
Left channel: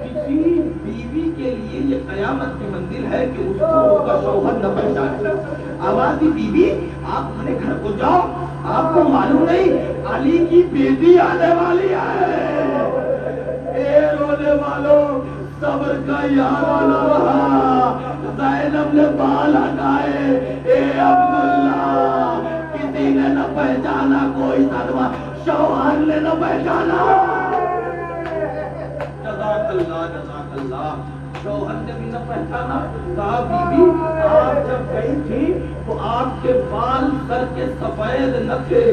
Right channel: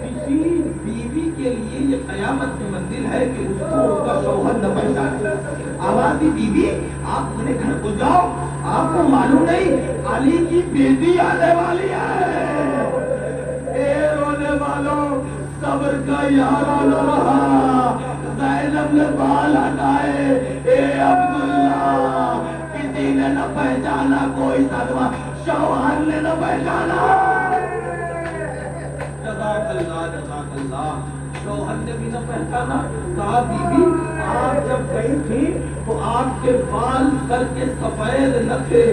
کسی بیوی کے لیے یہ قیامت کی منزل ہے کہ اس کو اس کا شوہر نہ پہچانے. آواز دی بی بی آپ اپنے گھر کو جاؤ, آپ کو معلوم نہیں علی کی بیٹی آنے والی ہے. اے رونے والوں صبر کا یارانہ رہا. زینب نے بال ہٹائے. اے عبداللہ کسی نے نہ پہچانا, کوئی صدمہ شوہر نے نہ پہچانا. جزاک اللہ جزاک اللہ. شوہر نے بھی نہ پہچانا. کہا بی بی آپ جب گئی تھی تو آپ کے بال سر کے سفید نہ تھے,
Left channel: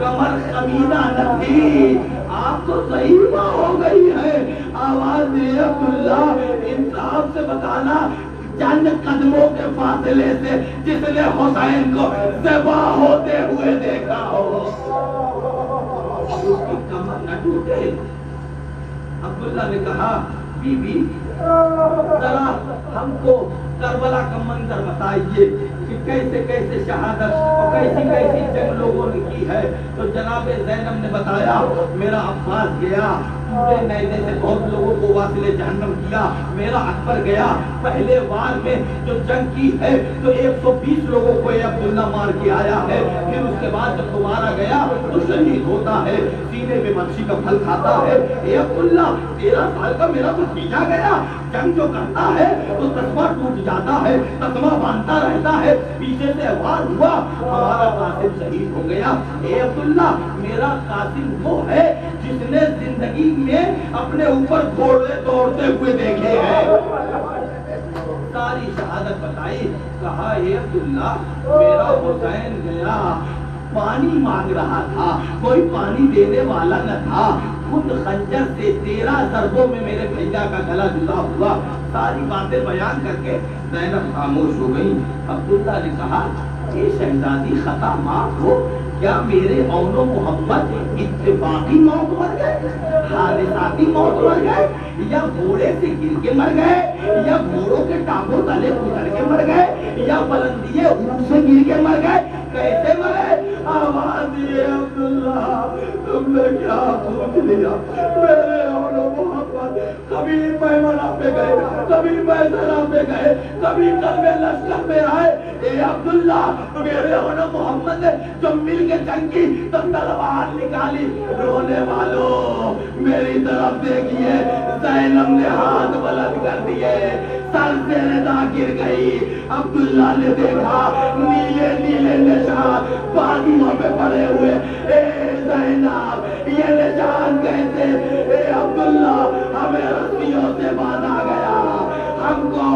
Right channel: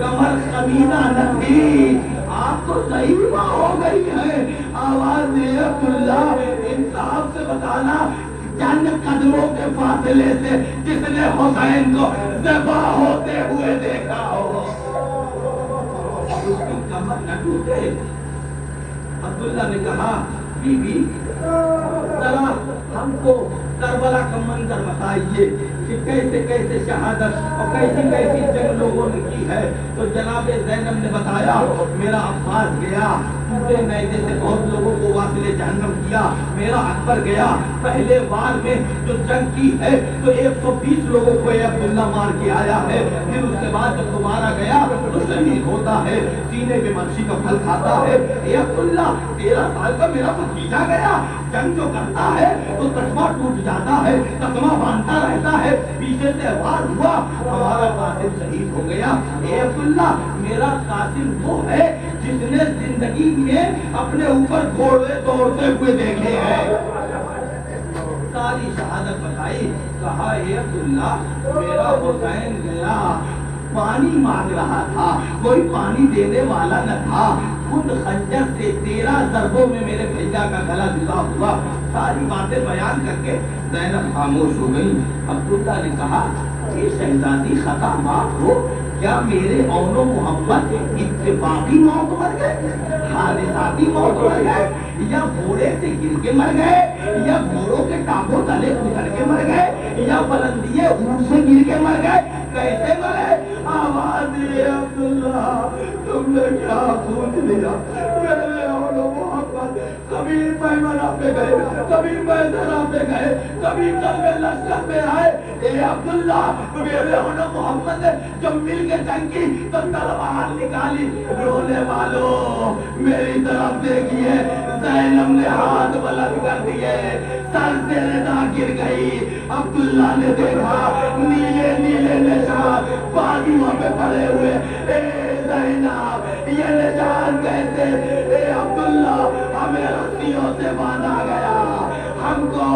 کمر کمینا نہ تھی, آپ تو ضعیفہ ہو گئی ہے. آواز دی عبداللہ انصاف سے بتانا چند قدموں کے فاصلے سے جس نے حسین کو ذبح ہوتے ہوئے دیکھا ہو اس کی کمر نہ ٹوٹے. عبداللہ نے کہا بی بی ذرا ہم کو کربلا کا منظر بتائیے کہ کیسے کیسے شہادت اور کیسی کیسی جنگ لوگوں نے کی ہے. تو جناب زینب نے بتایا میرا عباس گیا, پورے نیزے سے بہت لوگوں کو واصل جہنم کیا. میرا اکبر گیا, پہلے وار میں جو جنگ کی ہے تو 120 لوگوں کو عبداللہ مار کے آیا ہے. پھر اس کے بعد جب دوبارہ گیا تو شہید ہوتا ہے, سینے پہ منشی کا پھل کھاتا ہے. اے عبداللہ 13 سال کا میرا بھتیجا گیا, جنگ جو کرتا ہے تو تسمہ ٹوٹ جاتا ہے, تسمہ باندھتا رہتا ہے, پیچھے سے وار ہوا ہمارا قاسم شہید ہو گیا. اے عبداللہ میرا قاسم وہ ہے جس نے زندگی میں اپنے اوپر گھوڑے دوڑتے ہوئے دیکھے ہیں. ساری شہادت بتائی. کہا اے عبداللہ میرا حسین گیا, پانی مانگ رہا تھا, کوئی پانی دینے والا نہ تھا, خود خنجر سے 13 ضربوں میں میرے بھیا کا گلا جدا ہوا. ساری باتیں بیان کر کے زینب خاموش ہو گئی. عبداللہ نے کہا یہ شہزادی خطا معاف ہو, کیا میرے اون و محمد اتفاقی موت مر گئے, حادثاتی موت مر گئے, یا گھوڑے سے گر کے مر گئے, یا گھوڑوں کے ٹانگوں تلے کچل کے مر گئے, یا بلندیے اونٹ سے گر کے مر گئے, کیسے مرے؟ آواز دیے عبداللہ تم نے کیا پوچھ لیا. میرے اون و محمد کبھی پیمانہ پہ گئے, کبھی میدانہ پہ گئے, کبھی کلبے لشکر میں آئے. اے عبداللہ میرے اون و محمد نے جب مل کے جنگ کی تو تلوار نکالی. رونے والوں میری طرف دیکھیے, زینب نے ہاتھ بلند کر دیے, سر سے رضا گر گئی. عبداللہ نے دیکھا نیلے نیلے نشان بازوؤں پہ پڑے ہوئے. اے زینب یہ نشان کیسے؟ اے عبداللہ ہمیں رسیوں سے باندھا گیا, ہم کو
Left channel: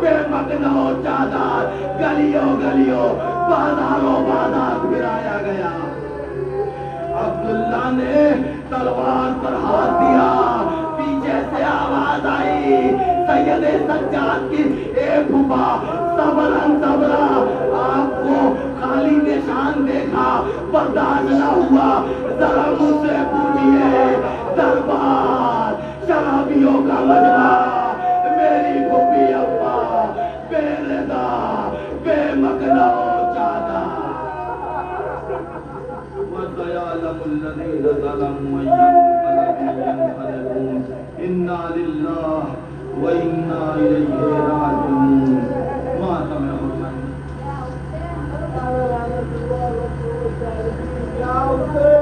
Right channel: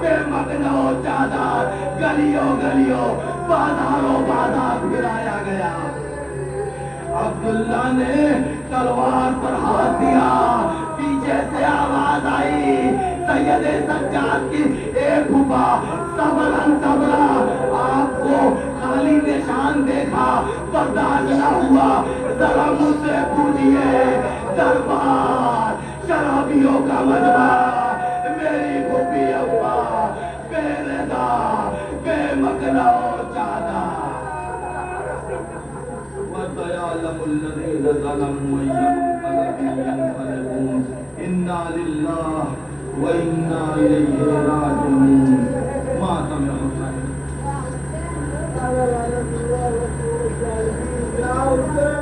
بے مکنوں چادر گلیوں گلیوں بازاروں بازار پھرایا گیا. عبداللہ نے تلوار پر ہاتھ دیا, پیچھے سے آواز آئی سید سجاد کی, اے پھوپا صبرن صبرا, آپ کو خالی نشان دیکھا برداشت نہ ہوا, ذرا مجھ سے پوچھئے دربار شرابیوں کا مجمع, میری پھوپھی ابا بے رضا بے مکنہ چادر. وَسَيَعْلَمُ الَّذِينَ ظَلَمُوا يَنقَلِبُونَ إِنَّا لِلَّهِ وَإِنَّا إِلَيْهِ رَاجِعُونَ. سے